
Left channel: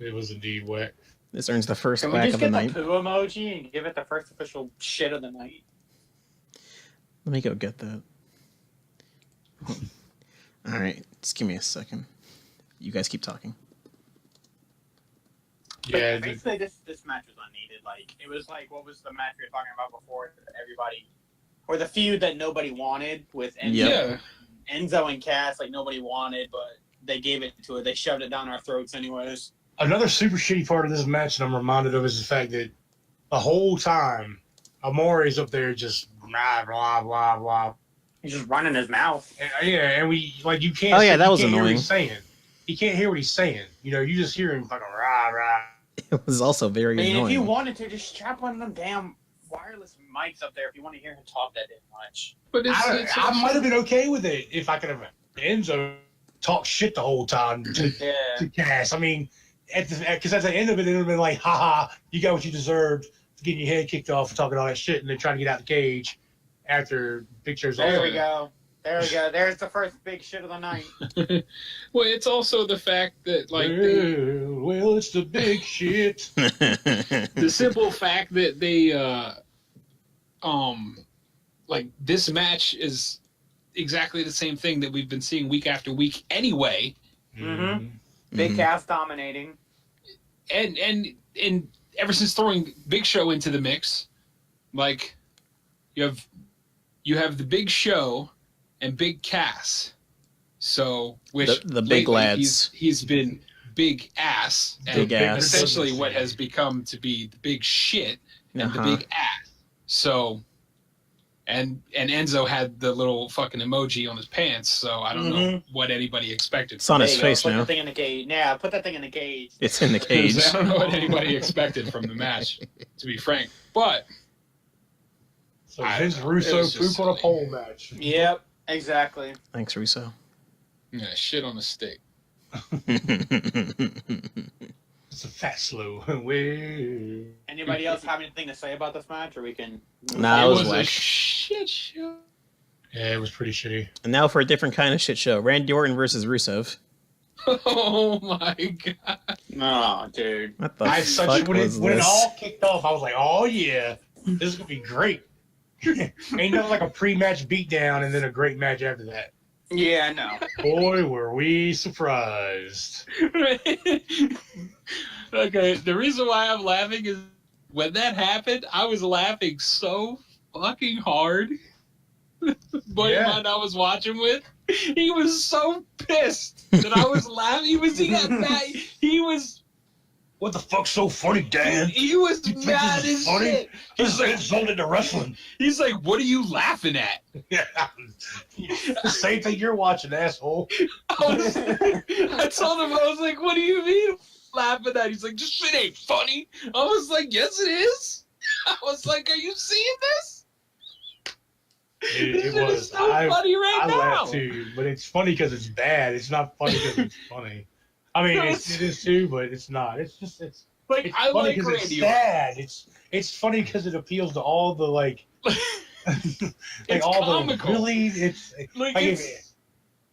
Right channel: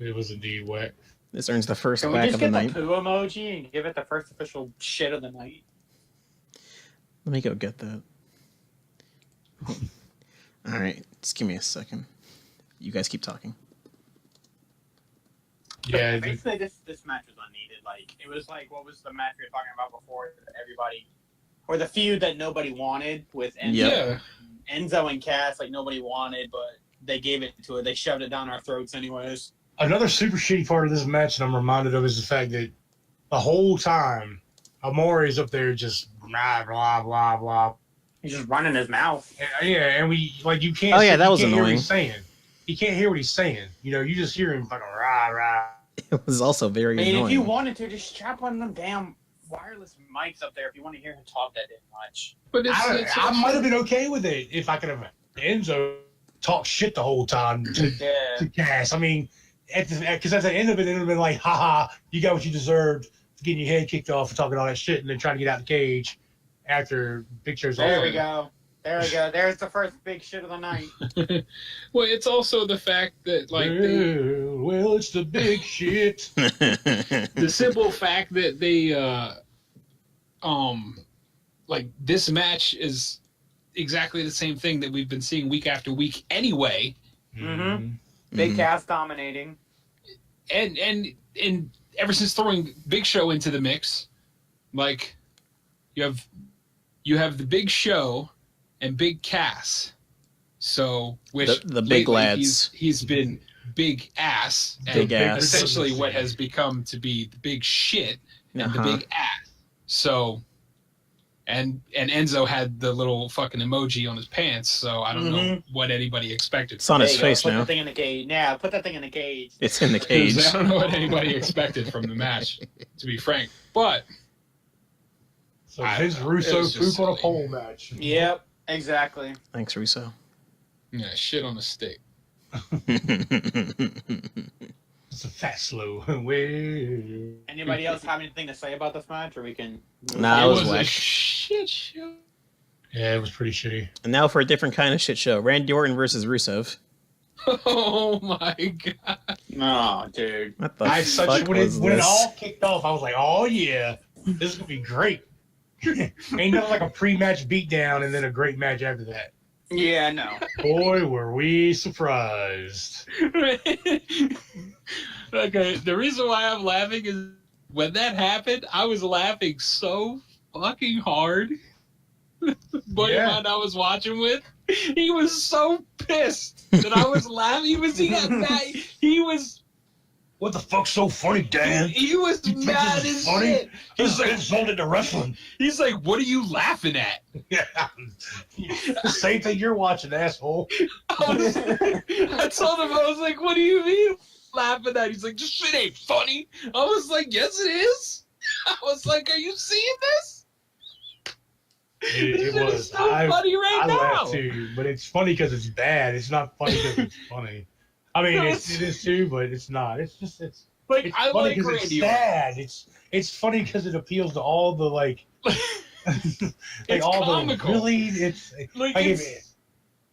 It was indeed whack. This earns the first Can we whack just of the get night. the poo emoji and give it the first official shit of the night? Let me go get that. All right, just give me a second. You guys keep talking. Yeah, Basically, this match was unneeded. Like, it was like, what was the match we were talking about before? Everybody, or the feud that nobody wanted with Enzo, Yep. Enzo and Cass. Like, nobody wanted, but they gave it to it. They shoved it down our throats anyways. another super shitty part of this match, and I'm reminded of, is the fact that the whole time Amore's up there just blah blah blah blah. He's just running his mouth. And we like you can't. Oh, yeah, that you was can't hear what annoying. he's saying. You can't hear what he's saying. You know, you just hear him fucking rah rah. It was also very I mean, annoying. if you wanted to, just strap one of them damn wireless mics up there if you want to hear him talk that much. But I might have been okay with it if I could have Enzo talk shit the whole time to Cass. I mean, because at the end of it, it would have been like, haha, you got what you deserved, getting your head kicked off for talking all that shit and then trying to get out the cage after Big Show's There over. we go. There we go. There's the first big shit of the night. Well, it's also the fact that Well, it's the big shit. the simple fact that they like this match is exactly the same thing that we've been seeing week after week anyway. Mm-hmm. Big Cass dominating. And ever since throwing Big Show into the mix, like you have the Big Show and Big Cass. So which the big lately lads. he's been big ass and Big ass. essentially what has become to be the big shit and Uh-huh. the big ass. So and Enzo had the little fucking emoji on his pants, so I don't know what anybody expected. It's on There his you go. face Put now. that thing in the cage. Yeah, put that thing in the cage. It's in the cage. I don't know what anybody expected from the match, to be frank. But So I Vince don't know. Russo It was just poop on a silly. pole match. Yep, exactly. Thanks, Russo. yeah, shit on a stick. It's a fat slow. Well, Anybody else have anything to say about this match, or we can? Nah, it was a whack. shit show. yeah, it was pretty shitty. And now for a different kind of shit show. Randy Orton versus Rusev. Oh my god. No, dude. What the I fuck when was it this? all kicked off, I was like, "Oh yeah, this is gonna be great." Ain't nothing like a pre-match beatdown and then a great match after that. Yeah, no. Boy, were we surprised! Okay, the reason why I'm laughing is when that happened, I was laughing so fucking hard. Buddy of mine I was watching with, he was so pissed that I was laughing. He got mad. He was What the fuck's so funny, Dan? he was You think mad this as is funny? shit. He's insulted to wrestling. He's like, "What are you laughing at?" Yeah, the same thing you're watching, asshole. I told him, I was like, "What do you mean laughing at?" He's like, "This shit ain't funny." I was like, "Yes, it is." I was like, "Are you seeing this?" It This shit is was. so funny right I now. laughed too, but it's funny because it's bad. It's not funny because it's funny. I mean, No, it is too, but it's not. It's Like, it's I funny like because it's Randy Orton. sad. It's funny because it appeals to all the like It's all comical. the really it's Like, I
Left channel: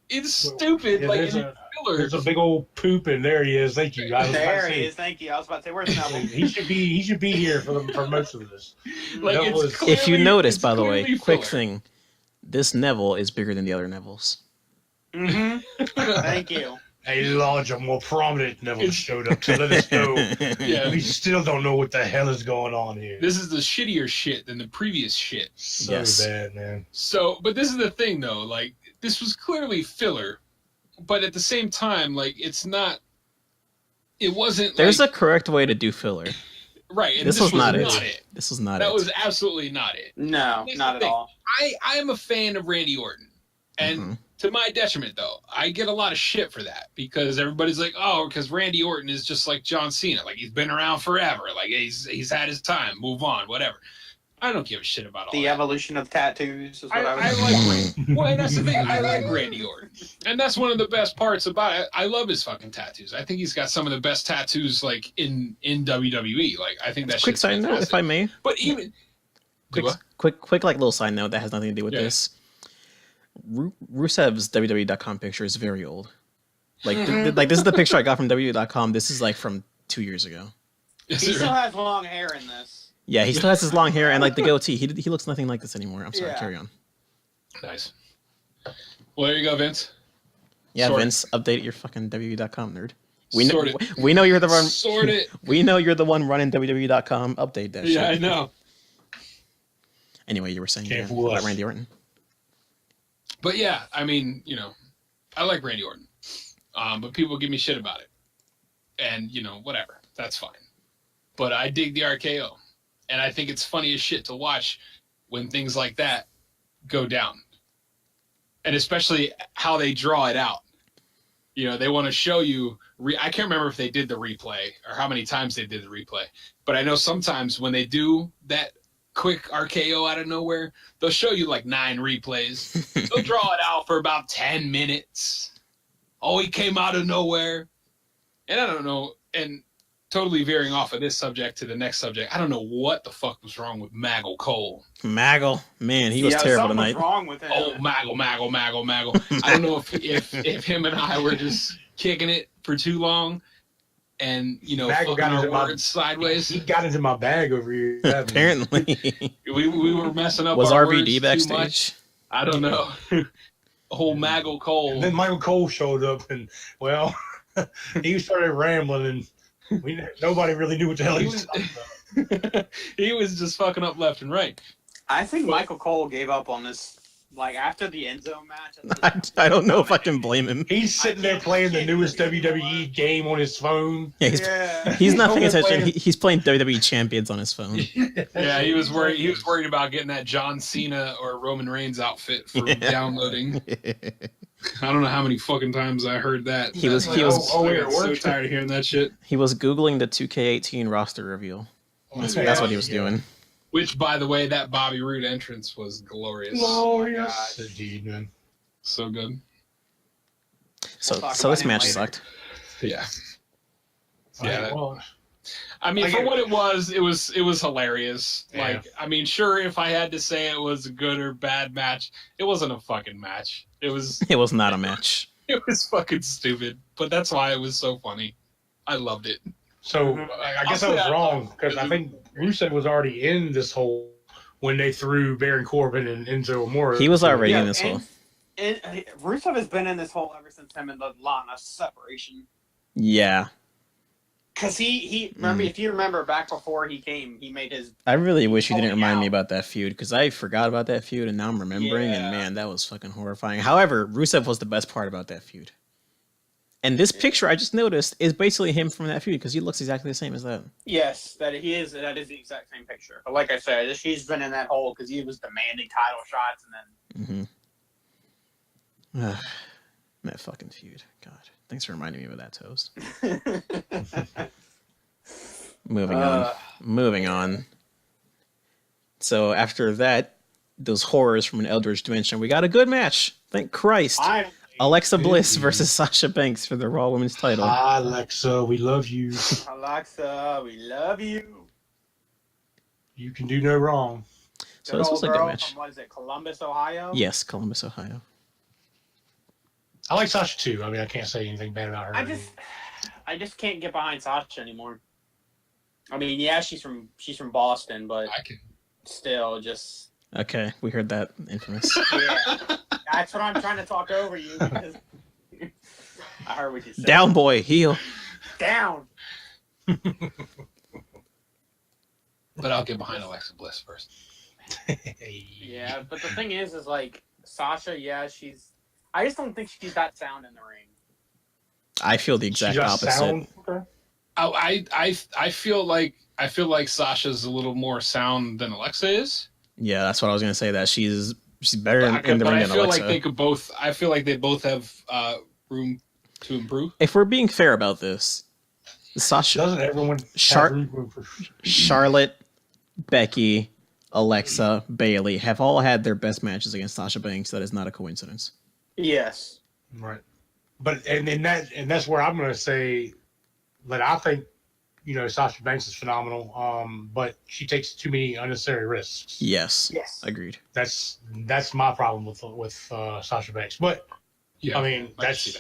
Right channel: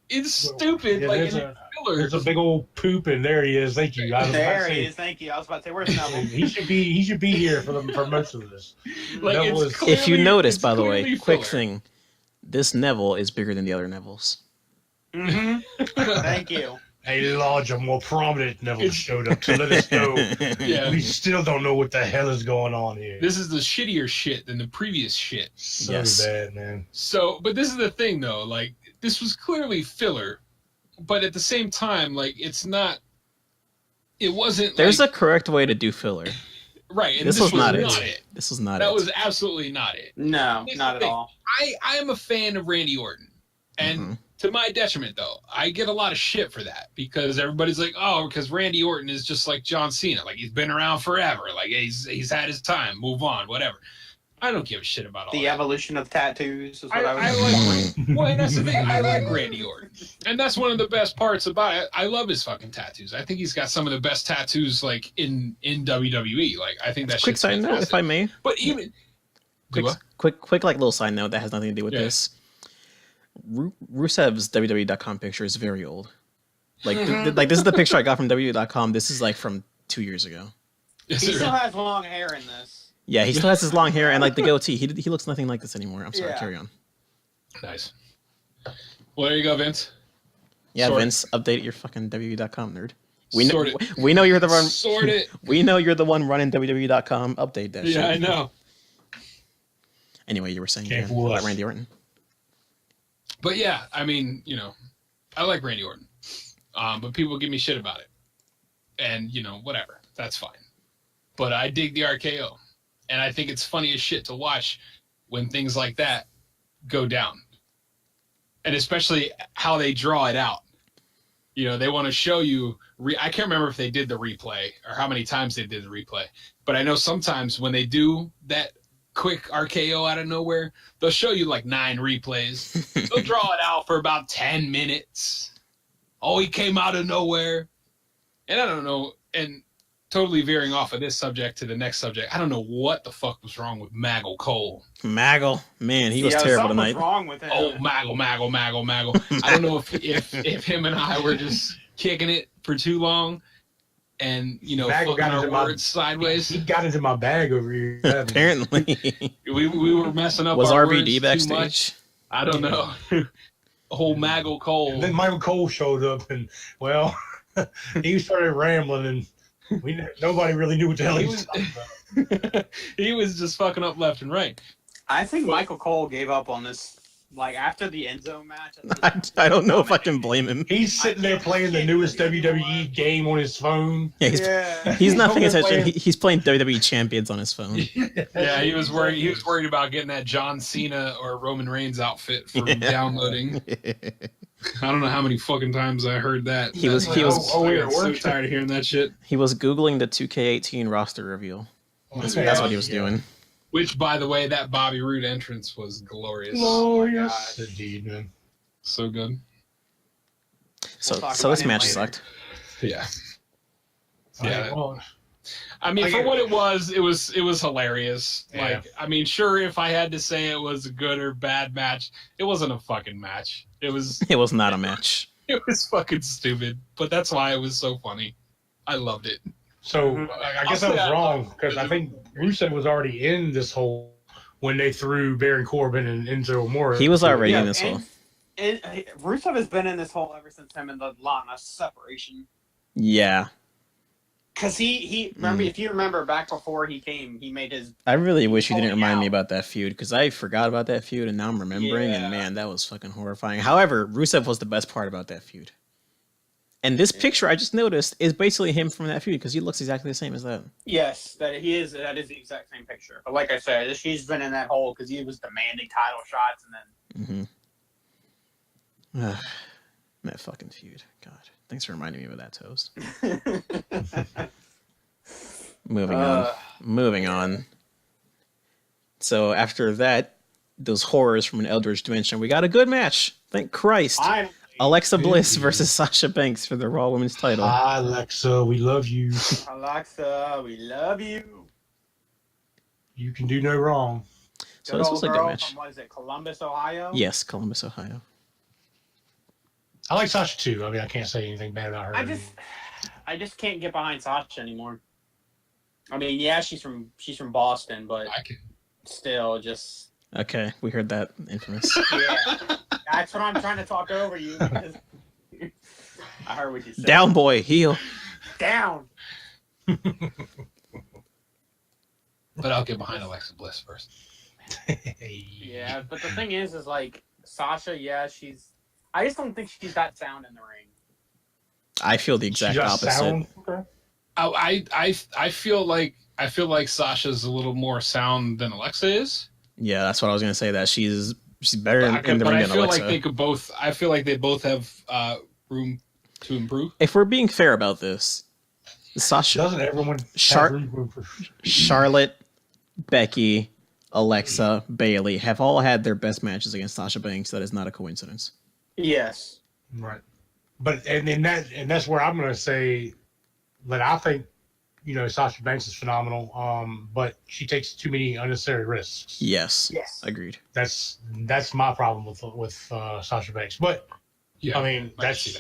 it's stupid. yeah, like, there's in a filler. there's a big old poop and there he is. Thank you. I was about There to he say, is. Thank you. I was about to say, where's Neville? he should be here for most of this. Like, Neville it's is- If you clearly- notice, it's by the way, clearly quick filler. thing. This Neville is bigger than the other Nevilles. Mm-hmm. Thank you. A larger, more prominent Neville showed up to let us know. Yeah. We still don't know what the hell is going on here. This is the shittier shit than the previous shit. So Yes. bad, man. So, but this is the thing, though. Like, this was clearly filler, but at the same time, like, it's not. It wasn't. There's like, a correct way to do filler. right. And This was not it. This was not That it. was absolutely not it. No, Here's not the at thing. all. I am a fan of Randy Orton, and Mhm. to my detriment, though, I get a lot of shit for that because everybody's like, "Oh, because Randy Orton is just like John Cena, like he's been around forever, like he's had his time, move on, whatever." I don't give a shit about all The that. evolution of tattoos is what I I was like. Well, and that's the thing. I like Randy Orton, and that's one of the best parts about it. I love his fucking tattoos. I think he's got some of the best tattoos like in WWE. Like I think that's Quick side note, if I may. But even Quick, like little side note that has nothing to do with Yeah. this. Rusev's WWE.com picture is very old. Like, like this is the picture I got from WWE.com. This is like from 2 years ago. He still has long hair in this. Yeah, he still has his long hair and like the goatee. He looks nothing like this anymore. I'm sorry. Yeah. Carry on. Nice. Well, there you go, Vince. Yeah, Sort it. Vince, update your fucking WWE.com nerd. Sort it. We know you're the one. Sort it. We know you're the one running WWE.com. Update that shit. Yeah, I know. Anyway, you were saying Can't again fool about us. Randy Orton. But yeah, I mean, you know, I like Randy Orton. But people give me shit about it. And, you know, whatever. That's fine. But I dig the RKO. And I think it's funny as shit to watch when things like that go down. And especially how they draw it out. You know, they want to show you... I can't remember if they did the replay or how many times they did the replay. But I know sometimes when they do that quick RKO out of nowhere, they'll show you like 9 replays. They'll draw it out for about 10 minutes. Oh, he came out of nowhere. And I don't know, and totally veering off of this subject to the next subject, I don't know what the fuck was wrong with Maggle Cole. Maggle, man, he was terrible something was tonight. wrong with him. Oh, Maggle. I don't know if him and I were just kicking it for too long and, you know, Maggle fucking got our into my- words sideways. He got into my bag over here. Apparently, We were messing up was our RVD words too backstage? much. I don't know. Whole Maggle Cole. And then Michael Cole showed up, and well, he started rambling, and nobody really knew what the hell he was talking about. He was just fucking up left and right. I think Michael Cole gave up on this, like, after the end zone match. I don't know if I can blame him. He's sitting there playing the newest WWE game on his phone. Yeah, he's not paying attention. He's playing WWE Champions on his phone. Yeah, he was worried. He was worried about getting that John Cena or Roman Reigns outfit for downloading. I don't know how many fucking times I heard that. He was- I got so tired of hearing that shit. He was Googling the 2K18 roster reveal. That's what he was doing. Which, by the way, that Bobby Roode entrance was glorious. Glorious. Indeed, man. So good. So, We'll talk so about this him match later. sucked. Yeah. Yeah. Well, I mean, I for get what it. it was hilarious. Yeah. Like, I mean, sure, if I had to say it was a good or bad match, it wasn't a fucking match. It was It was not a match. it was fucking stupid. But that's why it was so funny. I loved it. so Mhm. I guess I was wrong because I think Rusev was already in this hole when they threw Baron Corbin and Enzo Amore. He was already Yeah, in this hole. And Rusev has been in this hole ever since him and the Lana separation. Yeah, Because he remember, if you remember back before he came, he made his... I really wish you didn't Pulling remind me out. about that feud because I forgot about that feud and now I'm remembering Yeah. and man, that was fucking horrifying. However, Rusev was the best part about that feud. And this picture I just noticed is basically him from that feud because he looks exactly the same as that. Yes, that is the exact same picture. But like I said, he's been in that hole because he was demanding title shots and Mm-hmm. That fucking feud. God, thanks for reminding me of that, Toast. then... Moving on. So after that, those horrors from an Eldritch dimension, we got a good match. Thank Christ. Alexa Bliss versus Sasha Banks for the Raw Women's title. Hi, Alexa, we love you. Alexa, we love you. You can do no wrong. So this was a good girl match. From, what is it, Columbus, Ohio? Yes, Columbus, Ohio. I like Sasha too. I mean, I can't say anything bad about her. I just can't get behind Sasha anymore. I mean, yeah, she's from Boston, but I can. still, just Okay, we heard that. Infamous. yeah. That's what I'm trying to talk over you. Because I heard what you said. Down, boy, heel. Down. But I'll get behind Alexa Bliss first. Yeah, but the thing is like Sasha. Yeah, I just don't think she's that sound in the ring. I feel the She exact just opposite. sound- Okay. I feel like Sasha's a little more sound than Alexa is. Yeah, that's what I was gonna say. That she's better in the But ring I than feel Alexa. like they could both. I feel like they both have room to improve. If we're being fair about this, Sasha, Doesn't everyone have Char- room for- Charlotte, Becky, Alexa, Bailey have all had their best matches against Sasha Banks. That is not a coincidence. Yes. Right. But and that's where I'm gonna say that I think, Sasha Banks is phenomenal. But she takes too many unnecessary risks. Yes. Yes. Agreed. That's my problem with Sasha Banks. But Yeah, I mean, I see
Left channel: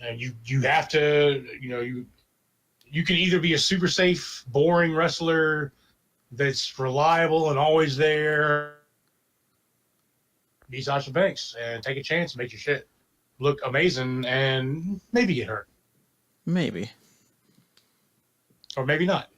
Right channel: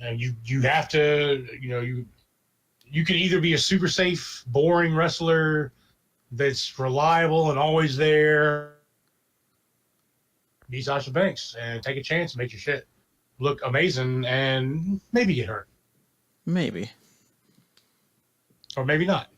that's you have to, you can either be a super safe, boring wrestler that's reliable and always there, be Sasha Banks and take a chance and make your shit look amazing and maybe get hurt. Maybe. Or maybe not.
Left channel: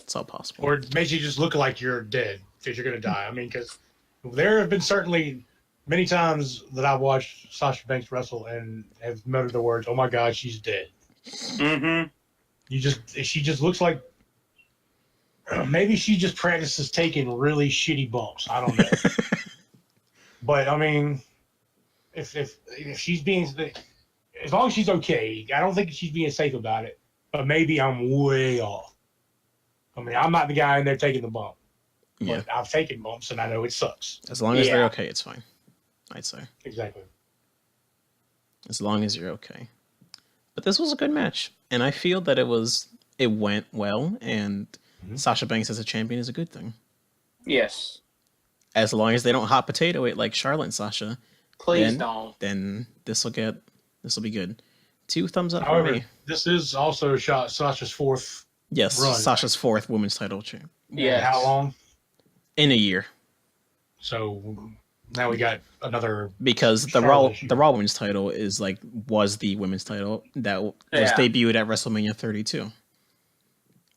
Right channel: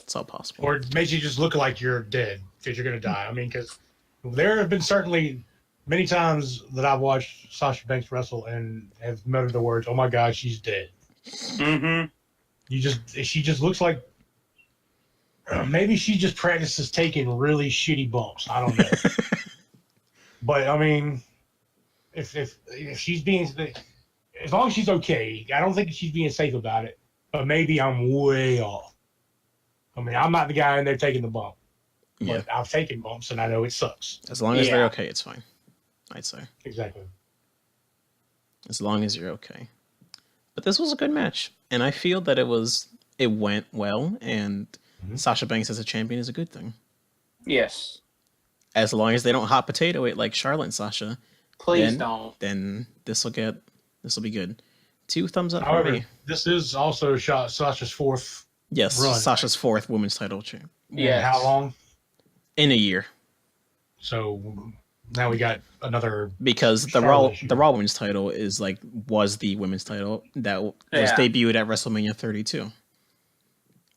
It's all possible. Or it makes you just look like you're dead because you're going to die. I mean, because there have been certainly many times that I've watched Sasha Banks wrestle and have muttered the words, "Oh my God, she's dead." Mm-hmm. She just looks like maybe she just practices taking really shitty bumps. I don't know. But I mean, if she's being, as long as she's okay, I don't think she's being safe about it. But maybe I'm way off. I mean, I'm not the guy in there taking the bump. Yeah. But I've taken bumps and I know it sucks. As long as they're okay, it's fine. I'd say. Exactly. As long as you're okay. But this was a good match. And I feel that it went well, and Sasha Banks as a champion is a good thing. Yes. As long as they don't hot potato it like Charlotte and Sasha, Please don't. then this will be good. 2 thumbs up However, for me. this is also Sasha's fourth. Yes, run. Sasha's 4th women's title champ. Yeah. How long? In a year. So now we got another. Because the Raw women's title was the women's title that was debuted at WrestleMania 32.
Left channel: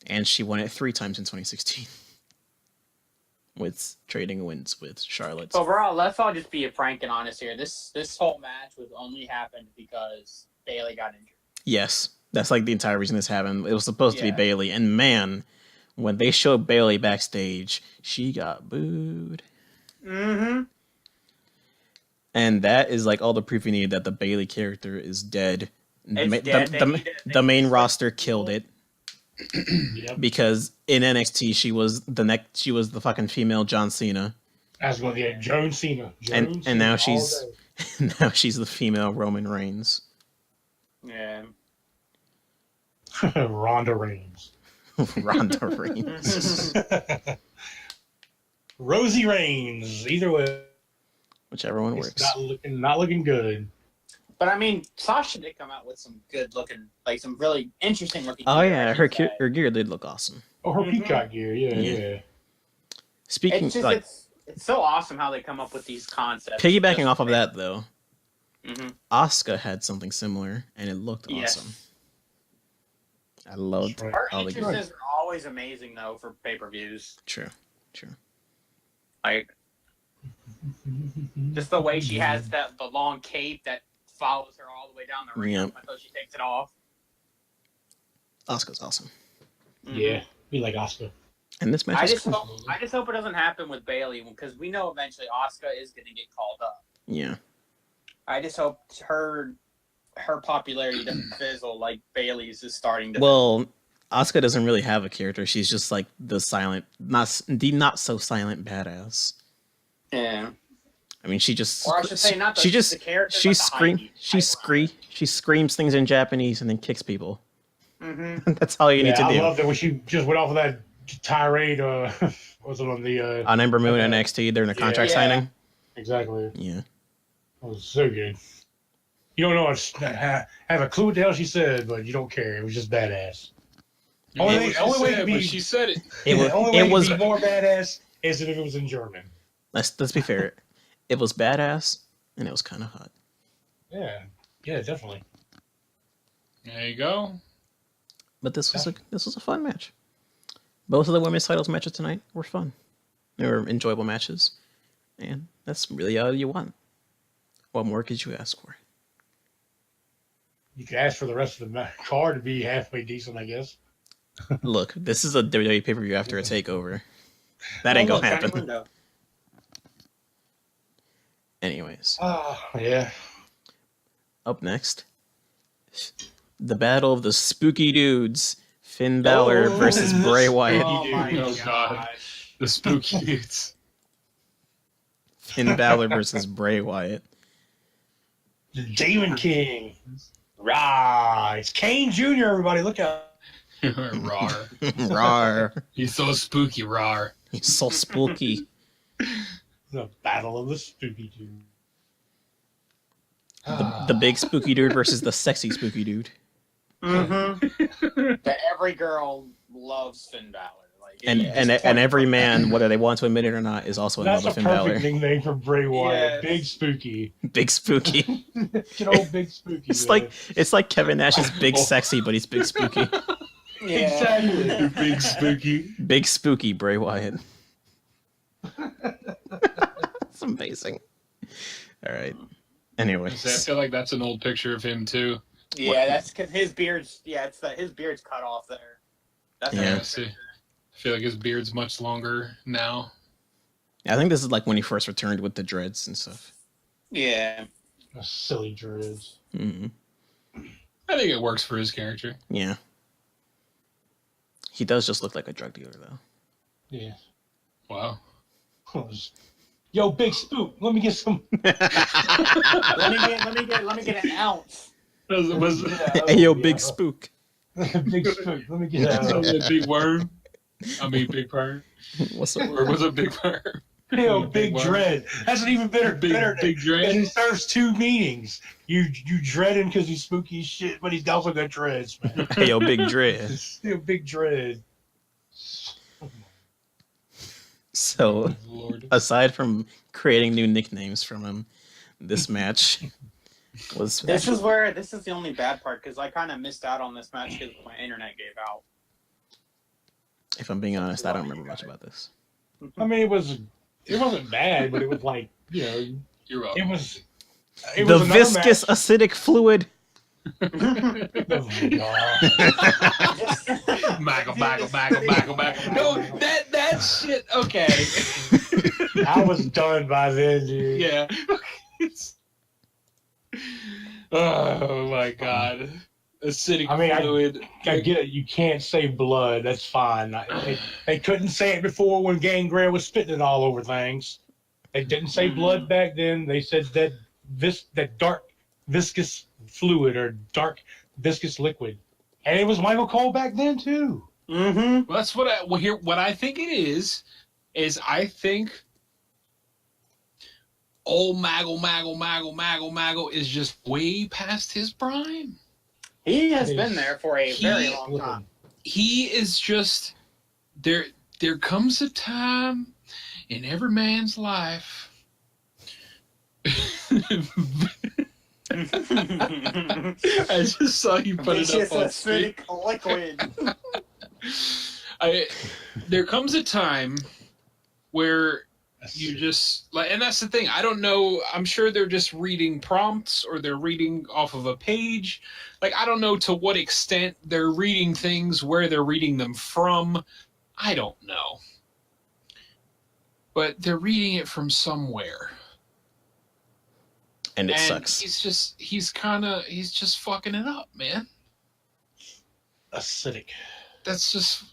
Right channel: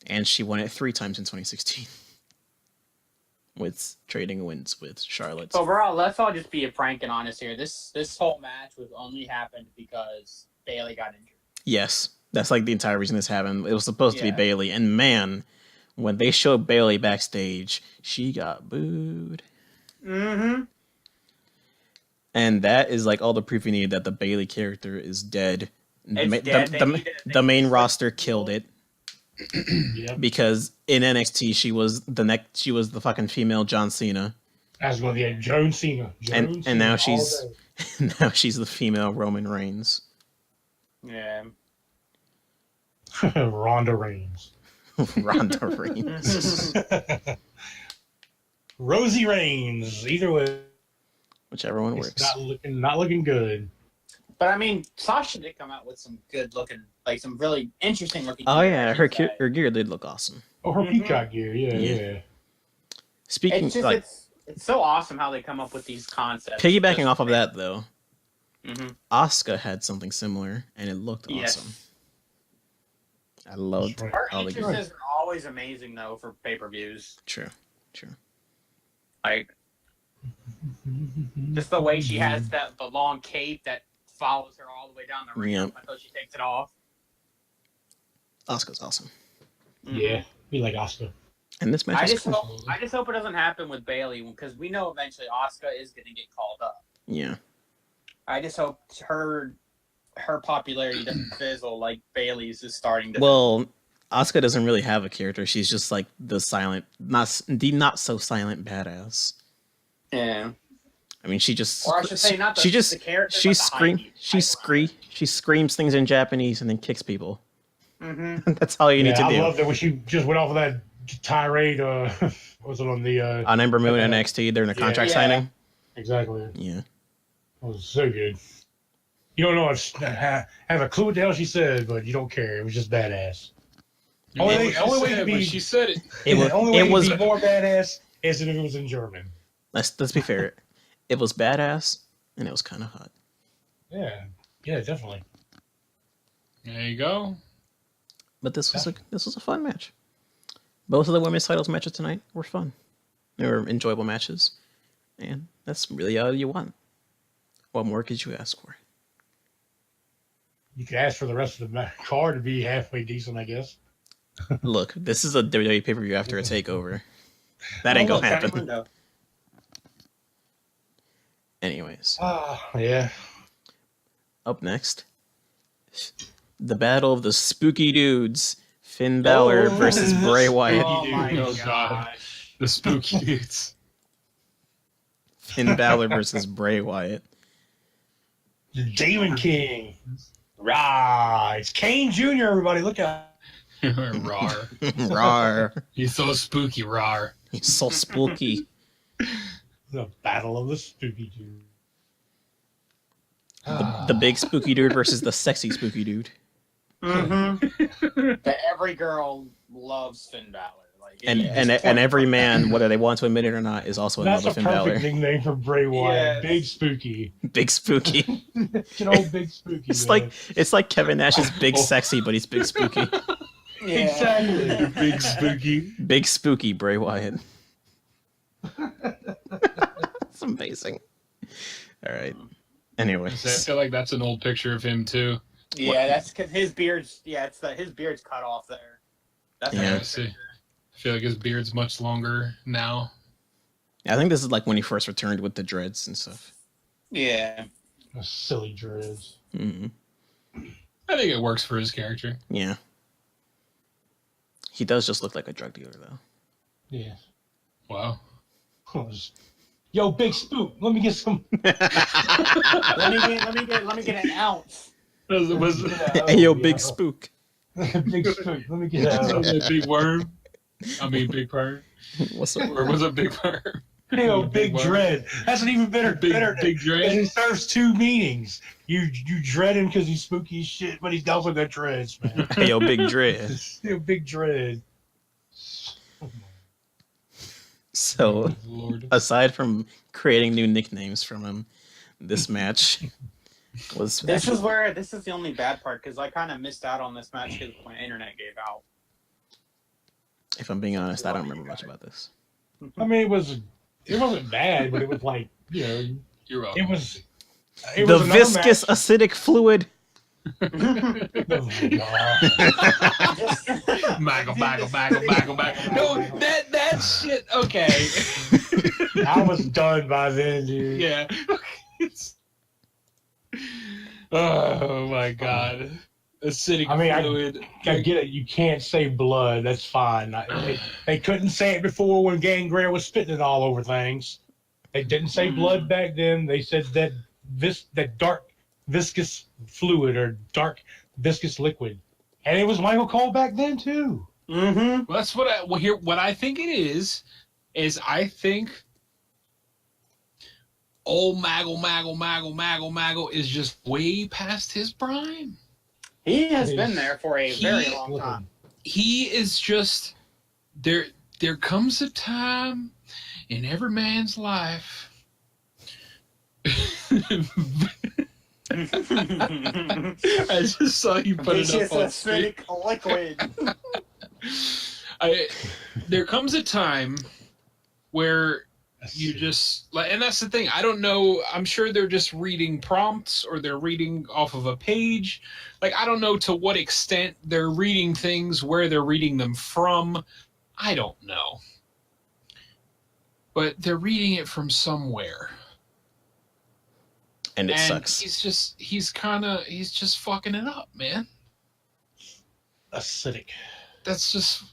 And she won it 3 times in 2016. With trading wins with Charlotte. But let's all just be frank and honest here. This whole match was only happened because Bailey got injured. Yes. That's like the entire reason this happened. It was supposed to be Bailey. And man, when they showed Bailey backstage, she got booed. Mm-hmm. And that is like all the proof you need that the Bailey character is dead. The main roster killed it. Because in NXT she was the fucking female John Cena. I was going to get Joan Cena. And now she's the female Roman Reigns. Yeah. Ronda Reigns. Ronda Reigns. Rosie Reigns. Either way. Whichever one works. Not looking good. But I mean, Sasha did come out with some good looking, like some really interesting looking. Oh yeah, her gear did look awesome. Oh, her peacock gear, yeah. Speaking it's so awesome how they come up with these concepts. Piggybacking off of that though, Asuka had something similar and it looked awesome. I loved her all the entrances are always amazing though for pay-per-views. True. Like just the way she has the long cape that follows her all the way down the ring until she takes it off. Asuka's awesome. Yeah, we like Asuka. And this match I just hope it doesn't happen with Bailey because we know eventually Asuka is going to get called up. Yeah. I just hope her popularity doesn't fizzle like Bailey's is starting to. Well, Asuka doesn't really have a character. She's just like the silent, not so silent badass. Yeah. I mean, she just or I should say not the, she just the character, she screams she screams things in Japanese and then kicks people. Mm-hmm. That's all you need to do. I love that when she just went off of that tirade. Was it on the on Ember Moon and NXT? They're in the contract signing. Exactly. Yeah. It was so good. You don't know have a clue what the hell she said, but you don't care. It was just badass. Only way to be she said it. It was be more badass is if it was in German. Let's be fair. It was badass and it was kind of hot. Yeah, definitely. There you go. But this was a fun match. Both of the women's titles matches tonight were fun. They were enjoyable matches, and that's really all you want. What more could you ask for? You could ask for the rest of the card to be halfway decent, I guess. Look, this is a WWE pay-per-view after a takeover. That ain't gonna happen. Anyways. Yeah. Up next, the battle of the spooky dudes. Finn Balor versus Bray Wyatt. Oh my gosh. The spooky dudes. Finn Balor versus Bray Wyatt. The Demon King. Rah! It's Kane Jr., everybody. Look out. Rar. Rar. He's so spooky, rar. He's so spooky. The Battle of the Spooky Dude. The big spooky dude versus the sexy spooky dude. That every girl loves Finn Balor. Like, And every man, whether they want to admit it or not, is also in love with Finn That's a Balor. perfect nickname for Bray Wyatt. Yes. Big Spooky. Big spooky. Good old Big Spooky. It's like Kevin Nash is big sexy, but he's big spooky. yeah. Exactly. Big Spooky. Big spooky Bray Wyatt. It's amazing. All right. I Anyways, feel like that's an old picture of him too. Yeah, that's because his beard's his beard's cut off there. That's Yeah. a I good see. picture. I feel like his beard's much longer now. I think this is like when he first returned with the dreads and stuff. Yeah. Silly dreads. Hmm. I think it works for his character. Yeah. He does just look like a drug dealer, though. Yeah. Wow. Yo, Big Spook, let me get some. let me get an ounce. Hey, yo, big spook. Big Spook, let me get that. Big worm. I mean, big perm. What's up? Or was it big perm? Hey, yo, Big Dread. That's an even better. Big Because dread. it serves two meanings. You dread him because he's spooky as shit, but he's also got dreads, man. Hey, yo, big dread. Yo, Big Dread. So, Lord. aside from creating new nicknames from him, this match was. This is the only bad part because I kind of missed out on this match because my internet gave out. If I'm being honest, I don't remember much about this. I mean, it wasn't bad, but it was like, You're welcome. it was The another viscous acidic fluid. match. Maggle. No, that shit. Okay. I was done by then, dude. Yeah. Oh my god. Acidic I mean, fluid. I get it. You can't say blood. That's fine. They couldn't say it before when Gangrel was spitting it all over things. They didn't say blood back then. They said that that dark viscous fluid or dark viscous liquid, and it was Michael Cole back then too. Mm-hmm. Well, that's what I think it is I think old Maggle is just way past his prime. He has been there for a very long time. He is just there comes a time in every man's life. I just saw you put It's it up just on acidic liquid. There comes a time where you just like, and that's the thing. I don't know. I'm sure they're just reading prompts or they're reading off of a page. Like, I don't know to what extent they're reading things, where they're reading them from. I don't know. But they're reading it from somewhere. And it sucks. He's just fucking it up, man. Acidic. That's just.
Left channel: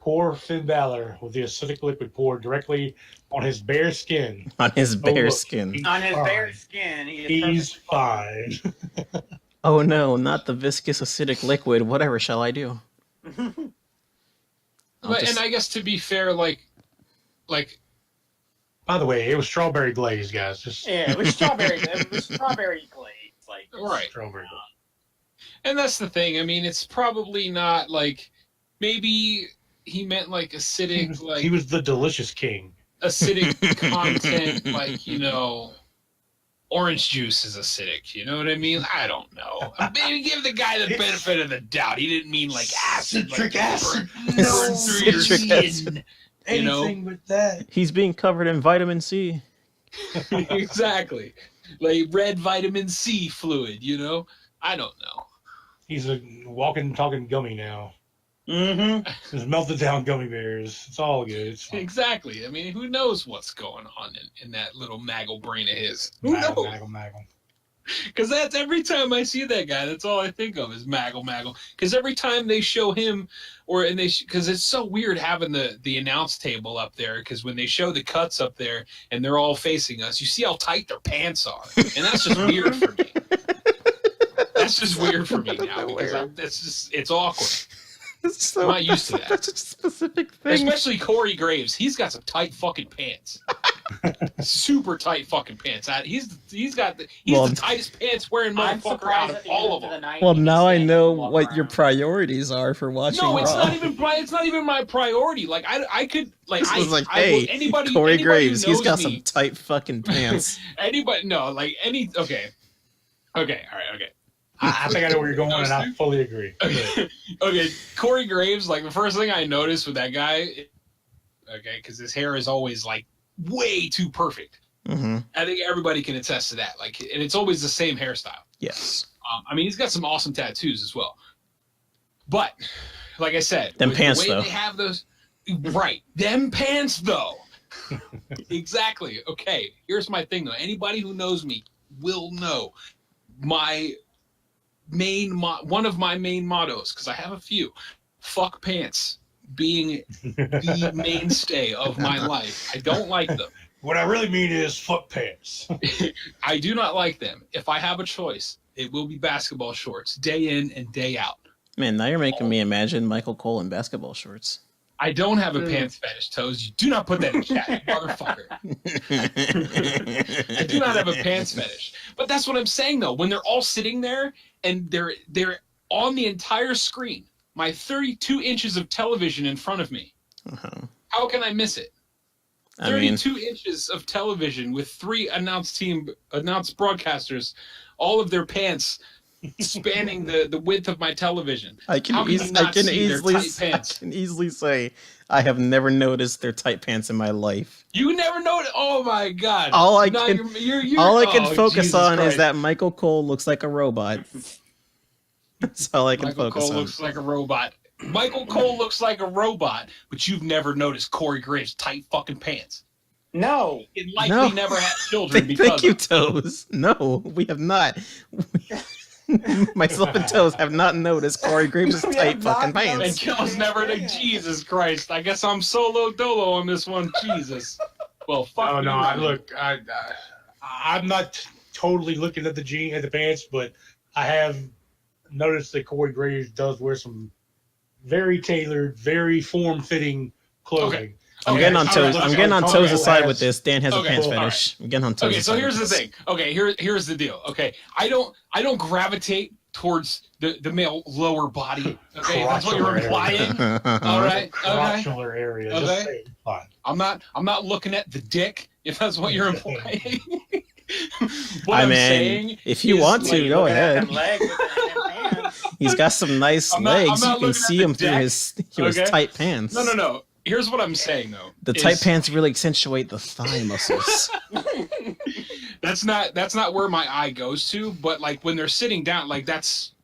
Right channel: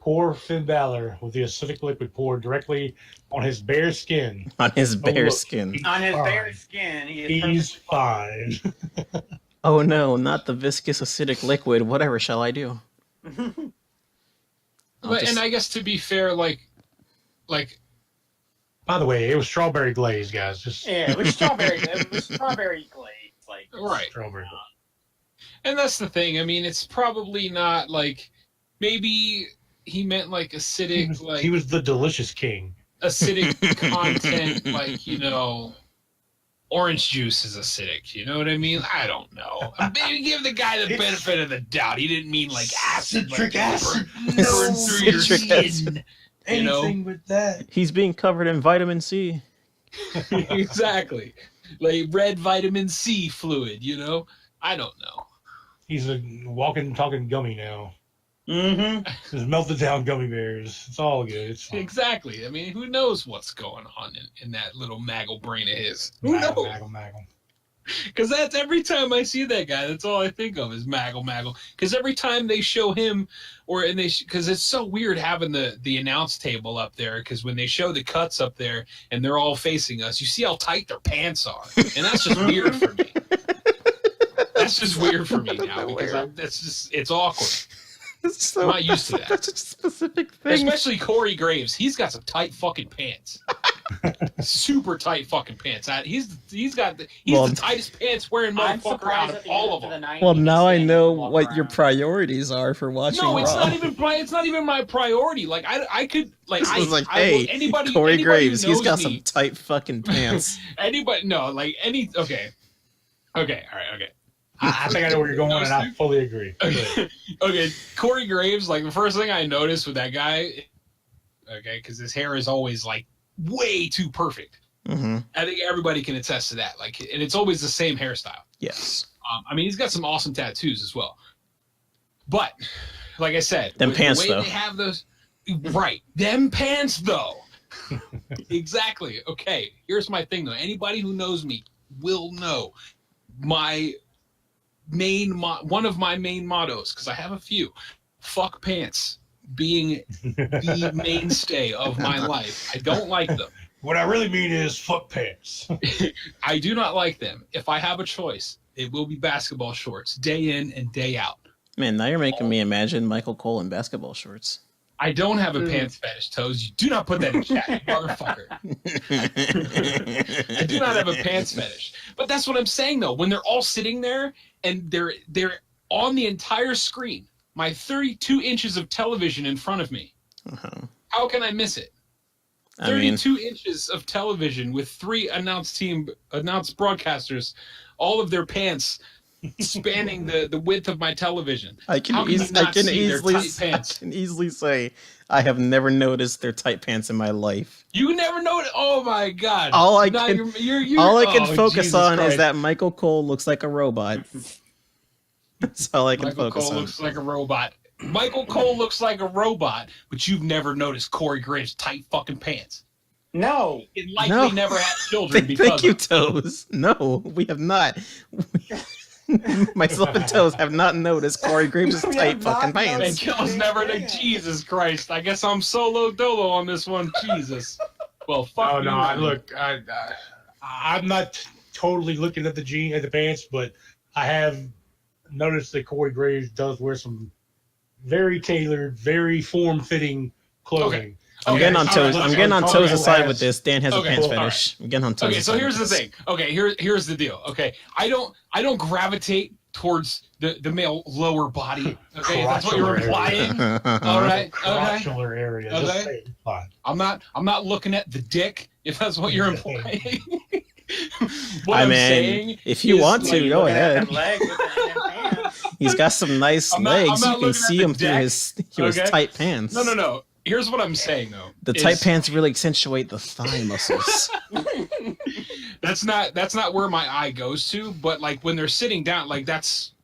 Poor Finn Balor with the acidic liquid poured directly on his bare skin. On his bare look, skin. On his fine. bare skin, He's fine. Oh no, not the viscous acidic liquid. Whatever shall I do? And I guess to be fair, like. By the way, it was strawberry glaze, guys. Just yeah, it was strawberry. It was strawberry glaze, like Right. strawberry glaze. And that's the thing. I mean, it's probably not like. Maybe he meant like acidic, like. He was the delicious king. Acidic content, like, orange juice is acidic. You know what I mean? I don't know. Maybe give the guy the benefit of the doubt. He didn't mean like acid. Citric like, acid. burn through your Citric skin. acid. Anything with that. He's being covered in vitamin C. Exactly. Like red vitamin C fluid, I don't know. He's a walking, talking gummy now. Mm-hmm. There's melted down gummy bears. It's all good. It's fine. Exactly. I mean, who knows what's going on in that little maggle brain of his? Who knows? Maggle. Because that's every time I see that guy, that's all I think of is Maggle. Because every time they show him, because it's so weird having the announce table up there. Because when they show the cuts up there and they're all facing us, you see how tight their pants are, and that's just weird for me. That's just weird for me now because it's awkward. So, I'm not used to that. That's such a specific thing. Especially Corey Graves. He's got some tight fucking pants. Super tight fucking pants. He's the tightest pants wearing motherfucker out of all of them. Well, now I know what your priorities are for watching Raw. It's not even my priority. Like I could like this was like, hey, Corey Graves, he's got some tight fucking pants. Okay, all right, okay. I think I know where you're going, and I fully agree. Okay, Corey Graves, like the first thing I noticed with that guy, because his hair is always like way too perfect. Mm-hmm. I think everybody can attest to that. Like, and it's always the same hairstyle. Yes. I mean, he's got some awesome tattoos as well. But, like I said, them pants the way though. They have those, right? Them pants though. Exactly. Okay. Here's my thing though. Anybody who knows me will know one of my main mottos, because I have a few. Fuck pants being the mainstay of my life. I don't like them. What I really mean is fuck pants. I do not like them. If I have a choice, it will be basketball shorts, day in and day out. Man, now you're making me imagine Michael Cole in basketball shorts. I don't have a pants fetish, Toes. You do not put that in chat, you motherfucker. I do not have a pants fetish. But that's what I'm saying, though. When they're all sitting there and they're on the entire screen, my 32 inches of television in front of me, how can I miss it? 32 inches of television with 3 announced broadcasters, all of their pants spanning the width of my television. I can easily say I have never noticed their tight pants in my life. You never noticed? Oh my god! All I can focus Jesus on Christ. is that Michael Cole looks like a robot. That's all I can focus on. Michael Cole looks like a robot. Michael Cole looks like a robot, but you've never noticed Corey Graves' tight fucking pants. No. It likely never had children because Thank you, Toes. No, we have not. Myself and Toes have not noticed Corey Graves' tight fucking pants. And Kill's never Jesus Christ. I guess I'm solo dolo on this one. Jesus. Well, fuck you. Oh, no, look, I'm not totally looking at the pants, but I have noticed that Corey Graves does wear some very tailored, very form-fitting clothing. Okay. I'm getting on Toes. I'm getting on Toes' side with this. Dan has a pants fetish. I'm getting on Toes' side. So here's the thing. Okay, here's the deal. Okay, I don't gravitate towards the male lower body. Okay, that's what you're implying. All right. Okay. Area. Okay. I'm not looking at the dick. If that's what you're implying. If you want to, go ahead. He's got some nice legs. You can see him through his tight pants. No. Here's what I'm saying though. The tight pants really accentuate the thigh muscles. That's not where my eye goes to, but like when they're sitting down, like it's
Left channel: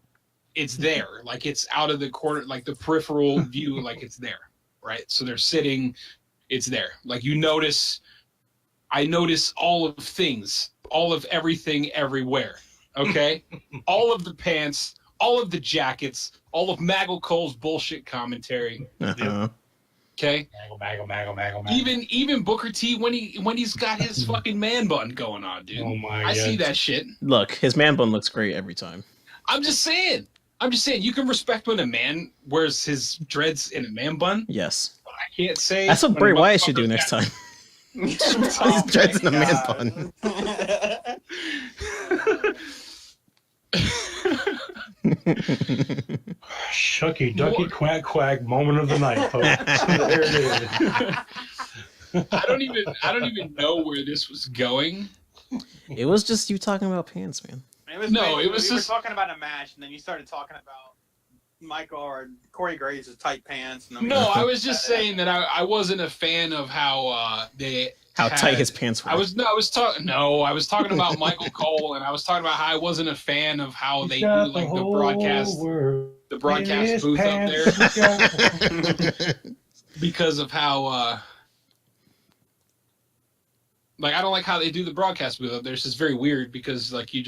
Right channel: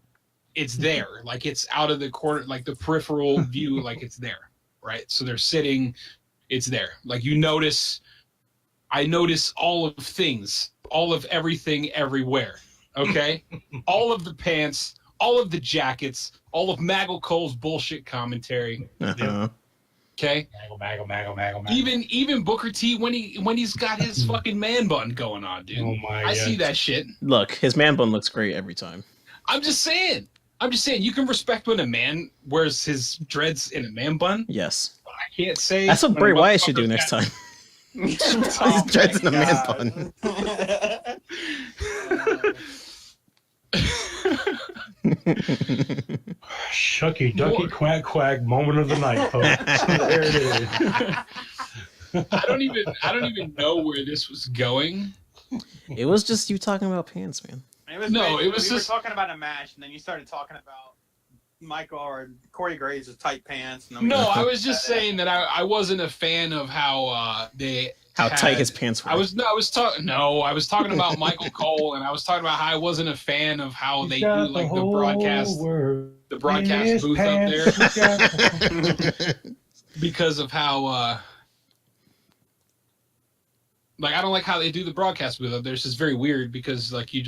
there. Like it's out of the corner, like the peripheral view, like it's there. Right? So they're sitting, it's there. Like I notice all of things, all of everything everywhere. Okay? All of the pants, all of the jackets, all of Maggle Cole's bullshit commentary. Okay. Maggle. Even Booker T when he's got his fucking man bun going on, dude. Oh my I see that shit. Look, his man bun looks great every time. I'm just saying. You can respect when a man wears his dreads in a man bun. Yes. But I can't say. That's what Bray Wyatt should do next time. Oh his dreads in a man bun. Shucky ducky quack quack moment of the night, folks. There it is. I don't even know where this was going. It was just you talking about pants, man. We were talking about a match, and then you started talking about Michael or Corey Graves' tight pants. And I was just saying that I wasn't a fan of how tight his pants were. I was talking about Michael Cole, and I was talking about how I wasn't a fan of how they do like the broadcast booth up there because of how Like, I don't like how they do the broadcast with it. There's just very weird because like you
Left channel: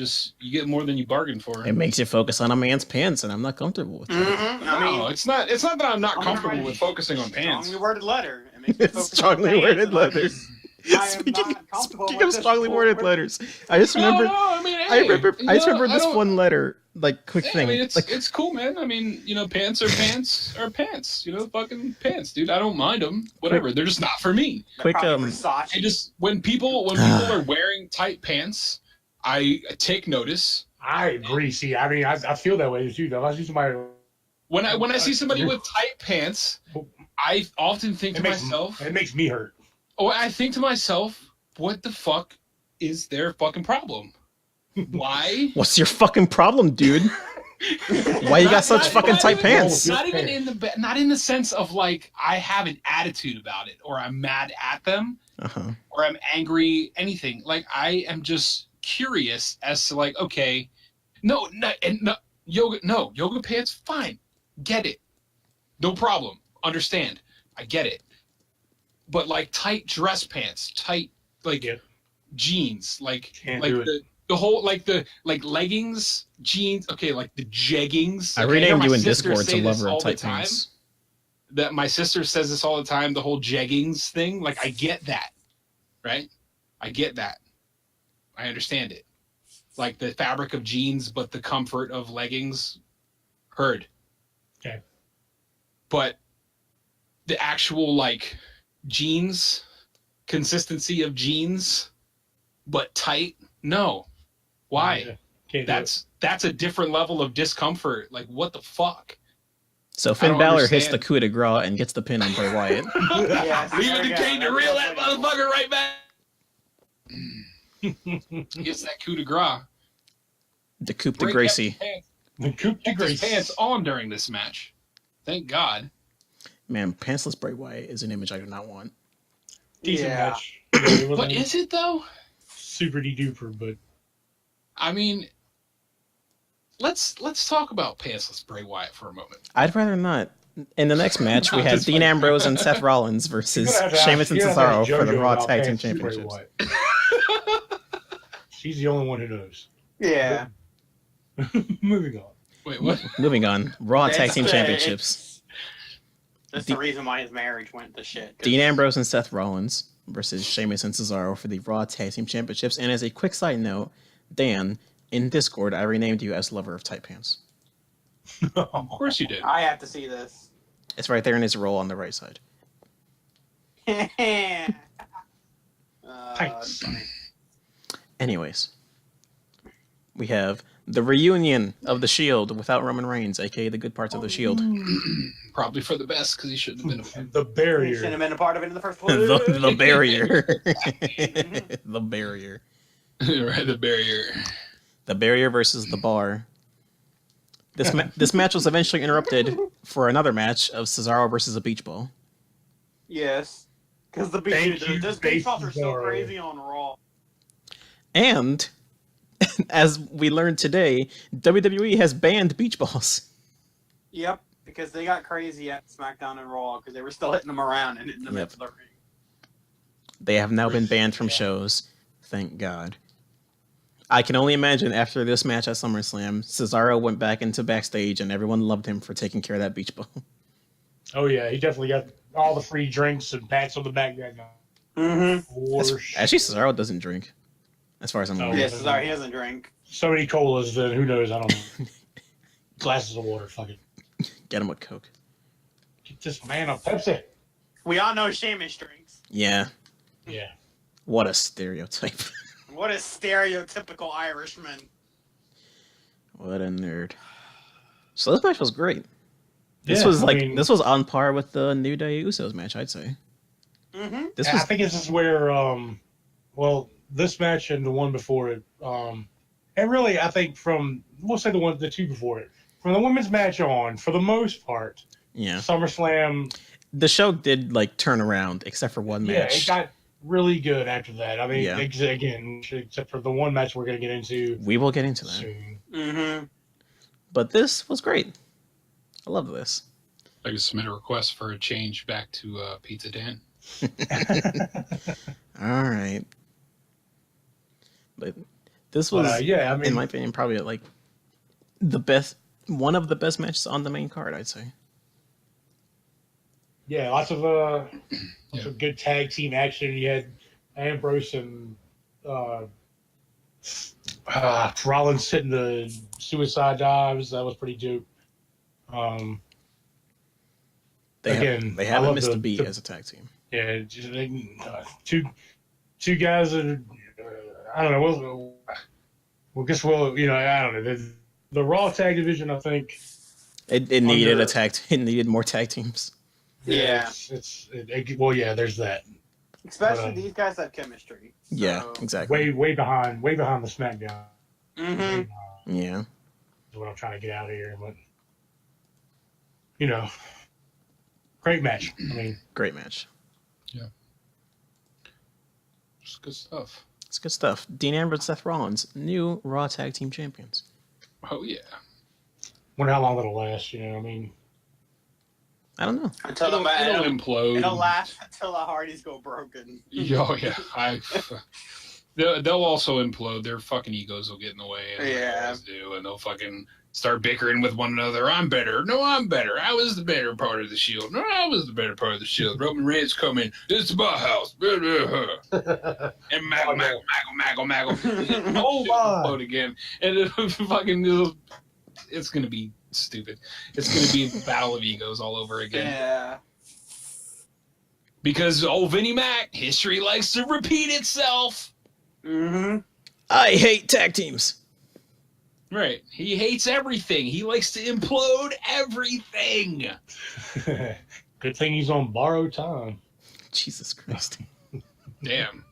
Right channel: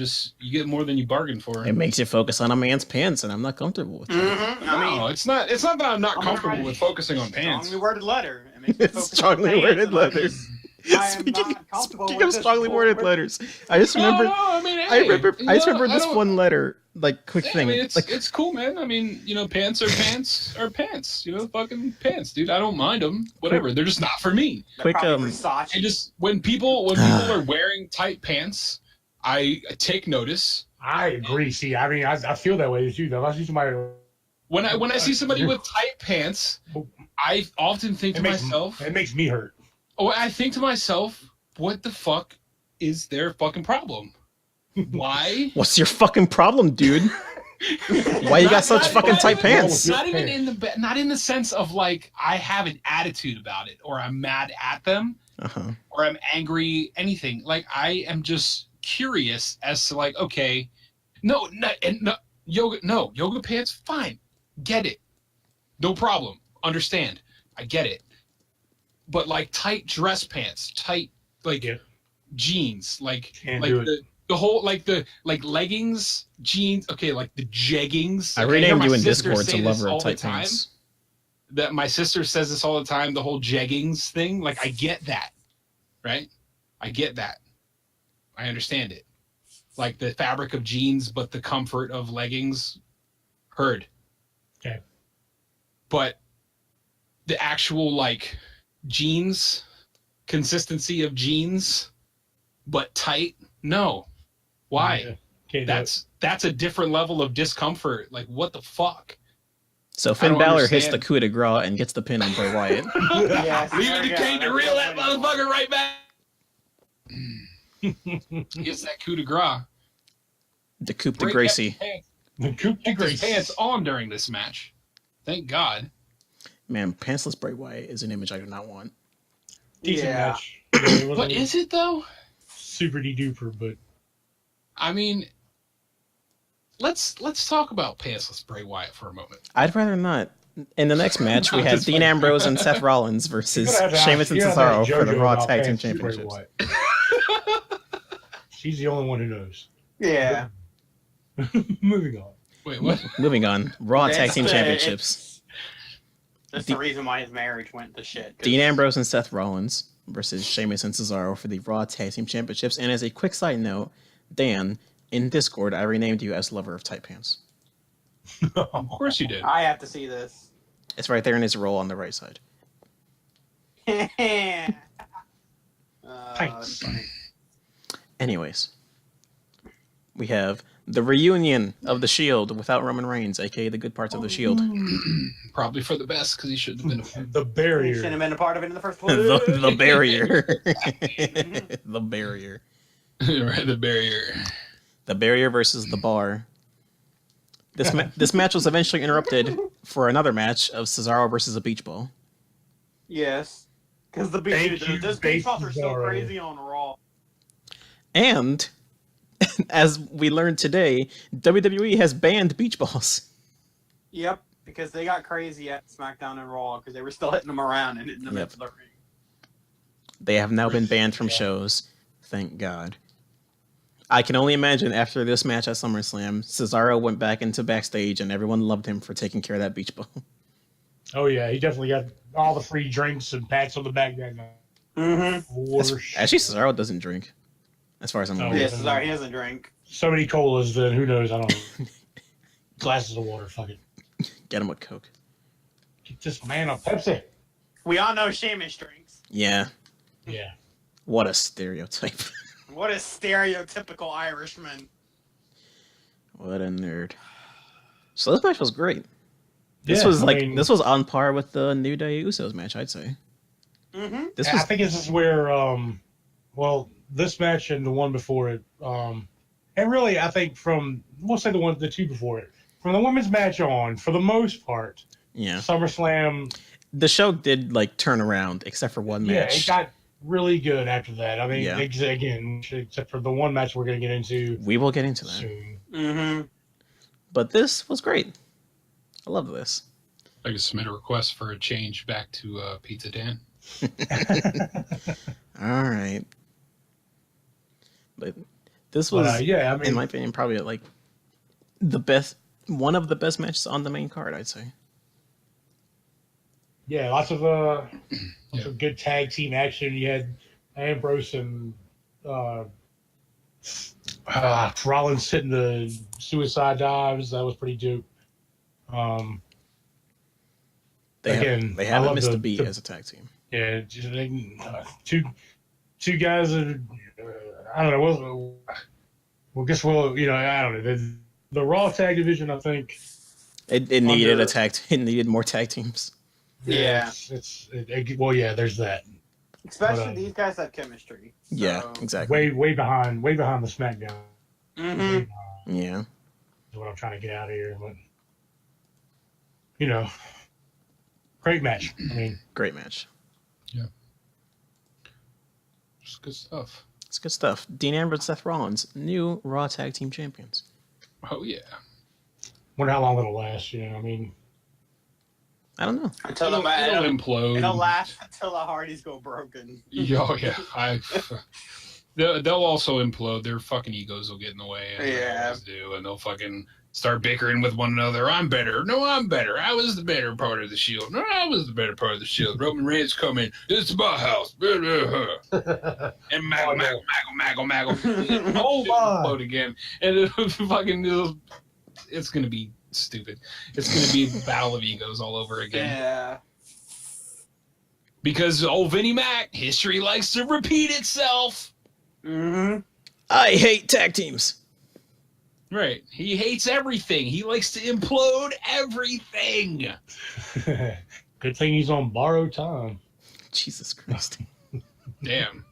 get more than you bargained for. It makes you focus on a man's pants, and I'm not comfortable with that. Mm-hmm. I mean, No, it's not that I'm not comfortable with focusing on pants. strongly worded letter. It makes me It's focus on strongly pants, worded and I'm letter. just- I am Speaking not comfortable of with strongly this worded forward. letters, I just remember. No, I mean, I remember I this don't- one letter. Like, quick Yeah, thing. I mean, it's like, it's cool, man. I mean, pants are pants are pants. Fucking pants, dude. I don't mind them. Whatever. They're just not for me. quick. Probably Versace. I just when people are wearing tight pants, I take notice. I agree. See, I mean, I feel that way too. Though I see somebody, When I see somebody with tight pants, I often think to myself, it makes me hurt. I think to myself, what the fuck is their fucking problem? Why? What's your fucking problem, dude? Why you got such fucking tight pants? Not even not in the sense of like I have an attitude about it, or I'm mad at them, or I'm angry. Anything like I am just curious as to like, okay, no, yoga pants, fine, get it, no problem, understand, I get it, but like tight dress pants, tight like jeans, like the whole the leggings, jeans, okay, like the jeggings. I renamed you in Discord to lover of tight pants. That my sister says this all the time, the whole jeggings thing. Like I get that, right? I get that. I understand it. Like the fabric of jeans, but the comfort of leggings. Heard. Okay. But the actual like jeans, consistency of jeans, but tight, no. Why? That's a different level of discomfort. Like what the fuck? So Finn Balor hits the coup de grace and gets the pin on Bray Wyatt. Leaving the king to reel that motherfucker right back. Gets that coup de grace. The coup de Gracie. The coup de Grace grace. pants on during this match. Thank God. Man, pantsless Bray Wyatt is an image I do not want. Decent Yeah. match. It But wasn't is it though? super duper, but I mean, let's talk about pantsless Bray Wyatt for a moment. I'd rather not. In the next match, we had That's Dean fine. Ambrose and Seth Rollins versus Sheamus and Cesaro for the Raw Tag Team Championships. She's the only one who knows. Yeah. Moving on. Wait, what? Moving on, Raw Tag Team It's- Championships. That's the reason why his marriage went to shit. Dean Ambrose and Seth Rollins versus Sheamus and Cesaro for the Raw Tag Team Championships. And as a quick side note, Dan, in Discord, I renamed you as lover of tight pants. Of course you did. I have to see this. It's right there in his roll on the right side. That's Tights. funny. Anyways, we have the reunion of the Shield without Roman Reigns, aka the good parts of the Shield. Probably for the best because he shouldn't have been a fan. The Shouldn't barrier. have been a part of it in the first place. the barrier. The barrier. Right, the barrier. The barrier versus the bar. This match was eventually interrupted for another match of Cesaro versus a beach ball. Yes. Because the Thank beach, you, this beach balls are so Cesaro. crazy on Raw. And as we learned today, WWE has banned beach balls. Yep. Because they got crazy at SmackDown and Raw because they were still hitting them around and hitting them Yep. into the ring. They have now been banned from shows. Thank God. I can only imagine after this match at SummerSlam, Cesaro went back into backstage and everyone loved him for taking care of that beach ball. Oh yeah, he definitely got all the free drinks and pats on the back. That guy. Mm-hmm. For sure. Actually, Cesaro doesn't drink, as far as I'm aware. Yeah, Cesaro, he doesn't drink. So many colas, then who knows? I don't know. Glasses of water. Fuck it. Get him with Coke. Get this man a Pepsi. We all know Sheamus drinks. Yeah, Yeah. what a stereotype. What a stereotypical Irishman. What a nerd. So this match was great. This Yeah, was I like mean- this was on par with the New Day Usos match, I'd say. Mm-hmm. This I was think this is where, well, this match and the one before it, and really, I think we'll say the two before it, from the women's match on, for the most part, yeah. SummerSlam, The show did like turn around, except for one yeah, match. it got really good after that. I mean, Yeah. again, except for the one match we're going to get into We will get into that. soon. Mm-hmm. But this was great. I love this. I can submit a request for a change back to Pizza Dan. All right. But this was, yeah, I mean, in my opinion, probably like one of the best matches on the main card, I'd say. yeah, lots of good tag team action. You had Ambrose and Rollins hitting the suicide dives. That was pretty dope. They I haven't love missed a beat as a tag team. Yeah, just, two guys that I don't know. Well, guess we'll I don't know the Raw tag division. I think It needed it needed more tag teams. Yeah. Well, yeah, there's that. Especially these guys have chemistry. So. Yeah, exactly. Way behind the SmackDown. Mm-hmm. Yeah. Is what I'm trying to get out of here, but great match. I mean, great match. Yeah. It's good stuff. It's good stuff. Dean Ambrose and Seth Rollins, new Raw Tag Team Champions. Oh, yeah. Wonder how long it'll last, I mean. I don't know. Until it'll implode. It'll last until the Hardys go broken. Oh, yeah. They'll also implode. Their fucking egos will get in the way. As they always do. And they'll fucking start bickering with one another. I'm better. No, I'm better. I was the better part of the Shield. No, I was the better part of the Shield. Roman Reigns come in. It's my house. And maggle. Oh, implode again. And it'll fucking... It's going to be stupid. It's going to be a battle of egos all over again. Yeah. Because old Vinnie Mac, history likes to repeat itself. Mm-hmm. I hate tag teams. Right. He hates everything. He likes to implode everything. Good thing he's on borrowed time. Jesus Christ. Damn.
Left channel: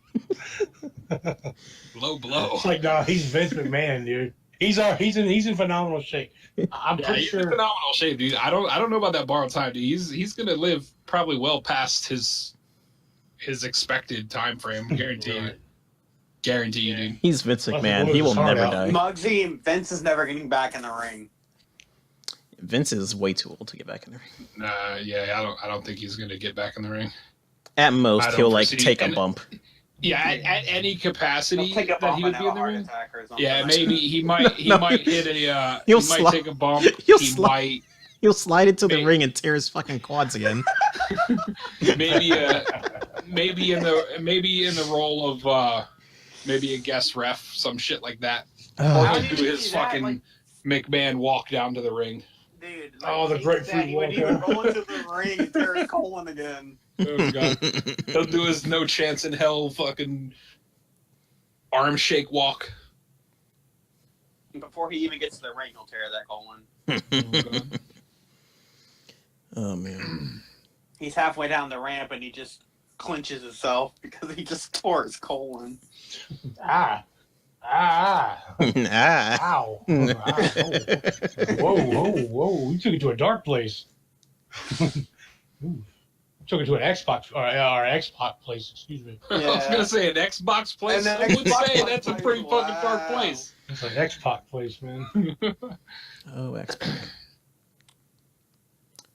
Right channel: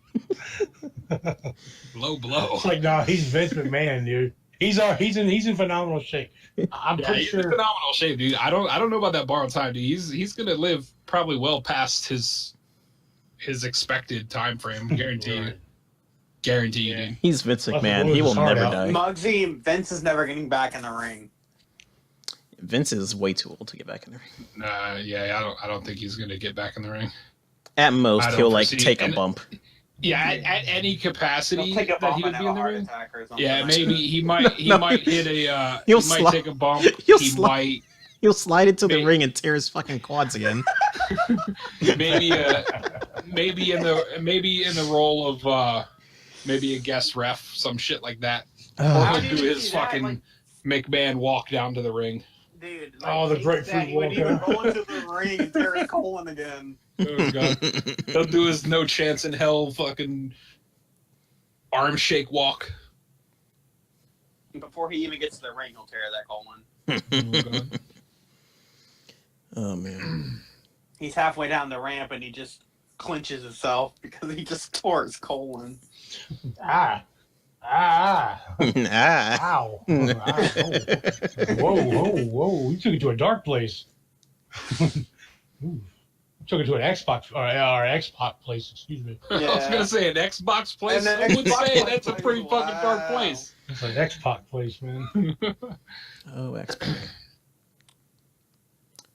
Low blow. It's like, no, he's Vince McMahon, dude. He's in phenomenal shape. I'm pretty he's sure. in phenomenal shape, dude. I don't know about that borrowed time, dude. He's gonna live probably well past his expected time frame. Guaranteed. Guaranteed, dude. He's Vince McMahon. He will never die. Muggsy, Vince is never getting back in the ring. Vince is way too old to get back in the ring. Yeah, I don't think he's gonna get back in the ring. At most, he'll take a bump. Yeah, at any capacity take a that he bump would and be have in a the heart ring. attack or something. Yeah, maybe he might hit a He'll might take a bump. Might he'll slide into the ring and tear his fucking quads again. maybe in the role of maybe a guest ref, some shit like that. He'll do his fucking McMahon walk down to the ring. Dude, the grapefruit he would even roll into the ring and tear his colon again. Oh, God. He'll do his no chance in hell fucking arm shake walk. Before he even gets to the ring, he'll tear that colon. Oh, man. He's halfway down the ramp and he just clenches himself because he just tore his colon. Ah. Ow. Whoa. You took it to a dark place. Took it to an Xbox or Xbox place, excuse me. I was gonna say an Xbox place. An I would Xbox say that's a pretty place, fucking dark place. It's an Xbox place, man. Oh, X-Pac.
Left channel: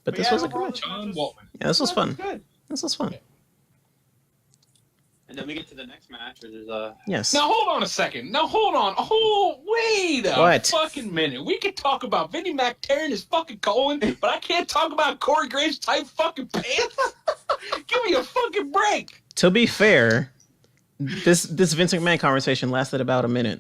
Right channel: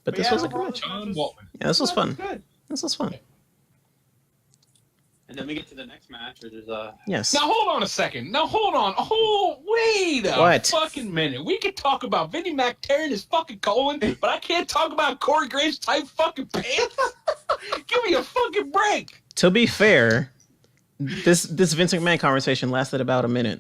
But this was a good match. John Waltman. Yeah, this was fun. Good. This was fun. And then we get to the next match, which is Yes. Now hold on a second. Now hold on. Wait a What? fucking minute. We could talk about Vinnie Mac tearing his fucking colon, but I can't talk about Corey Graves' tight fucking pants. Give me a fucking break. To be fair, this Vince McMahon conversation lasted about a minute.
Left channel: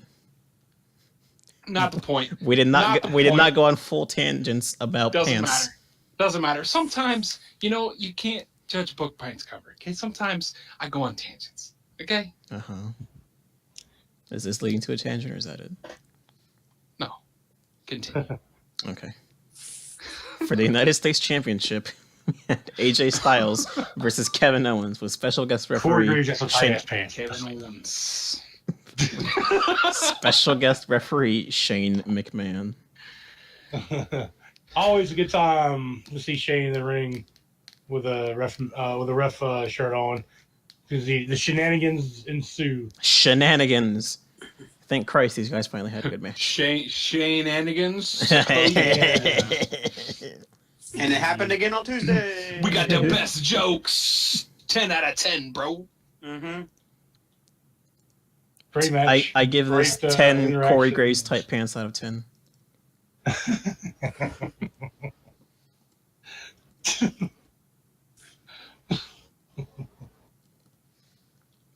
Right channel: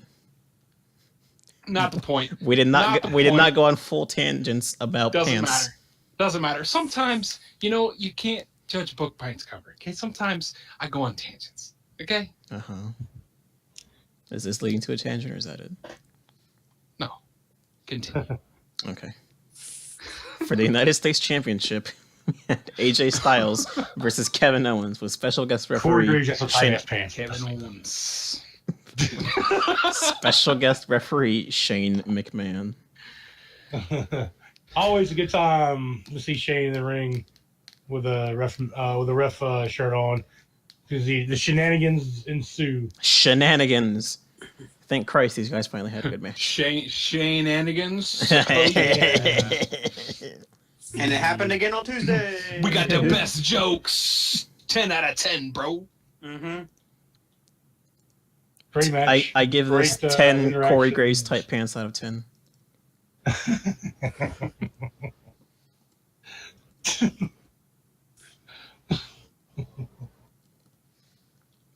Not the point. We did not go on full tangents about Doesn't pants. matter. Doesn't matter. Sometimes, you can't judge a book by its cover. Okay. Sometimes I go on tangents. Okay. Uh-huh. Is this leading to a tangent or is that it? No. Continue. Okay. For the United States Championship, we had AJ Styles versus Kevin Owens with special guest referee Shane. Kevin Owens. Special guest referee Shane McMahon. Always a good time to see Shane in the ring with a ref shirt on, because the shenanigans ensue. Shenanigans. Thank Christ these guys finally had a good match. Shane Anigans. and it happened again on Tuesday. We got the best jokes. 10 out of 10, bro. Mm-hmm. Great match. I give this Great, 10 Corey interaction. Graves tight pants out of 10.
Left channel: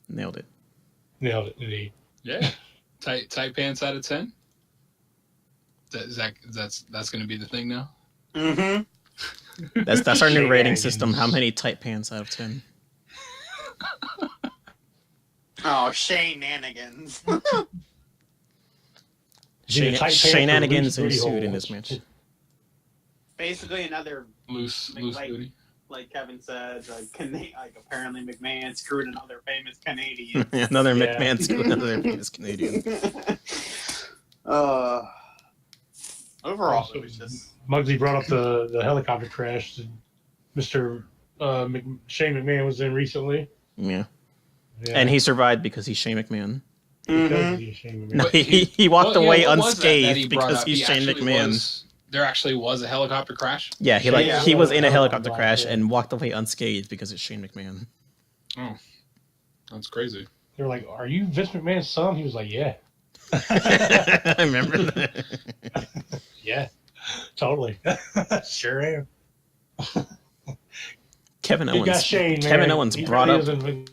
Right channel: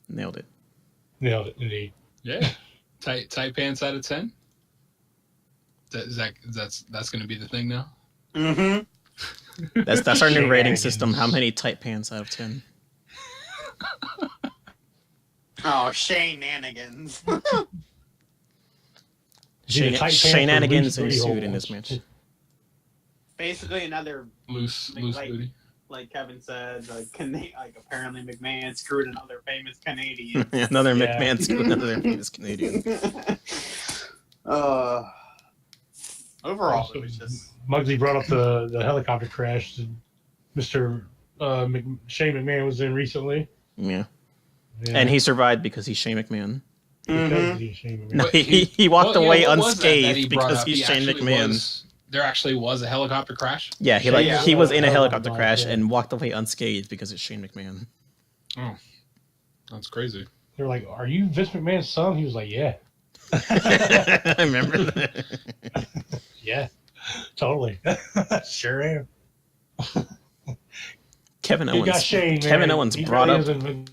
Nailed it. Nailed it, indeed. Yeah. Tight pants out of 10. That's going to be the thing now. Mm-hmm. That's our new rating system. How many tight pants out of 10? Oh, shenanigans. Shenanigans ensued in this match. Basically, another Loose booty. like Kevin said, like apparently McMahon screwed another famous Canadian. Another Yeah. McMahon screwed another famous Canadian. Overall, it was just Muggsy brought up the helicopter crash that Mr. Shane McMahon was in recently. Yeah. Yeah. And he survived because he's Shane McMahon. Because he's Shane McMahon. No, But he walked Well, away what was that he unscathed brought because up? he's He Shane actually McMahon. there actually was a helicopter crash? Yeah, he Yeah. he was in a helicopter Yeah. crash and walked away unscathed because it's Shane McMahon. Oh, that's crazy. They're like, "Are you Vince McMahon's son?" He was like, "Yeah, I remember that. yeah, totally, sure am." Kevin Good guy Owens. Shane, Kevin man. Owens He brought really up isn't-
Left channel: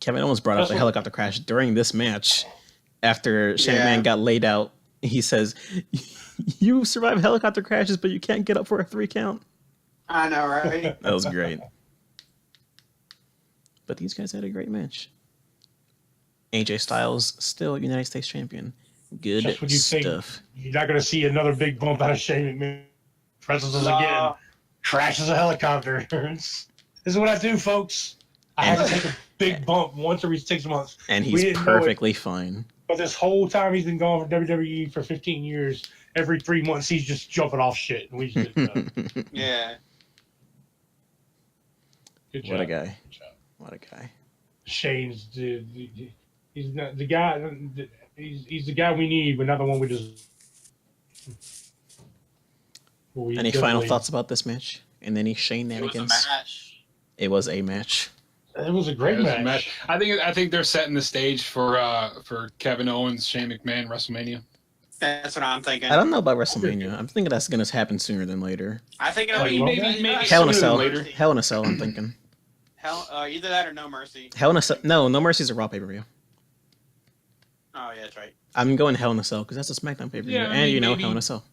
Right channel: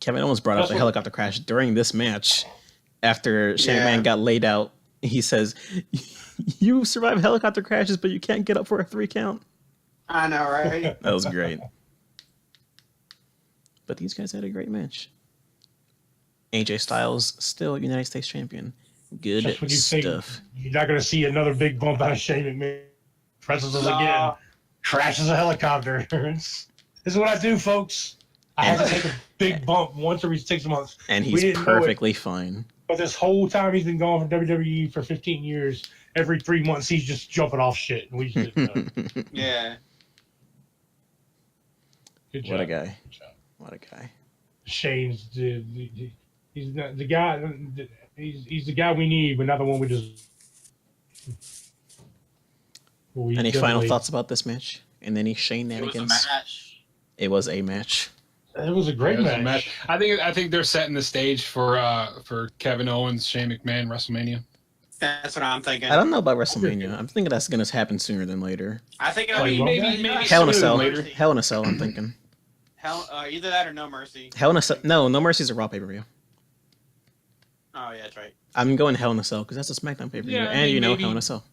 Kevin Owens brought up the helicopter crash during this match. After Shane Yeah. McMahon got laid out, he says, "You survive helicopter crashes, but you can't get up for a 3 count." I know, right? That was great. But these guys had a great match. AJ Styles still United States champion. Good Just when you think stuff. You're not going to see another big bump out of Shane McMahon. Presses us again. Nah. Crashes a helicopter. This is what I do, folks. I have to take a big bump once every 6 months. And We he's didn't know it. perfectly fine. But this whole time he's been gone from WWE for 15 years, every 3 months he's just jumping off shit. And we just didn't know. Yeah. Good job. What a guy. Good job. What a guy. Shane's he's not the guy. He's the guy we need, but not the one we just. Any final thoughts about this match? And any Shane It was a shenanigans? match. It was a match. It was a great It was a match. I think they're setting the stage for Kevin Owens, Shane McMahon, WrestleMania. That's what I'm thinking. I don't know about WrestleMania. I'm thinking that's going to happen sooner than later. I think it'll Like, be maybe Hell in a sooner Cell. than later. Hell in a Cell, I'm thinking. Either that or No Mercy. Hell in a Cell. No Mercy's a Raw pay-per-view. Oh yeah, that's right. I'm going Hell in a Cell because that's a SmackDown pay-per-view. Yeah, I and mean, you know maybe- Hell in a Cell.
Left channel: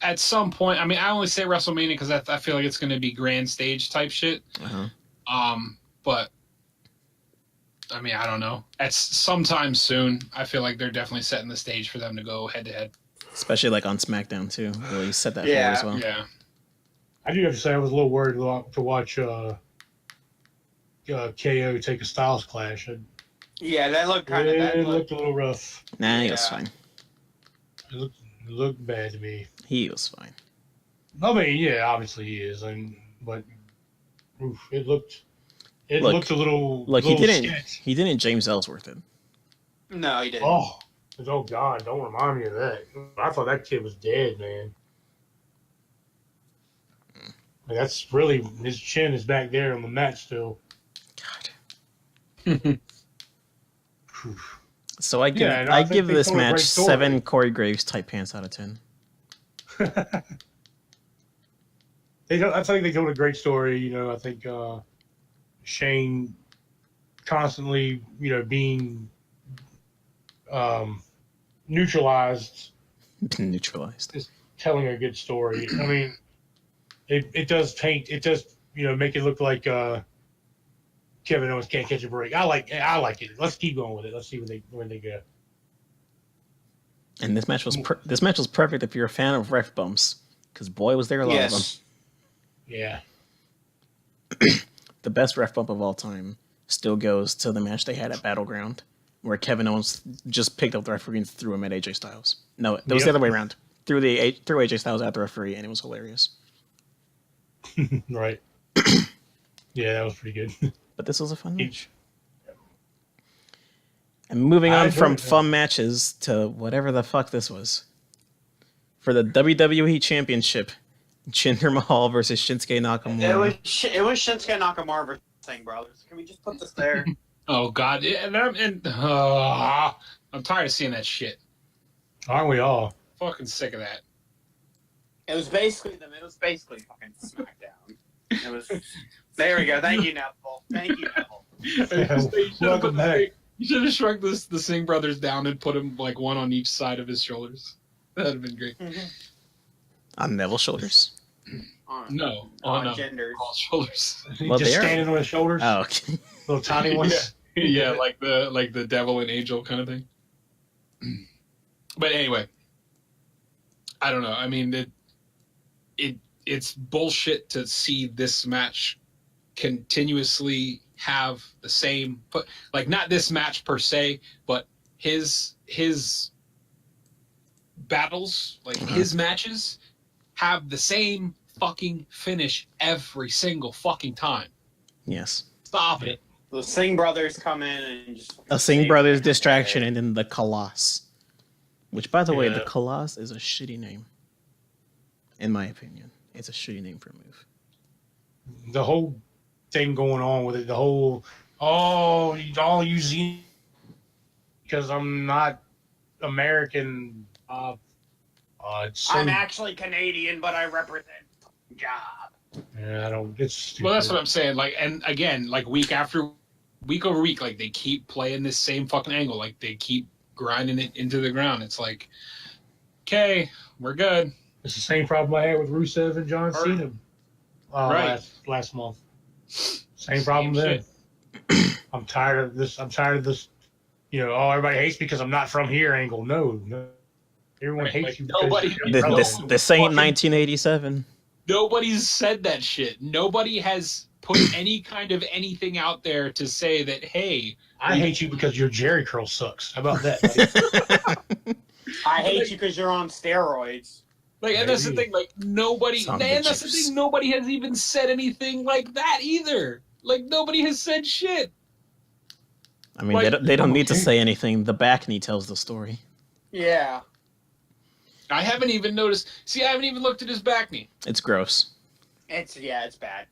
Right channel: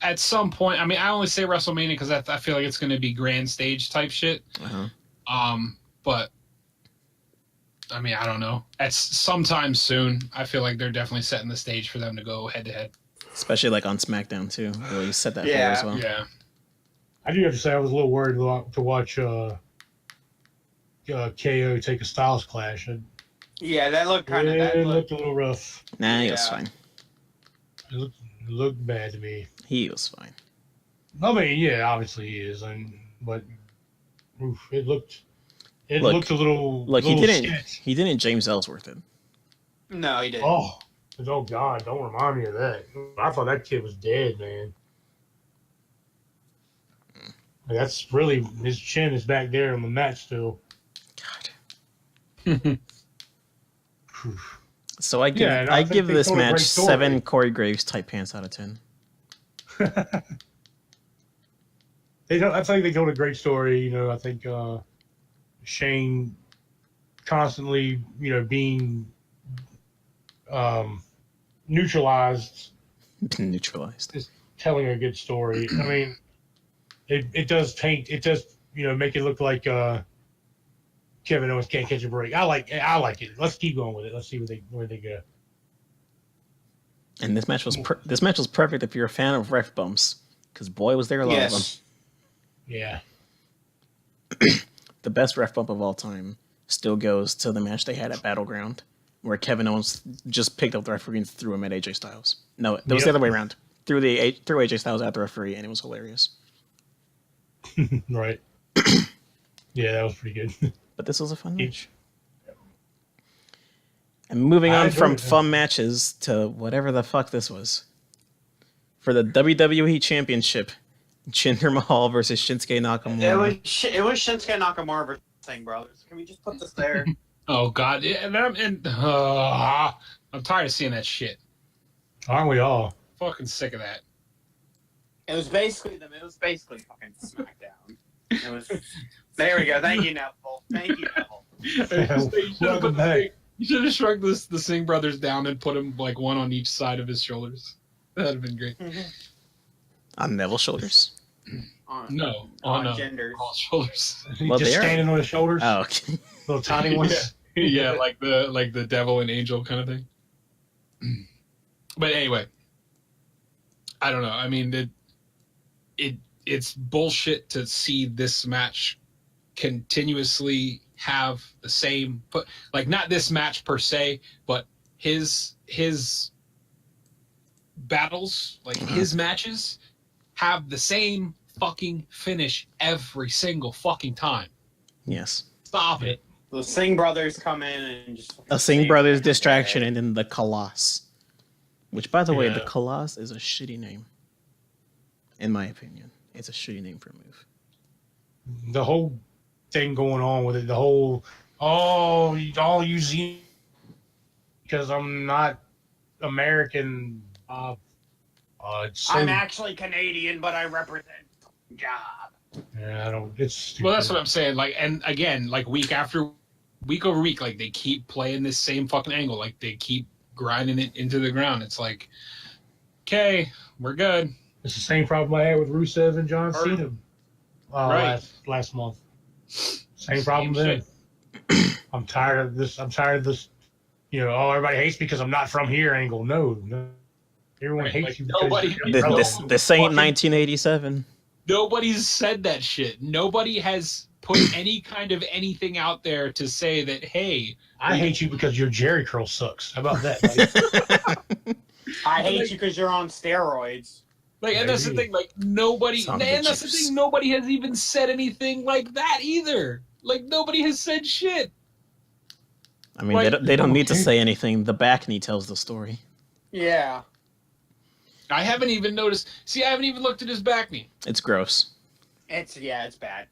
At some point, I mean, I only say WrestleMania because I feel like it's going to be grand stage type shit. Uh-huh. But I mean, I don't know. At sometime soon, I feel like they're definitely setting the stage for them to go head to head. Especially like on SmackDown too. Really set that Yeah. forward as well. Yeah. I do have to say I was a little worried to watch KO take a Styles clash. Yeah, that looked kind of. It looked a little rough. Nah, he was Yeah. fine. It looked bad to me. He was fine. I mean, yeah, obviously he is, but oof, it looked a little. Look, he little didn't sketch. he didn't James Ellsworth it. No, he didn't. Oh God! Don't remind me of that. I thought that kid was dead, man. That's really his chin is back there on the mat still. God. So I give Yeah, and I think give they this told a great match story. 7 Corey Graves tight pants out of 10. I think they told a great story. You know, I think Shane constantly, being neutralized, Neutralized. telling a good story. I mean, it does make it look like Kevin Owens can't catch a break. I like it. Let's keep going with it. Let's see where they go. And this match was perfect if you're a fan of ref bumps, because boy was there a lot of them. Yes. Yeah. The best ref bump of all time still goes to the match they had at Battleground, where Kevin Owens just picked up the referee and threw him at AJ Styles. No, it was the Yep. other way around. Threw AJ Styles at the referee, and it was hilarious. Right. Yeah, that was pretty good. But this was a fun match. And moving I on from agree. fun matches to whatever the fuck this was. For the WWE Championship, Jinder Mahal versus Shinsuke Nakamura. It was Shinsuke Nakamura versus Singh Brothers. Can we just put this there? Oh God, I'm tired of seeing that shit. Aren't we all? Fucking sick of that. It was basically fucking SmackDown. It was. There we go. Thank you, Neville. Thank you, Neville. Welcome back. You should have shrunk the Singh brothers down and put them like one on each side of his shoulders. That'd have been great. On Neville's shoulders. No, on genders. all shoulders. Well, Just they're- standing on his shoulders. Oh, okay. Little tiny ones. Yeah, like the devil and angel kind of thing. But anyway, I don't know. I mean, it's bullshit to see this match continuously have the same, but like not this match per se, but his battles, like his matches, have the same fucking finish every single fucking time. Yes. Stop it. The Singh brothers come in and just. A Singh Brothers distraction and then the Colossus. Which, by the way, Yeah. the Colossus is a shitty name. In my opinion. It's a shitty name for a move. The whole thing going on with it, the whole, all you see, because I'm not American. It's so, I'm actually Canadian, but I represent job. yeah, I don't. It's stupid. Well, that's what I'm saying. Like, and again, like week over week, like they keep playing this same fucking angle. Like they keep grinding it into the ground. It's like, okay, we're good. It's the same problem I had with Rusev and John Cena Right. last month. Same problem then. I'm tired of this. You know, everybody hates me because I'm not from here angle. No. Everyone Right, hates like, you because nobody- you're from This ain't 1987. Nobody's said that shit. Nobody has put any kind of anything out there to say that, hey, I hate you because your Jerry curl sucks. How about that? I hate you because you're on steroids. like, and that's the thing, like, nobody, Son and of a that's the juice. thing, nobody has even said anything like that either. Like, nobody has said shit. I mean, Like- they don't need to say anything. The back knee tells the story. Yeah. I haven't even noticed. See, I haven't even looked at his back knee. It's gross. It's bad.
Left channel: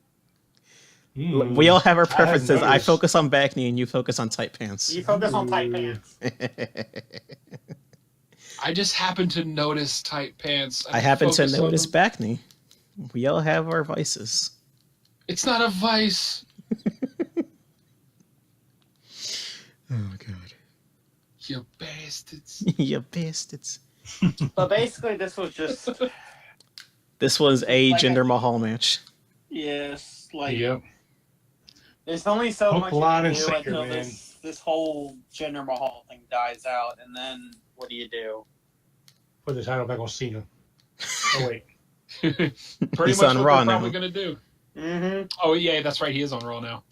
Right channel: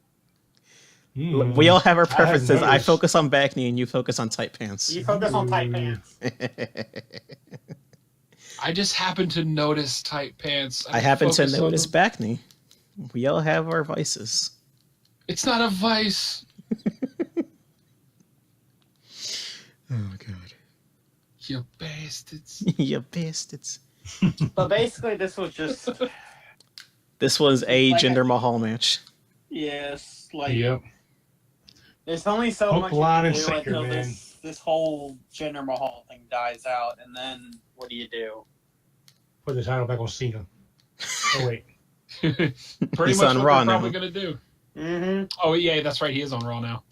We all have our preferences. I noticed. focus on back knee and you focus on tight pants. You focus on tight pants. I just happen to notice tight pants. I happen to focus on notice them. back knee. We all have our vices. It's not a vice. Oh, God. You bastards. You bastards. But basically, this was just This was a Like Jinder I- Mahal match. yes, like Yep. there's only so Hook, much line, you and can do sinker, until man. this whole Jinder Mahal thing dies out, and then what do you do? Put the title back on Cena. Oh wait. Pretty He's much on what Raw they're now. probably gonna do. Mm-hmm. Oh yeah, that's right. He is on Raw now.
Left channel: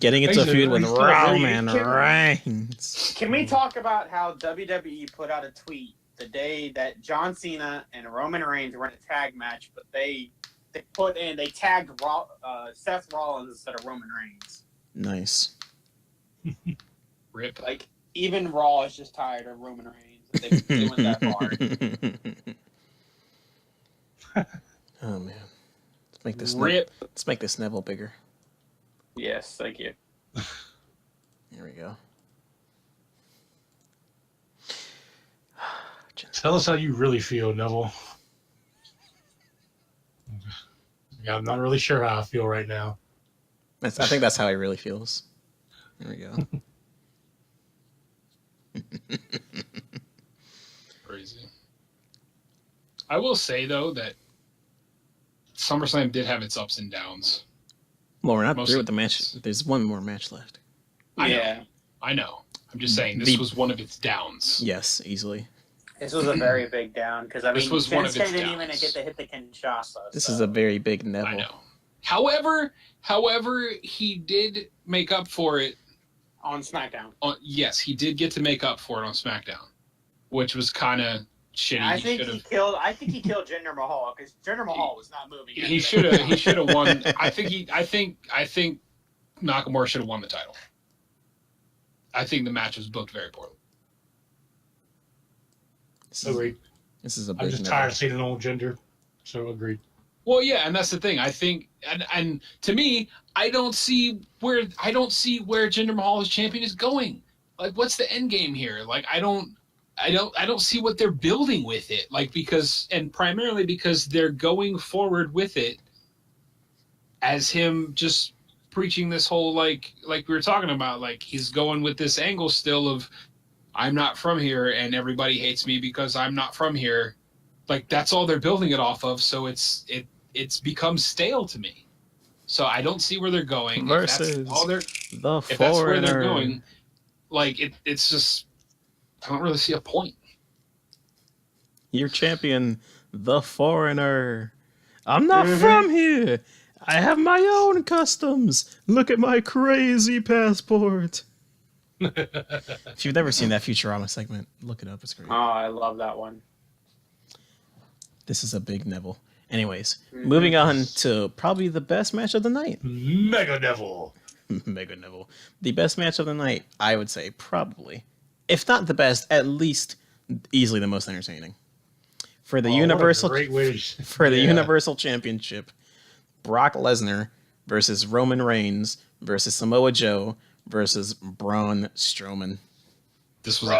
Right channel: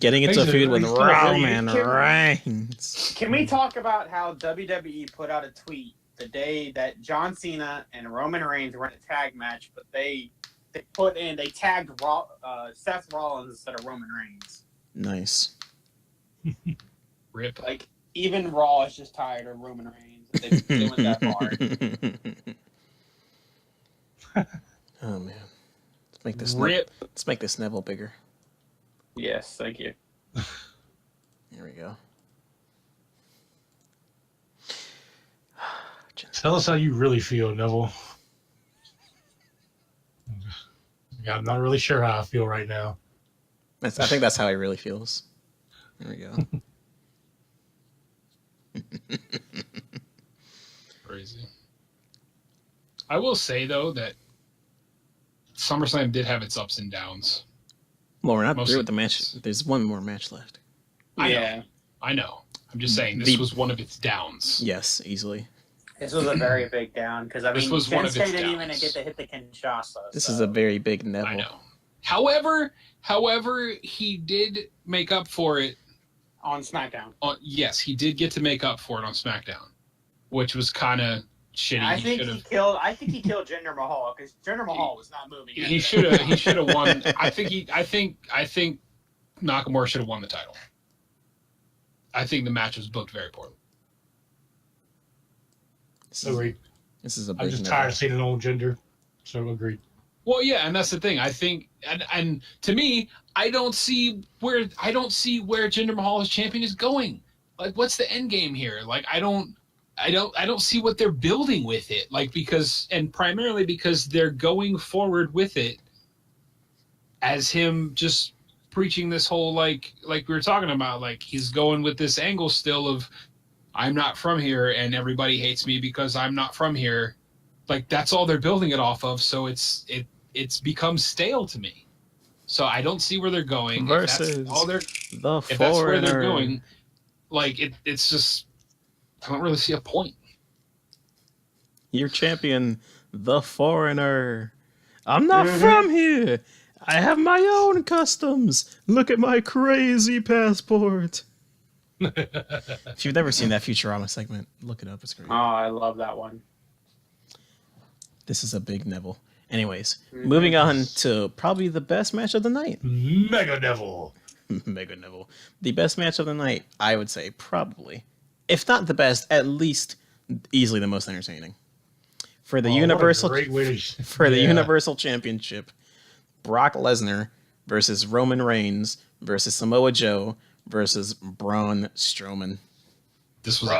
Getting into a He's feud with still very Roman Reigns. Can we talk about how WWE put out a tweet the day that John Cena and Roman Reigns were in a tag match, but they tagged Seth Rollins instead of Roman Reigns. Nice. Rip. Like even Raw is just tired of Roman Reigns. They've been doing that hard. Oh man. Let's Rip. make this Neville bigger. Yes, thank you. Here we go. Tell us how you really feel, Neville. Yeah, I'm not really sure how I feel right now. I think that's how he really feels. There we go. Crazy. I will say though that SummerSlam did have its ups and downs. Well, we're not Most through of with the match. There's one more match left. I know. Yeah, I know. I'm just saying this The- was one of its downs. Yes, easily. this was a very big down because I This mean, was one of Shinsuke its didn't even downs. get to hit the Kinshasa. This so. is a very big I Neville. know. However, he did make up for it. on SmackDown. Yes, he did get to make up for it on SmackDown, which was kind of shitty. I He think should he have. killed. I think he killed Jinder Mahal because Jinder Mahal was not moving. He should have. He should have won. I think Nakamura should have won the title. I think the match was booked very poorly. Agreed. This is a I'm big just Neville. tired of seeing an old gender. So agreed. Well, yeah, and that's the thing. I think, and to me, I don't see where Jinder Mahal as champion is going. Like, what's the end game here? Like, I don't see what they're building with it. Like, primarily because they're going forward with it as him just preaching this whole like we were talking about. Like, he's going with this angle still of I'm not from here and everybody hates me because I'm not from here. Like, that's all they're building it off of. So it's become stale to me. So I don't see where they're going. Versus the if that's where they're Foreigner. going, like it's just I don't really see a point. Your champion, the Foreigner. I'm not from here. I have my own customs. Look at my crazy passport. If you've never seen that Futurama segment, look it up. It's great. Oh, I love that one. This is a big Neville. Anyways, moving on to probably the best match of the night. Mega Devil. Mega Neville. The best match of the night, I would say, probably. If not the best, at least easily the most entertaining. For the Universal Universal Championship, Brock Lesnar versus Roman Reigns versus Samoa Joe versus Braun Strowman. This was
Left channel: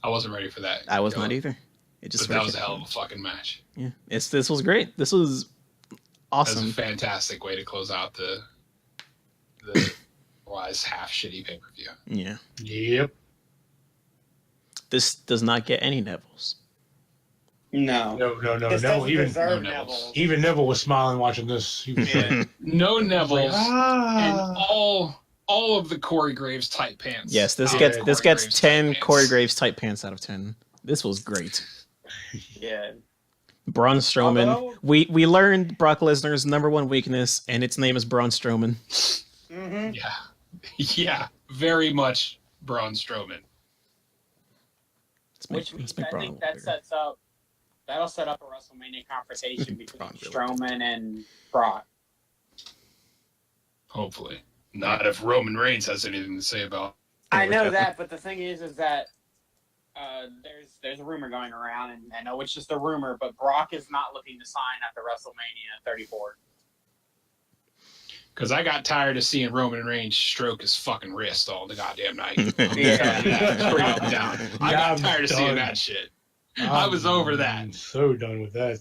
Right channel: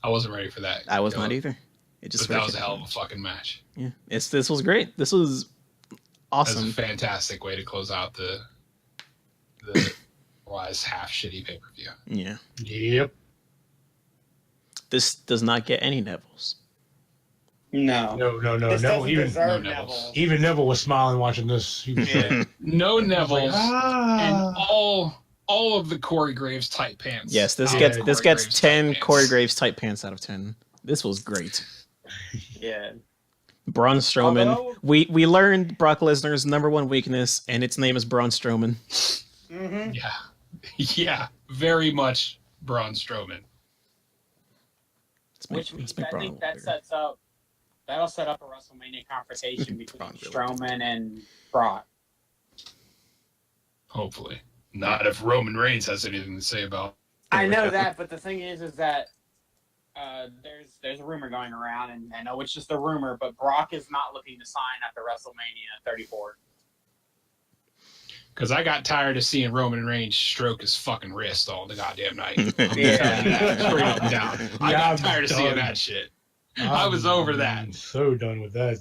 I wasn't ready for that. I was not either. It just that was a hell of a fucking match. Yeah, this was great. This was awesome. That's a fantastic way to close out the otherwise half shitty pay-per-view. Yeah. Yep. This does not get any Nevilles. No. This Neville. Even Neville was smiling watching this. He was like, no Neville's and all of the Corey Graves tight pants. Yes, this gets 10 Corey Graves tight pants out of 10. This was great. Yeah. Braun Strowman. We learned Brock Lesnar's number one weakness, and its name is Braun Strowman. Mm-hmm. Yeah, very much Braun Strowman. Let's make I Braun think a little that bigger. that'll set up a WrestleMania confrontation between Braun really Strowman and Brock. Hopefully. Not if Roman Reigns has anything to say about. I know that, but the thing is that there's a rumor going around, and I know it's just a rumor, but Brock is not looking to sign after WrestleMania 34. Because I got tired of seeing Roman Reigns stroke his fucking wrist all the goddamn night. Straight up and down. I got tired of seeing that shit. I was over that. I'm so done with that.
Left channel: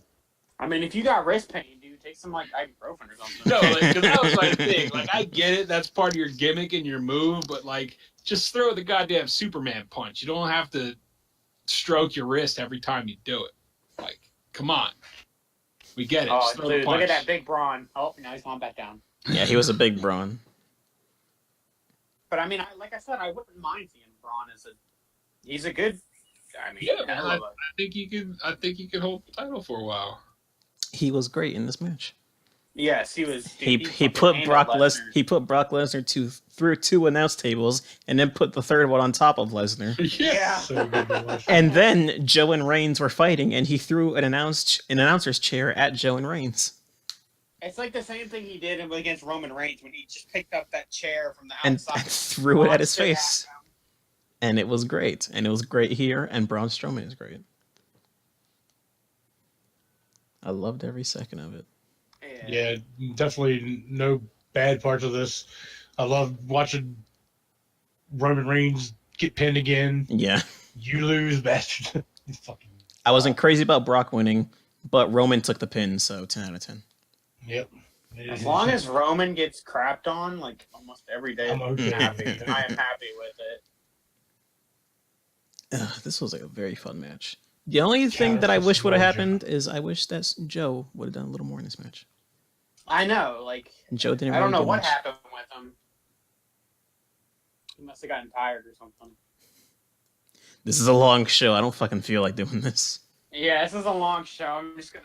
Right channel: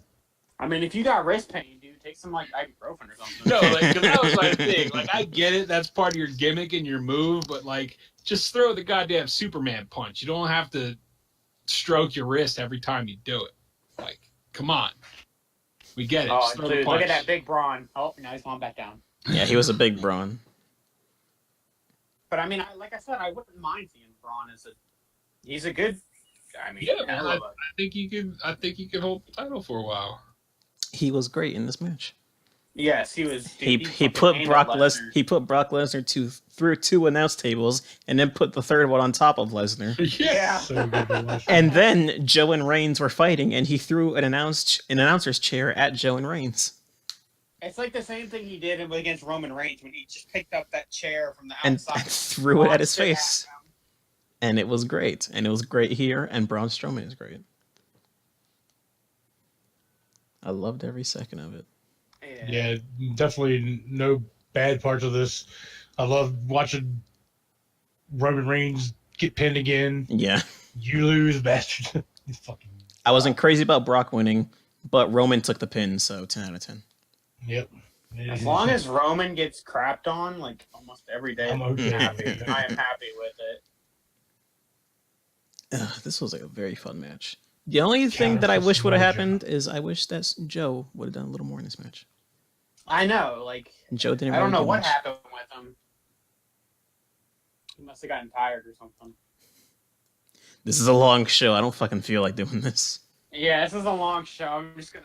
I mean, if you got wrist pain, dude, take some like ibuprofen or something. No, because that was my thing. Like, I get it. That's part of your gimmick and your move, but like, just throw the goddamn Superman punch. You don't have to stroke your wrist every time you do it. Like, come on. We get it. Oh, Just throw the dude, punch. look at that big Braun. Oh, now he's going back down. Yeah, he was a big Braun. But I mean, like I said, I wouldn't mind seeing Braun he's a good. I mean, Yeah, man, I think he could hold the title for a while. He was great in this match. Yes, he was. He put Brock Lesnar through two announce tables and then put the third one on top of Lesnar. Yeah. So good to watch. And then Joe and Reigns were fighting, and he threw an announcer's chair at Joe and Reigns. It's like the same thing he did against Roman Reigns when he just picked up that chair from the And outside threw it at his face. And it was great. And it was great here, and Braun Strowman is great. I loved every second of it. Yeah, definitely no bad parts of this. I love watching Roman Reigns get pinned again. Yeah. You lose, bastard. I wasn't crazy about Brock winning, but Roman took the pin, so 10 out of 10. Yep. As long as Roman gets crapped on, like almost every day, I'm okay. I am happy with it. This was like a very fun match. The only thing that I wish would have happened is I wish that Joe would have done a little more in this match. I know, like Joe didn't. I don't really know get what much. happened with him. He must have gotten tired or something. This is a long show. I don't fucking feel like doing this. Yeah, this is a long show. I'm just gonna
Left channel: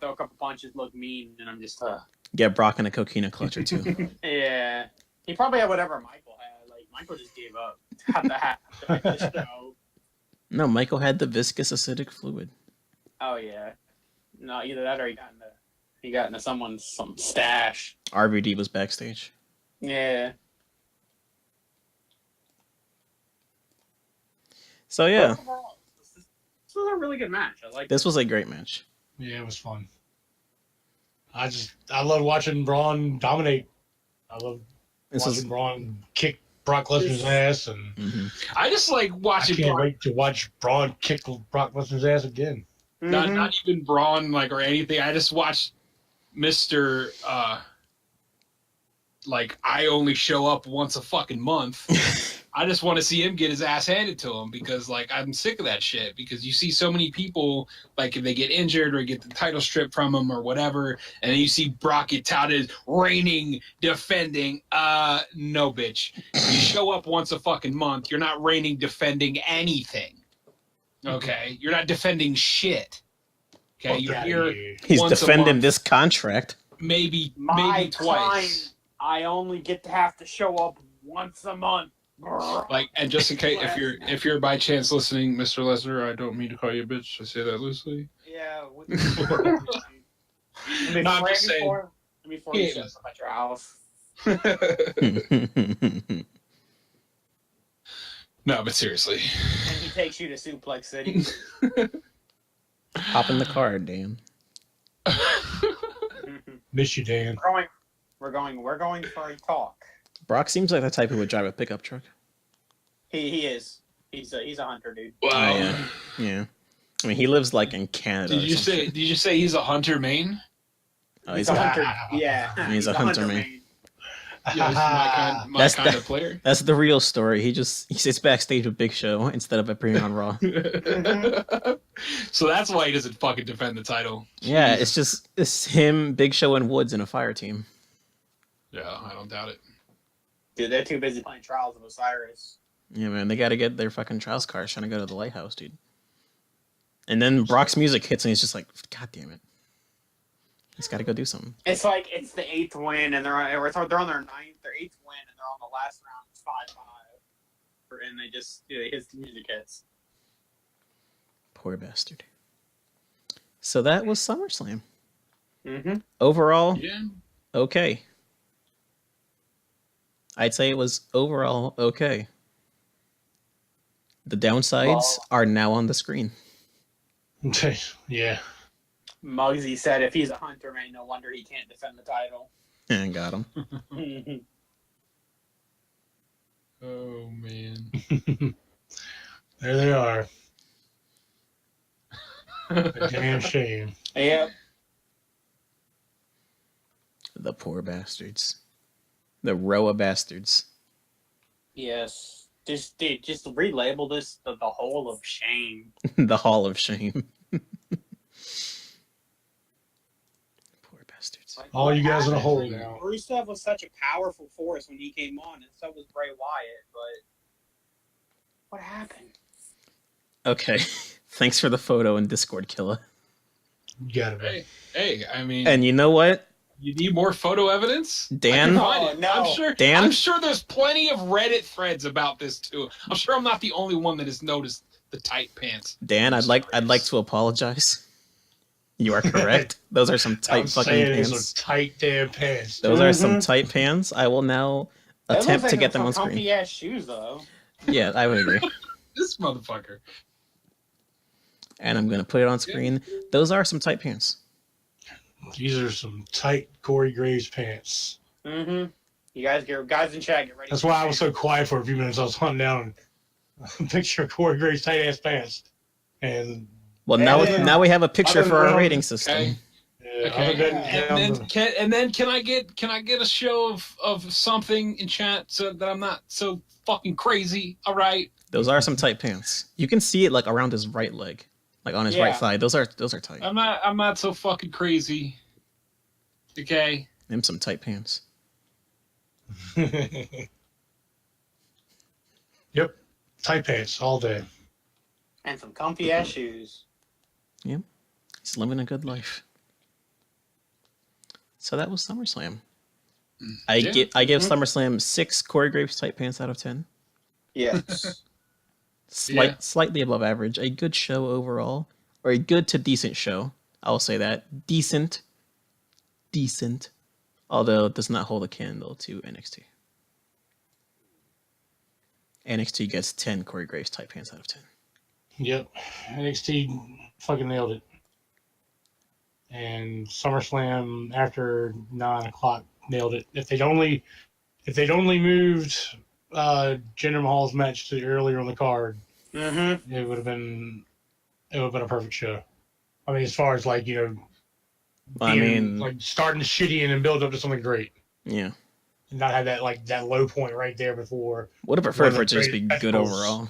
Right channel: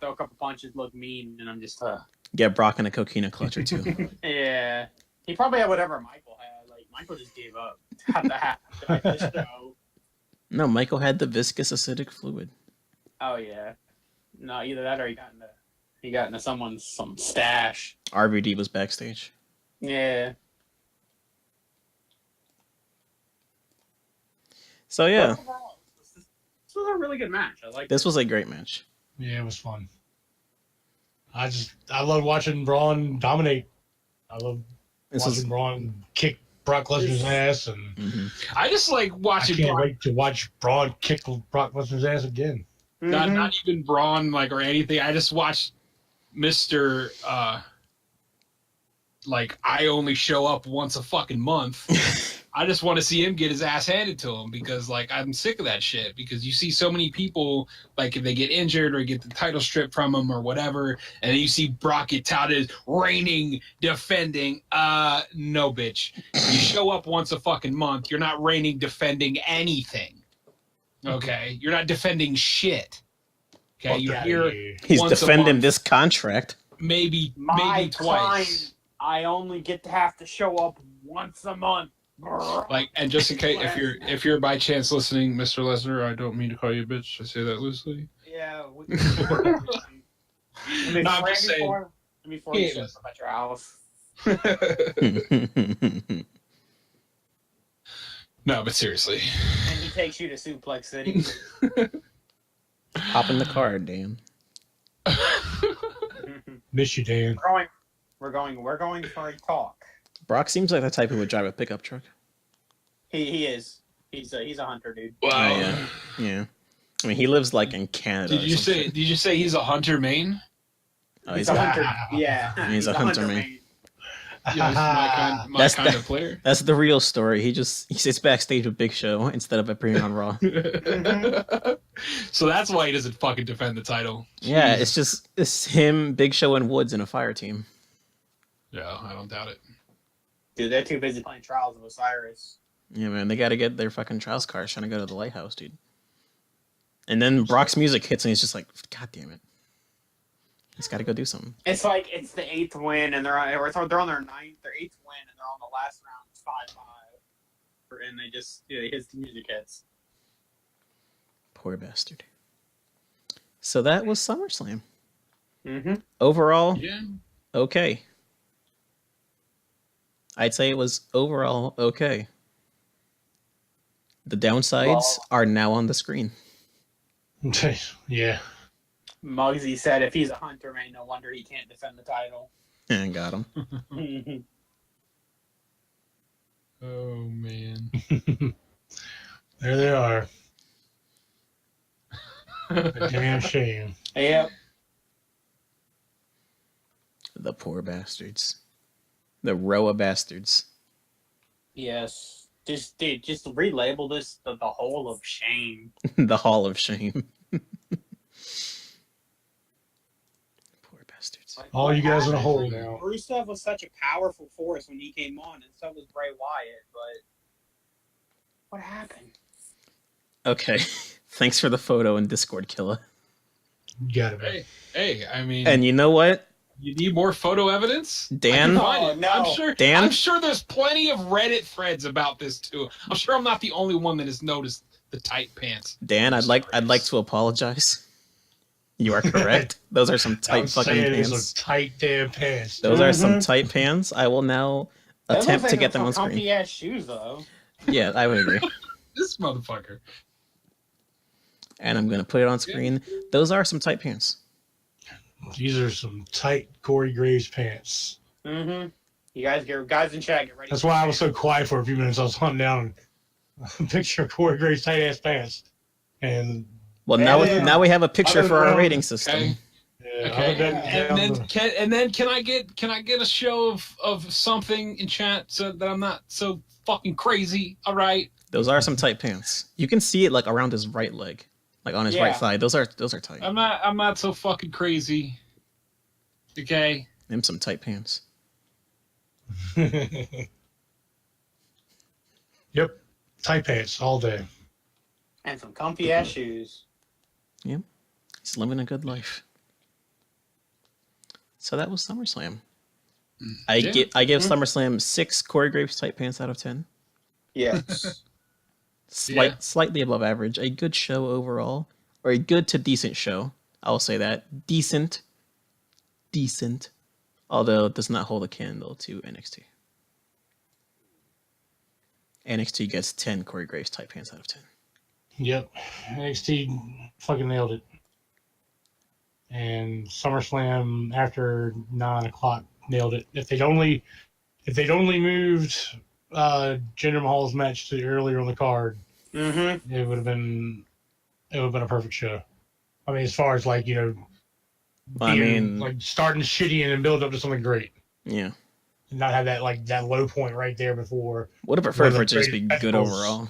throw a couple punches, look mean, and I'm just Get Brock in a coquina clutch or two. Yeah. He probably had whatever Michael had. Like Michael just gave up after the show. No, Michael had the viscous acidic fluid. Oh yeah. No, either that or he got into some stash. RVD was backstage. Yeah. So yeah, This was a really good match. I like this was a great match. Yeah, it was fun. I love watching Braun dominate. I love This watching is Braun kick Brock Lesnar's ass, and mhm. I just like I watching can't Braun, wait to watch Braun kick Brock Lesnar's ass again. not even Braun like or anything. I just watch Mister like I only show up once a fucking month. I just want to see him get his ass handed to him because like I'm sick of that shit. Because you see so many people like if they get injured or get the title stripped from them or whatever, and then you see Brock get touted reigning, defending. No, bitch. You show up once a fucking month. You're not reigning, defending anything. Okay, you're not defending shit. Okay, Fuck you're outta here. here. He's once a defending month, this contract. maybe My twice. time, I only get to have to show up once a month. Like, and just in case, if you're by chance listening, Mr. Lesnar, I don't mean to call you a bitch. I say that loosely. Yeah. No, I'm just saying. Before you show up at your house. No, but seriously. And he takes you to Suplex City. Hop in the car, Dan. Miss you, Dan. We're going for a talk. Brock seems like the type who would drive a pickup truck. He is. He's a hunter, dude. Wow. Oh, yeah. Yeah. I mean, he lives like in Canada. Did you say he's a hunter main? Oh, He's a hunter. Yeah. He's a hunter, man. Yeah, my That's kind of player. That's the real story. He sits backstage with Big Show instead of appearing on Raw. So that's why he doesn't fucking defend the title. Yeah, it's him, Big Show, and Woods in a fire team. Yeah, I don't doubt it. Dude, they're too busy playing Trials of Osiris. Yeah, man, they got to get their fucking trials cars trying to go to the lighthouse, dude. And then Brock's music hits, and he's just like, God damn it. He's got to go do something. It's like it's the 8th win, and they're on their 8th win, and they're on the last round. It's 5-5, and they just his music hits. Poor bastard. So that was SummerSlam. Mm-hmm. Overall, Yeah. okay. I'd say it was overall okay. The downsides are now on the screen. Yeah. Muggsy said if he's a hunter, man, no wonder he can't defend the title. And got him. Oh man. There they are. A damn shame. Yep. The poor bastards. The Roa bastards. Yes. Just relabel this the Hole of Shame. The Hall of Shame. Poor bastards. Like, All what you guys in a happened? hole Like, now. Rusev was such a powerful force when he came on, and so was Bray Wyatt, but what happened? Okay. Thanks for the photo in Discord, Killa. You gotta be. Hey, I mean, And you know what? you need more photo evidence? Dan? Oh, no. I'm sure there's plenty of Reddit threads about this too. I'm sure I'm not the only one that has noticed the tight pants. Dan, I'd like to apologize. You are correct. Those are some tight fucking pants. Some tight damn pants. Those are some tight pants. I will now attempt to get them on screen. Comfy ass shoes, though. Yeah, I would agree. This motherfucker. And I'm gonna put it on screen. Those are some tight pants. These are some tight Corey Graves pants. Mm-hmm. You guys in chat, get ready. That's why I was so quiet for a few minutes. I was hunting down a picture of Corey Graves' tight ass pants. And Well, now we have a picture for our rating system. Okay. yeah, Okay. And then can I get a show of something in chat so that I'm not so fucking crazy? All right. Those are some tight pants. You can see it like around his right leg, like on his right thigh. Those are tight. I'm not so fucking crazy. Okay. Them some tight pants. Yep. Tight pants all day. And some comfy ass shoes. Yep. He's living a good life. So that was SummerSlam. I give SummerSlam 6 Corey Graves tight pants out of 10. Yes. Slightly above average. A good show overall, or a good to decent show. I'll say that. Decent. Although it does not hold a candle to NXT. NXT gets 10 Corey Graves tight pants out of 10. Yep. NXT fucking nailed it. and SummerSlam after 9 o'clock nailed it. If they'd only moved Jinder Mahal's match to earlier on the card, it would have been a perfect show. I mean, as far as like like starting shitty and then build up to something great. Yeah. And not have that low point right there before. Would have preferred for it to just be good overall.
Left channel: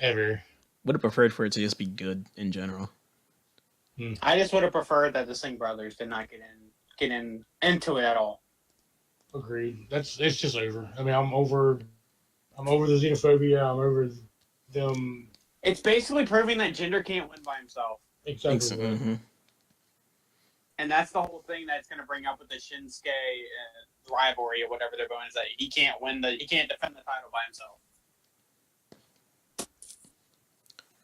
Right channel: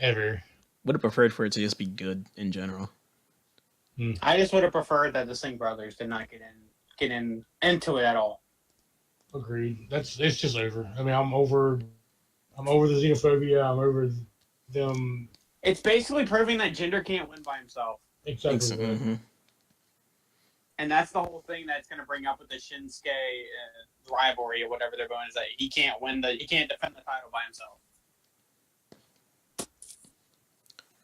Ever. Would have preferred for it to just be good in general. I just would have preferred that the Singh brothers did not get into it at all. Agreed. It's just over. I mean, I'm over the xenophobia. I'm over them. It's basically proving that Jinder can't win by himself. Exactly. Mm-hmm. And that's the whole thing that's going to bring up with the Shinsuke rivalry or whatever they're going, is that he can't defend the title by himself.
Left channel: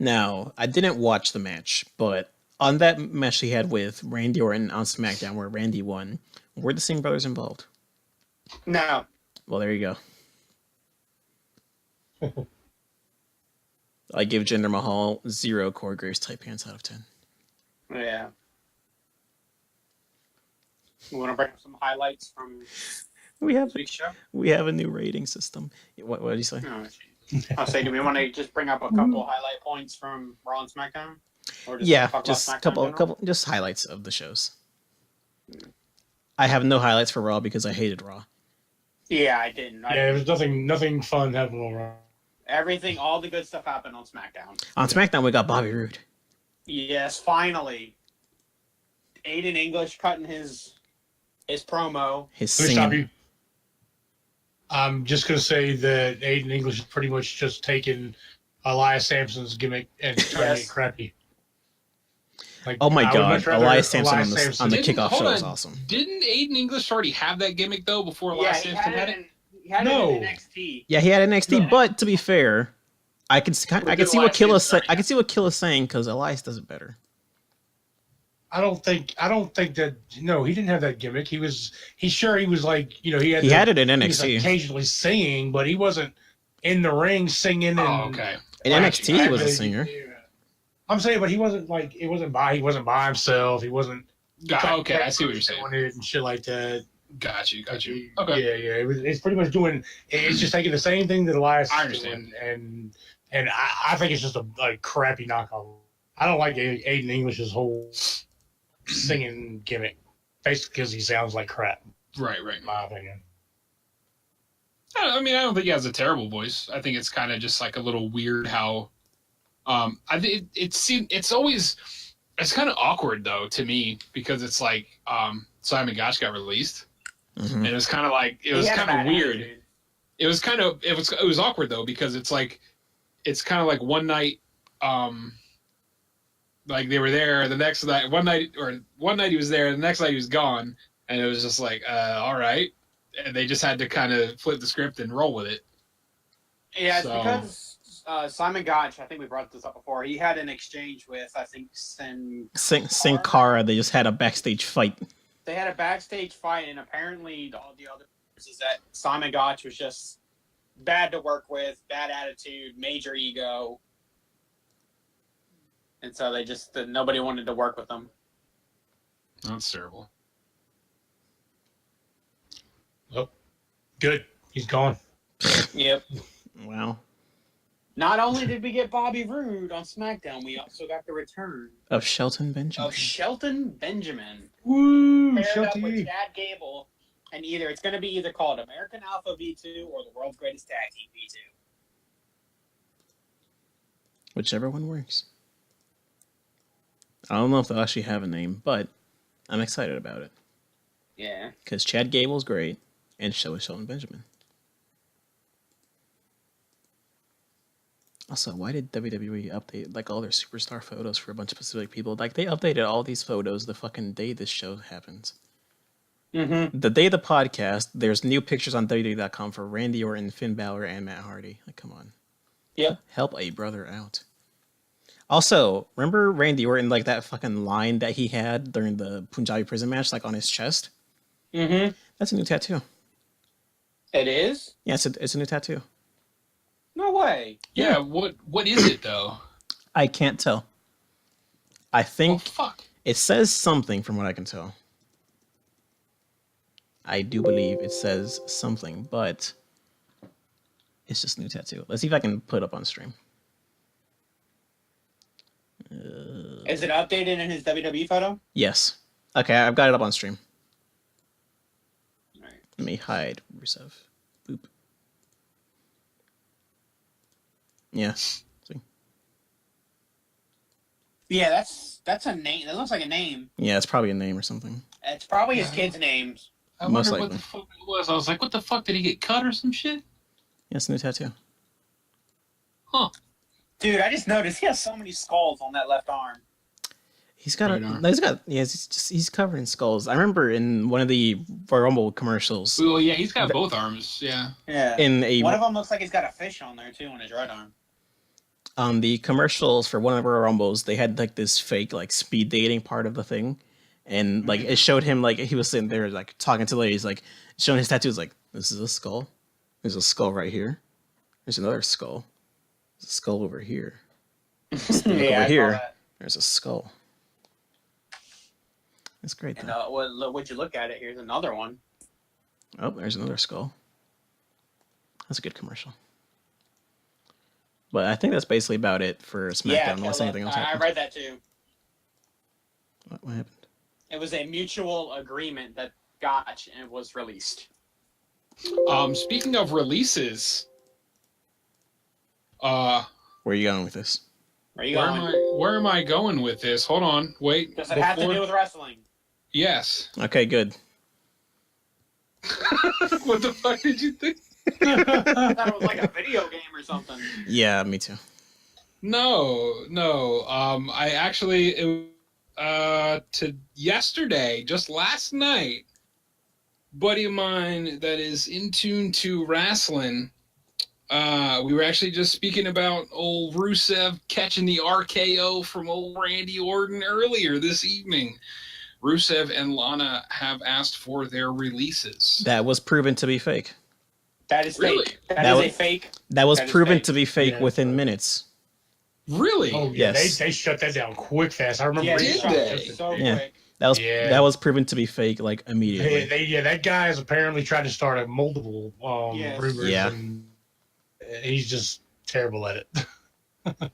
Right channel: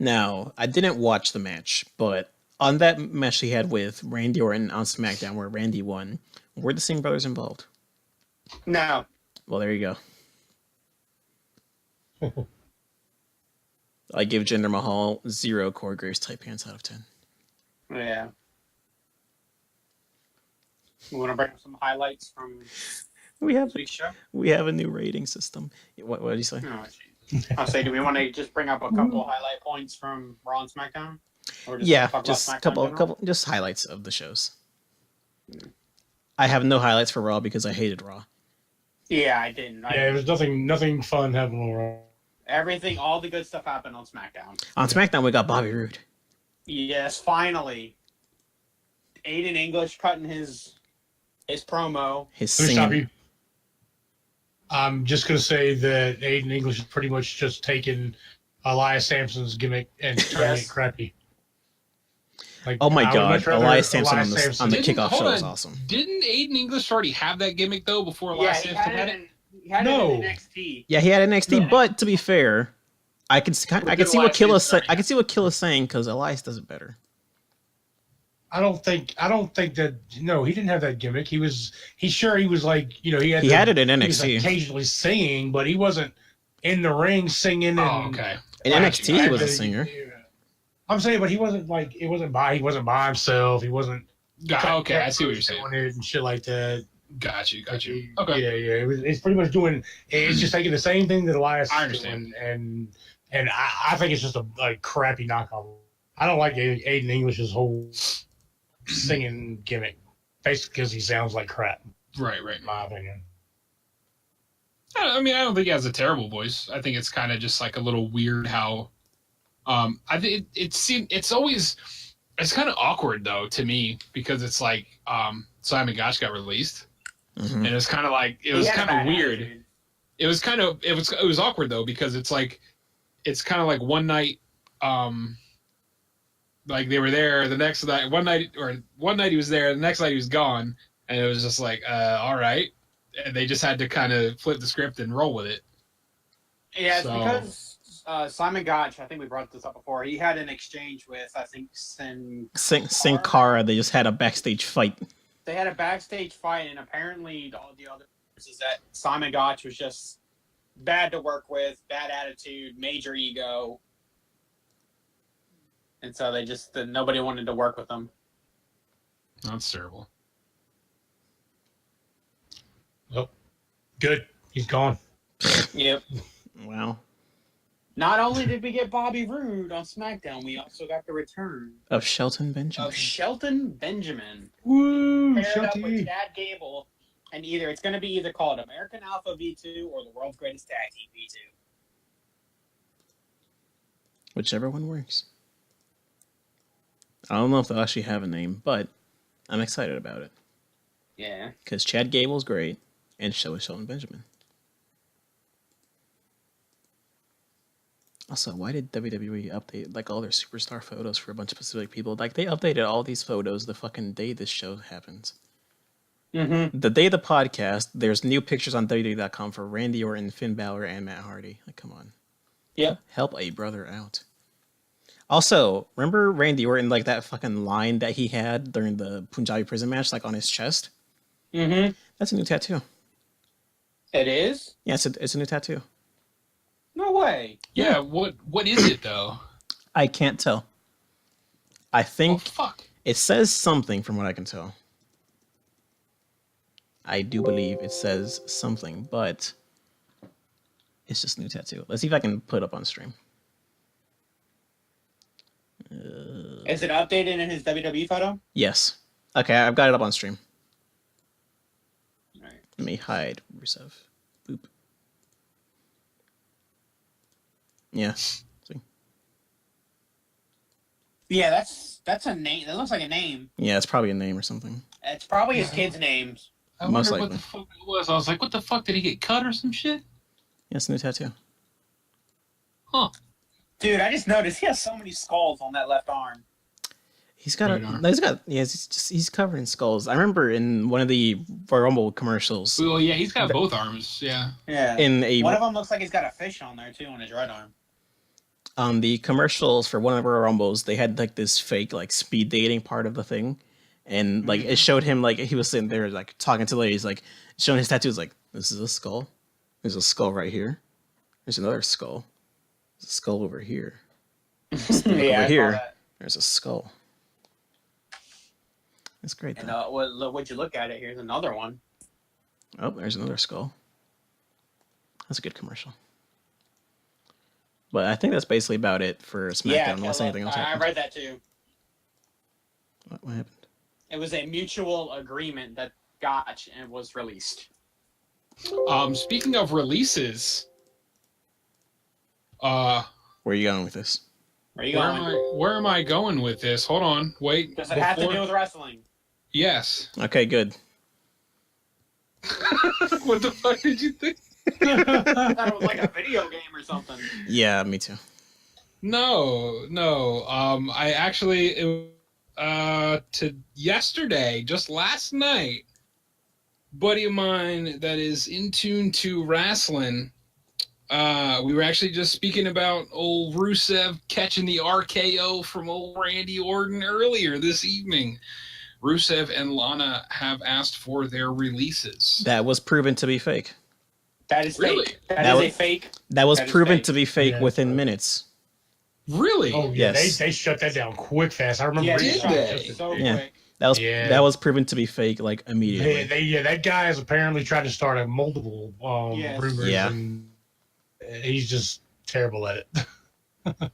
Now, I didn't watch the match, but on that match he had with Randy Orton on SmackDown where Randy won, were the Singh brothers involved? No. Well, there you go. I give Jinder Mahal 0 Corey Graves type hands out of 10. Yeah. We want to bring up some highlights from this week's show? We have a new rating system. What did you say? Oh, I'll say, do we want to just bring up a couple highlight points from Raw and SmackDown? Or just a couple just highlights of the shows. I have no highlights for Raw because I hated Raw. Yeah, I didn't. There was nothing fun happening on Raw. Everything, all the good stuff happened on SmackDown. On SmackDown, we got Bobby Roode. Yes, finally. Aiden English cutting his promo. His singing. I'm just going to say that Aiden English is pretty much just taking Elias Sampson's gimmick and turning it crappy. Like, oh my God, Elias Sampson on the kickoff show was awesome. Didn't Aiden English already have that gimmick though before Elias Sampson had it? He had it in NXT. Yeah, he had NXT, but to be fair, I can see what Killa's saying because Elias does it better. I don't think that he didn't have that gimmick. He was like, he had it in NXT. He was occasionally singing, but he wasn't in the ring singing. Okay. In NXT, he was a singer. I'm saying, but he wasn't by himself. He wasn't. Okay, I see what you're saying. And shit like that. Got you. Okay. Yeah. It's pretty much doing. It's just taking the same thing that Elias. I understand. And I think it's just a crappy knockoff. I don't like Aiden English's whole singing gimmick, basically because he sounds like crap. Right. In my opinion. I mean, I don't think he has a terrible voice. I think it's kind of just like a little weird how. I think it's kind of awkward though to me because it's like Simon Gotch got released, and it was kind of like it was kind of weird. Attitude. It was awkward though because it's kind of like one night. Like they were there the next night, one night he was there, the next night he was gone, and it was just like, all right, and they just had to kind of flip the script and roll with it. Yeah, it's because Simon Gotch, I think we brought this up before. He had an exchange with Sin Cara. They just had a backstage fight. They had a backstage fight, and apparently all the other is that Simon Gotch was just bad to work with, bad attitude, major ego. And so nobody wanted to work with him. That's terrible. Oh, good. He's gone. Yep. Wow. Not only did we get Bobby Roode on SmackDown, we also got the return of Shelton Benjamin. Woo! Paired up with Chad Gable, and it's going to be either called American Alpha V2 or the World's Greatest Tag Team V2. Whichever one works. I don't know if they'll actually have a name, but I'm excited about it. Yeah. Because Chad Gable's great, and so is Shelton Benjamin. Also, why did WWE update all their superstar photos for a bunch of specific people? They updated all these photos the fucking day this show happens. Mm-hmm. The day of the podcast, there's new pictures on WWE.com for Randy Orton, Finn Balor, and Matt Hardy. Come on. Yeah. Help a brother out. Also, remember Randy Orton, that fucking line that he had during the Punjabi prison match, on his chest? Mm-hmm. That's a new tattoo. It is? Yeah, it's a new tattoo. No way. Yeah, what is it, though? I can't tell. I think It says something from what I can tell. I do believe it says something, but it's just new tattoo. Let's see if I can put it up on stream. Is it updated in his WWE photo? Yes. Okay, I've got it up on stream. All right. Let me hide Rusev. Boop. Yeah. See? Yeah, that's a name. That looks like a name. Yeah, it's probably a name or something. It's probably his kid's names. I Most wonder likely. what the fuck it was. I was like, what the fuck? Did he get cut or some shit? Yeah, it's a new tattoo. Huh. Dude, I just noticed he has so many skulls on that left arm. He's covered in skulls. I remember in one of the Royal Rumble commercials. Well, yeah, he's got both arms. Yeah. Yeah. One of them looks like he's got a fish on there too on his right arm. On the commercials for one of the Royal Rumbles, they had like this fake like speed dating part of the thing, and like it showed him like he was sitting there like talking to ladies, like showing his tattoos. Like, this is a skull. There's a skull right here. There's another skull. There's a skull over here. Look over here. There's a skull. That's great, And though. would you look at it? Here's another one. Oh, there's another skull. That's a good commercial. But I think that's basically about it for SmackDown, unless anything else I happens. read that too. What happened? It was a mutual agreement that Gotch and was released. Speaking of releases, Where are you going with this? Where are you going? where am I going with this? Hold on, wait. Does it have to do with wrestling? Yes. Okay, good. What the fuck did you think? I thought it was like a video game or something. Yeah, me too. No. I actually to yesterday, just last night, buddy of mine that is in tune to wrestling. We were actually just speaking about old Rusev catching the RKO from old Randy Orton earlier this evening. Rusev and Lana have asked for their releases. That was proven to be fake. That is Really? fake. That is a fake. That was That is proven fake. to be fake Yeah, within but- minutes. Really? Oh yeah, Yes. they shut that down quick fast. I remember. Yeah, reading Did about they? it. So Yeah. quick. That was proven to be fake like immediately. Yeah, that guy has apparently tried to start a multiple Yes. rumors. Yeah. And he's just terrible at it.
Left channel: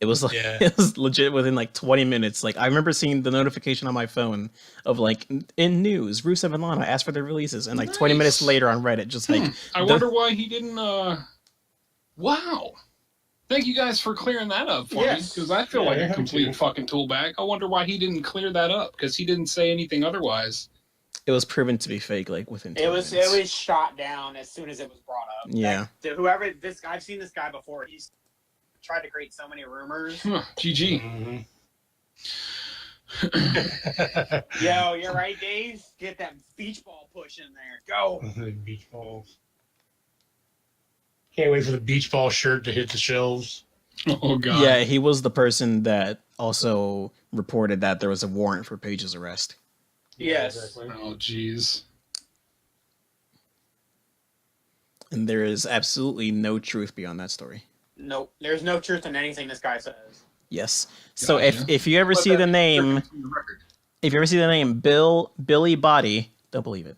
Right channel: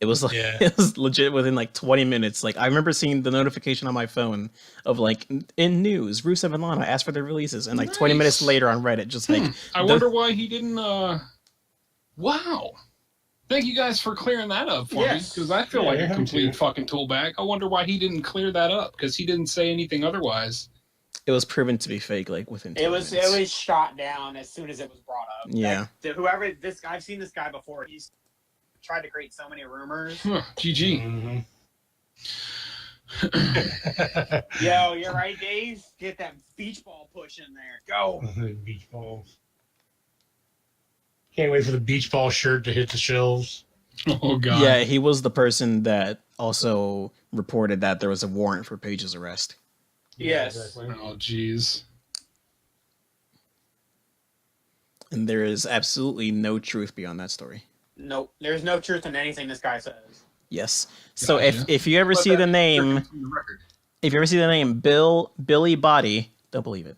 It was like Yeah. it was legit within like 20 minutes. Like I remember seeing the notification on my phone of like in news, Rusev and Lana asked for their releases, and like 20 minutes Nice. later on Reddit, just like I wonder why he didn't. Wow. Thank you guys for clearing that up for me, Yes. because I feel Yeah, like you're a welcome complete to. fucking toolbag. I wonder why he didn't clear that up, because he didn't say anything otherwise. it was proven to be fake like within 20 It was minutes. shot down as soon as it was brought up. Yeah. Whoever I've seen this guy before. He's tried to create so many rumors. Huh, GG. Mhm. Yo, you're right, Dave. Get that beach ball push in there. Go. Beach balls. Can't wait for the beach ball shirt to hit the shelves. Oh god. Yeah, he was the person that also reported that there was a warrant for Paige's arrest. Yes. Oh jeez. And there is absolutely no truth beyond that story. Nope. There's no truth in anything this guy says. Yes. So Gotcha. if you ever see the name, if you ever see the name Billy Body, don't believe it.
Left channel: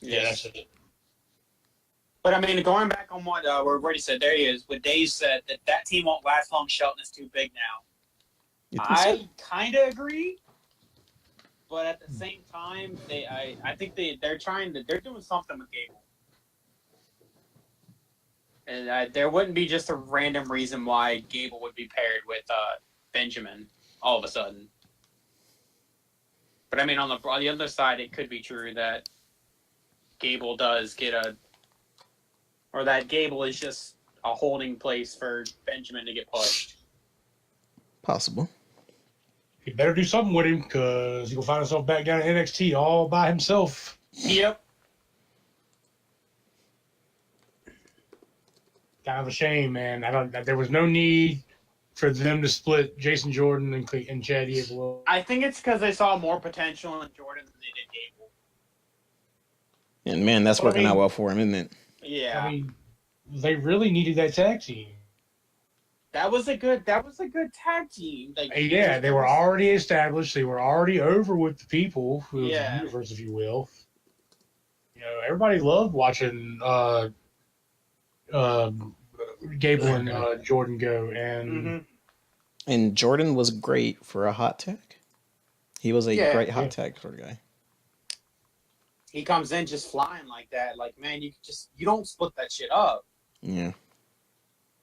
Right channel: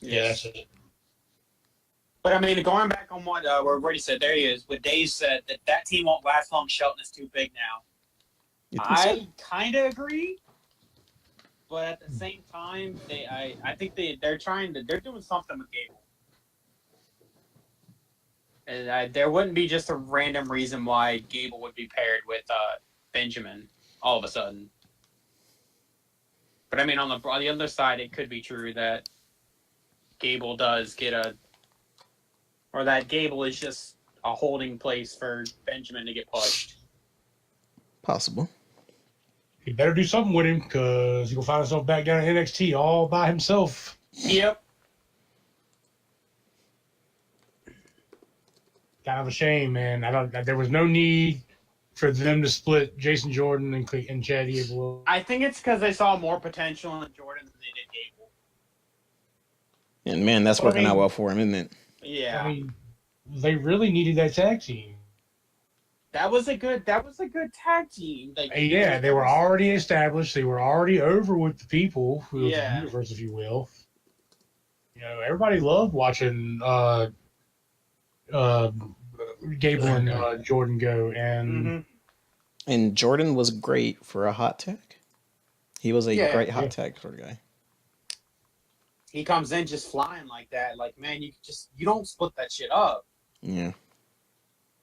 Yeah, that's it. But I mean, going back on what Brady said, there he is. What Dave said, that team won't last long. Shelton is too big now. You think so? I kind of agree, but at the same time, I think they're doing something with Gable, and there wouldn't be just a random reason why Gable would be paired with Benjamin all of a sudden. But I mean, on the other side, it could be true that Gable does get or that Gable is just a holding place for Benjamin to get pushed. Possible. He better do something with him because he'll find himself back down in NXT all by himself. Yep. Kind of a shame, man. There was no need for them to split Jason Jordan and Chad Gable. I think it's because they saw more potential in Jordan than they did Gable. And man, that's Well, working out well for him, isn't it? Yeah. I mean, they really needed that tag team. That was a good tag team. Like, Yeah, they were already established. They were already over with the people, who the Yeah. universe, if you will. You know, everybody loved watching Gable and Jordan go, and And Jordan was great for a hot tag. He was a Yeah. great hot tag sort of guy. he comes in just flying like that. Like, man, you don't split that shit up. Yeah.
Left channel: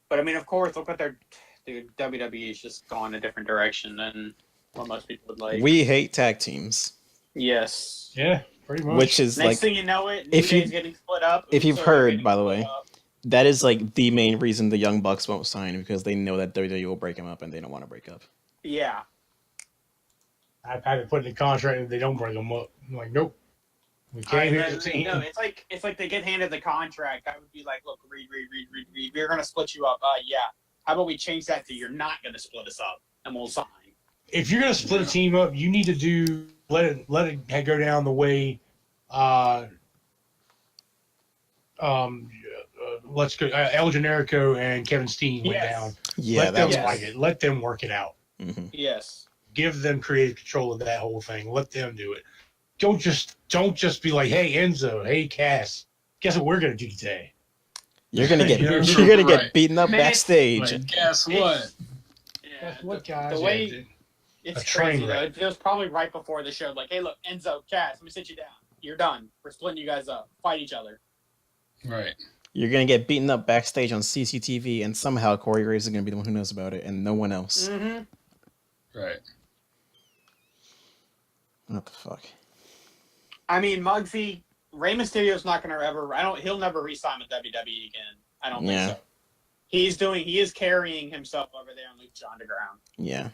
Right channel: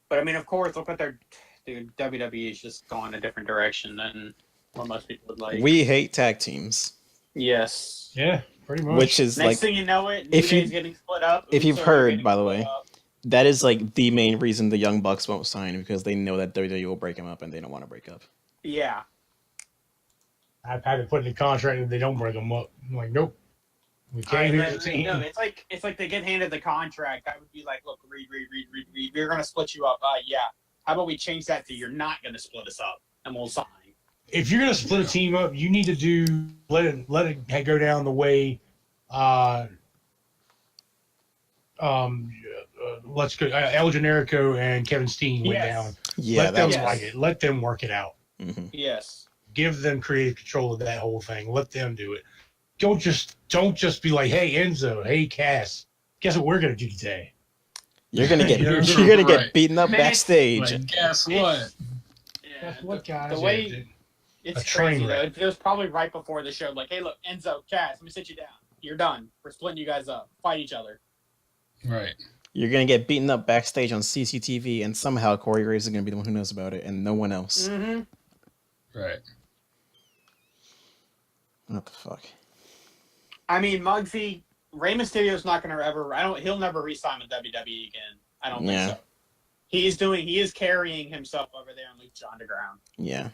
But I mean, of course, look what they're. Dude, WWE's just gone a different direction than what most people would like. We hate tag teams. Yes. yeah, pretty much. Which is Next like, thing you know it, if New you- Day's getting split up. if you've Usos are heard, getting by the split way, up. that is like the main reason the Young Bucks won't sign, because they know that WWE will break them up and they don't want to break up. Yeah. I've had to put in the contract that they don't break them up. I'm like, nope. We can't No, even team. it's like they get handed the contract. I would be like, look, read. We're gonna split you up. Yeah. How about we change that to you're not gonna split us up, and we'll sign. If you're gonna split a team up, you need to let it go down the way. Let's go. El Generico and Kevin Steen went down. Yeah, that was Yes. right. Let them work it out. Mm-hmm. Yes. Give them creative control of that whole thing. Let them do it. Don't just be like, hey Enzo, hey Cass, guess what we're gonna do today? You're gonna get You're get right. beaten up Man, backstage. But guess what? Yeah. What guys? The way Yeah, it's a train crazy. wreck. It was probably right before the show. Like, hey, look, Enzo, Cass, let me sit you down. You're done. We're splitting you guys up. Fight each other. Right. You're gonna get beaten up backstage on CCTV, and somehow Corey Graves is gonna be the one who knows about it, and no one else. Mm-hmm. Right. What the fuck? I mean, Muggsy, Rey Mysterio's not gonna ever. He'll never re-sign with WWE again. I don't think so. He is carrying himself over there on Lucha Underground. Yeah.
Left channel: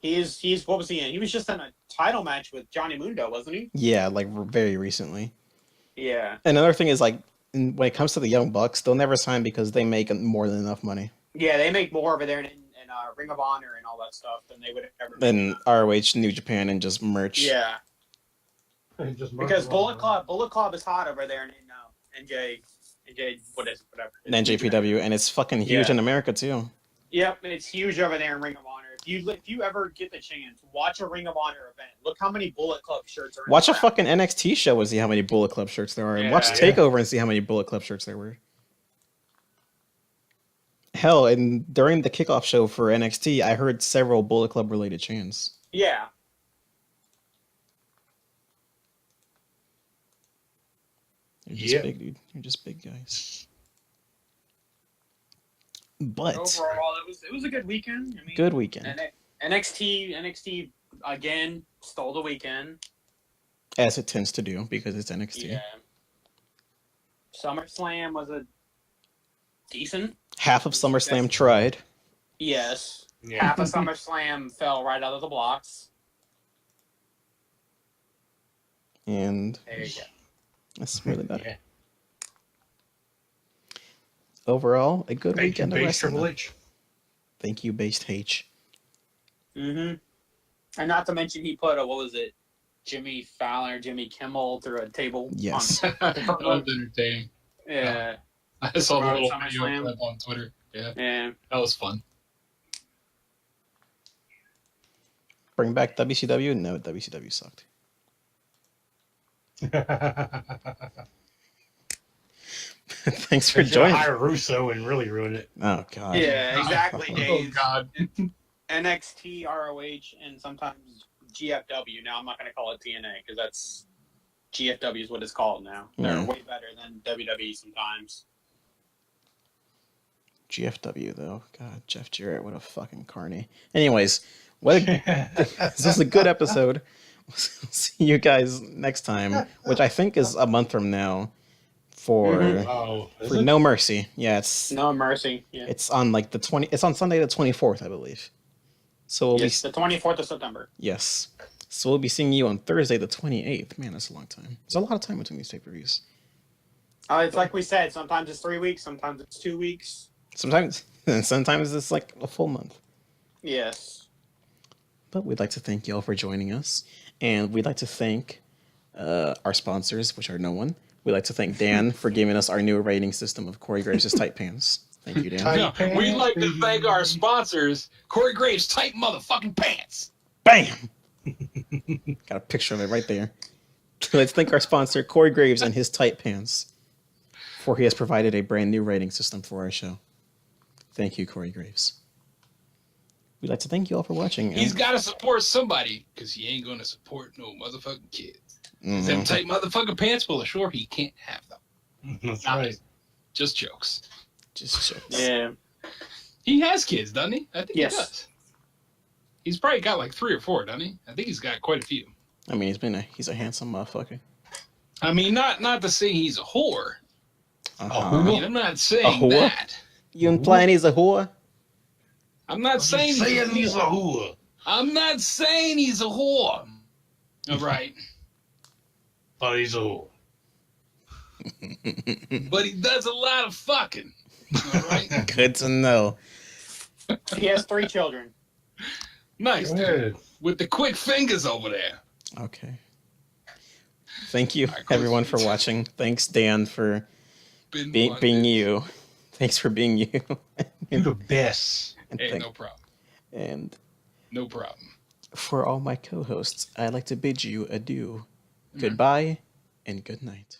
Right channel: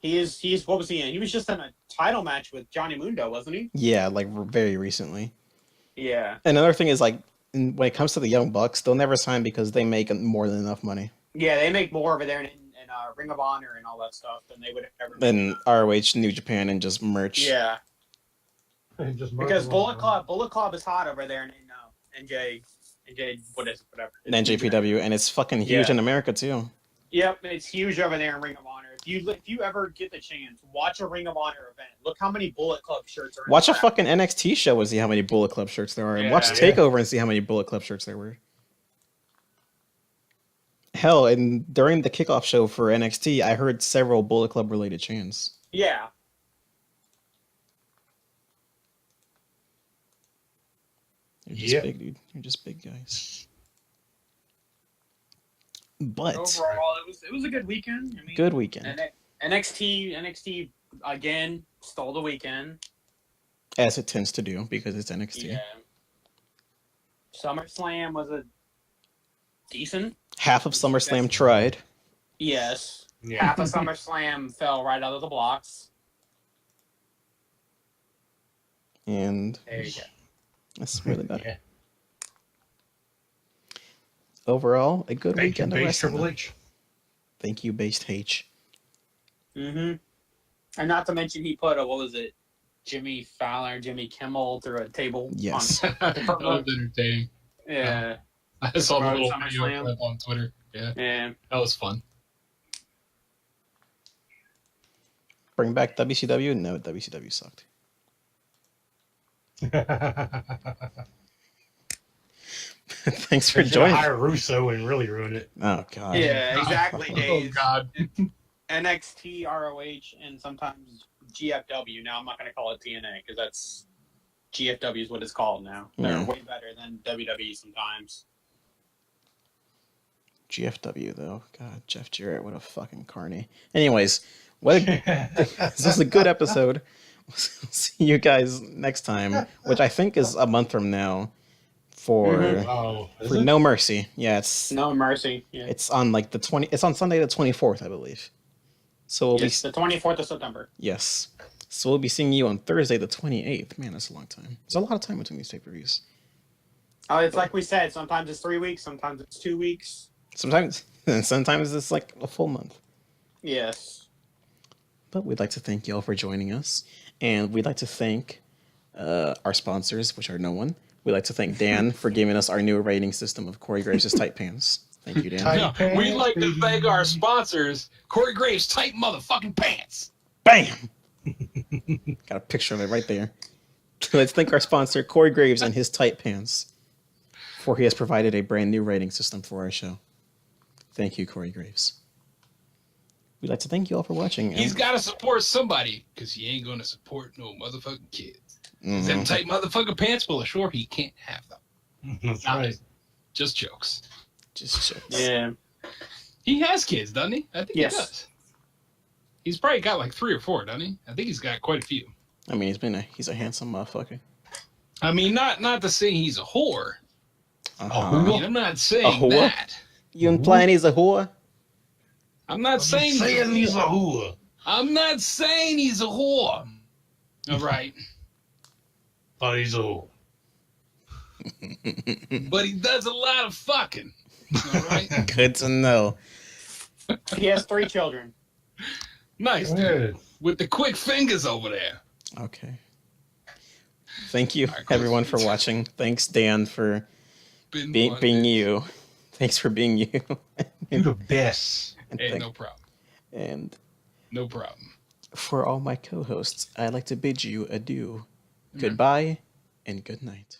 He's what was he in? He was just in a title match with Johnny Mundo, wasn't he? Yeah, like very recently. Yeah. Another thing is, like, when it comes to the Young Bucks, they'll never sign because they make more than enough money. Yeah, they make more over there in Ring of Honor and all that stuff than they would ever. Than ROH, New Japan, and just merch. Yeah. Just Because Bullet Club is hot over there in NJ, whatever. NJPW, and it's fucking huge in America too. Yep, it's huge over there in Ring of Honor. If you ever get the chance, watch a Ring of Honor event. Look how many Bullet Club shirts are. Watch a fucking NXT show and see how many Bullet Club shirts there are, and watch Takeover and see how many Bullet Club shirts there were. Hell, and during the kickoff show for NXT, I heard several Bullet Club related chants. Yeah. You're just big, dude. You're just big guys. But Overall, it was a good weekend. I mean, good weekend, NXT again stole the weekend, as it tends to do because it's NXT. Yeah. SummerSlam was a decent. Half of SummerSlam tried. Yes. Yeah. Half of SummerSlam fell right out of the blocks. And There you go. that's really bad. Yeah. Overall, a good Thank weekend you, of Base wrestling. Triple H. Thank you, Based H. Mm-hmm. And not to mention, he put Jimmy Fallon, Jimmy Kimmel through a table. Yes. That was entertaining. Yeah. I saw the little SummerSlam. video clip on Twitter. Yeah. Yeah. That was fun. Bring back WCW? No, WCW sucked. Thanks for joining. Hire Russo and really ruin it. Oh god. Yeah, exactly. Oh Dave. God. NXT, ROH, and sometimes GFW. Now, I'm not going to call it TNA because that's GFW is what it's called now. They're Yeah. way better than WWE sometimes. GFW though. God, Jeff Jarrett, what a fucking carny. Anyways, this was a good episode. See you guys next time, which I think is a month from now, for Is it? No Mercy. Yeah, it's No Mercy. Yeah. it's on like the 20. It's on Sunday the 24th, I believe. So we'll It's the 24th of September. yes. So we'll be seeing you on Thursday the 28th. Man, that's a long time. There's a lot of time between these pay-per-views. It's like we said. Sometimes it's 3 weeks. Sometimes it's 2 weeks. Sometimes it's like a full month. Yes. But we'd like to thank you all for joining us. And we'd like to thank our sponsors, which are no one. We'd like to thank Dan for giving us our new rating system of Corey Graves' tight pants. Thank you, Dan. Tight No, we'd pants, like to baby. thank our sponsors, Corey Graves' tight motherfucking pants. Bam! Got a picture of it right there. Let's thank our sponsor, Corey Graves, and his tight pants, for he has provided a brand new rating system for our show. Thank you, Corey Graves. We'd like to thank you all for watching. He's got to support somebody, because he ain't going to support no motherfucking kids. Them tight motherfucking pants, well, sure, he can't have them. That's Nah, right. Just jokes. Just jokes. Yeah. He has kids, doesn't he? I think Yes. he does. He's probably got like 3 or 4, doesn't he? I think he's got quite a few. I mean, he's a handsome motherfucker. I mean, not to say he's a whore. Uh-huh. I mean, I'm not saying A whore? that. You implying he's a whore? I'm not saying he's a whore. I'm not saying he's a whore. All right. But he's a whore. But he does a lot of fucking. All right. Good to know. He has 3 children. Nice, Yeah. dude. With the quick fingers over there. Okay. Thank you, Alright, cool. everyone, for watching. Thanks, Dan, for Been being you. Thanks for being you. You're the best. And, Hey, no problem. and No problem. for all my co-hosts, I'd like to bid you adieu. Goodbye and good night.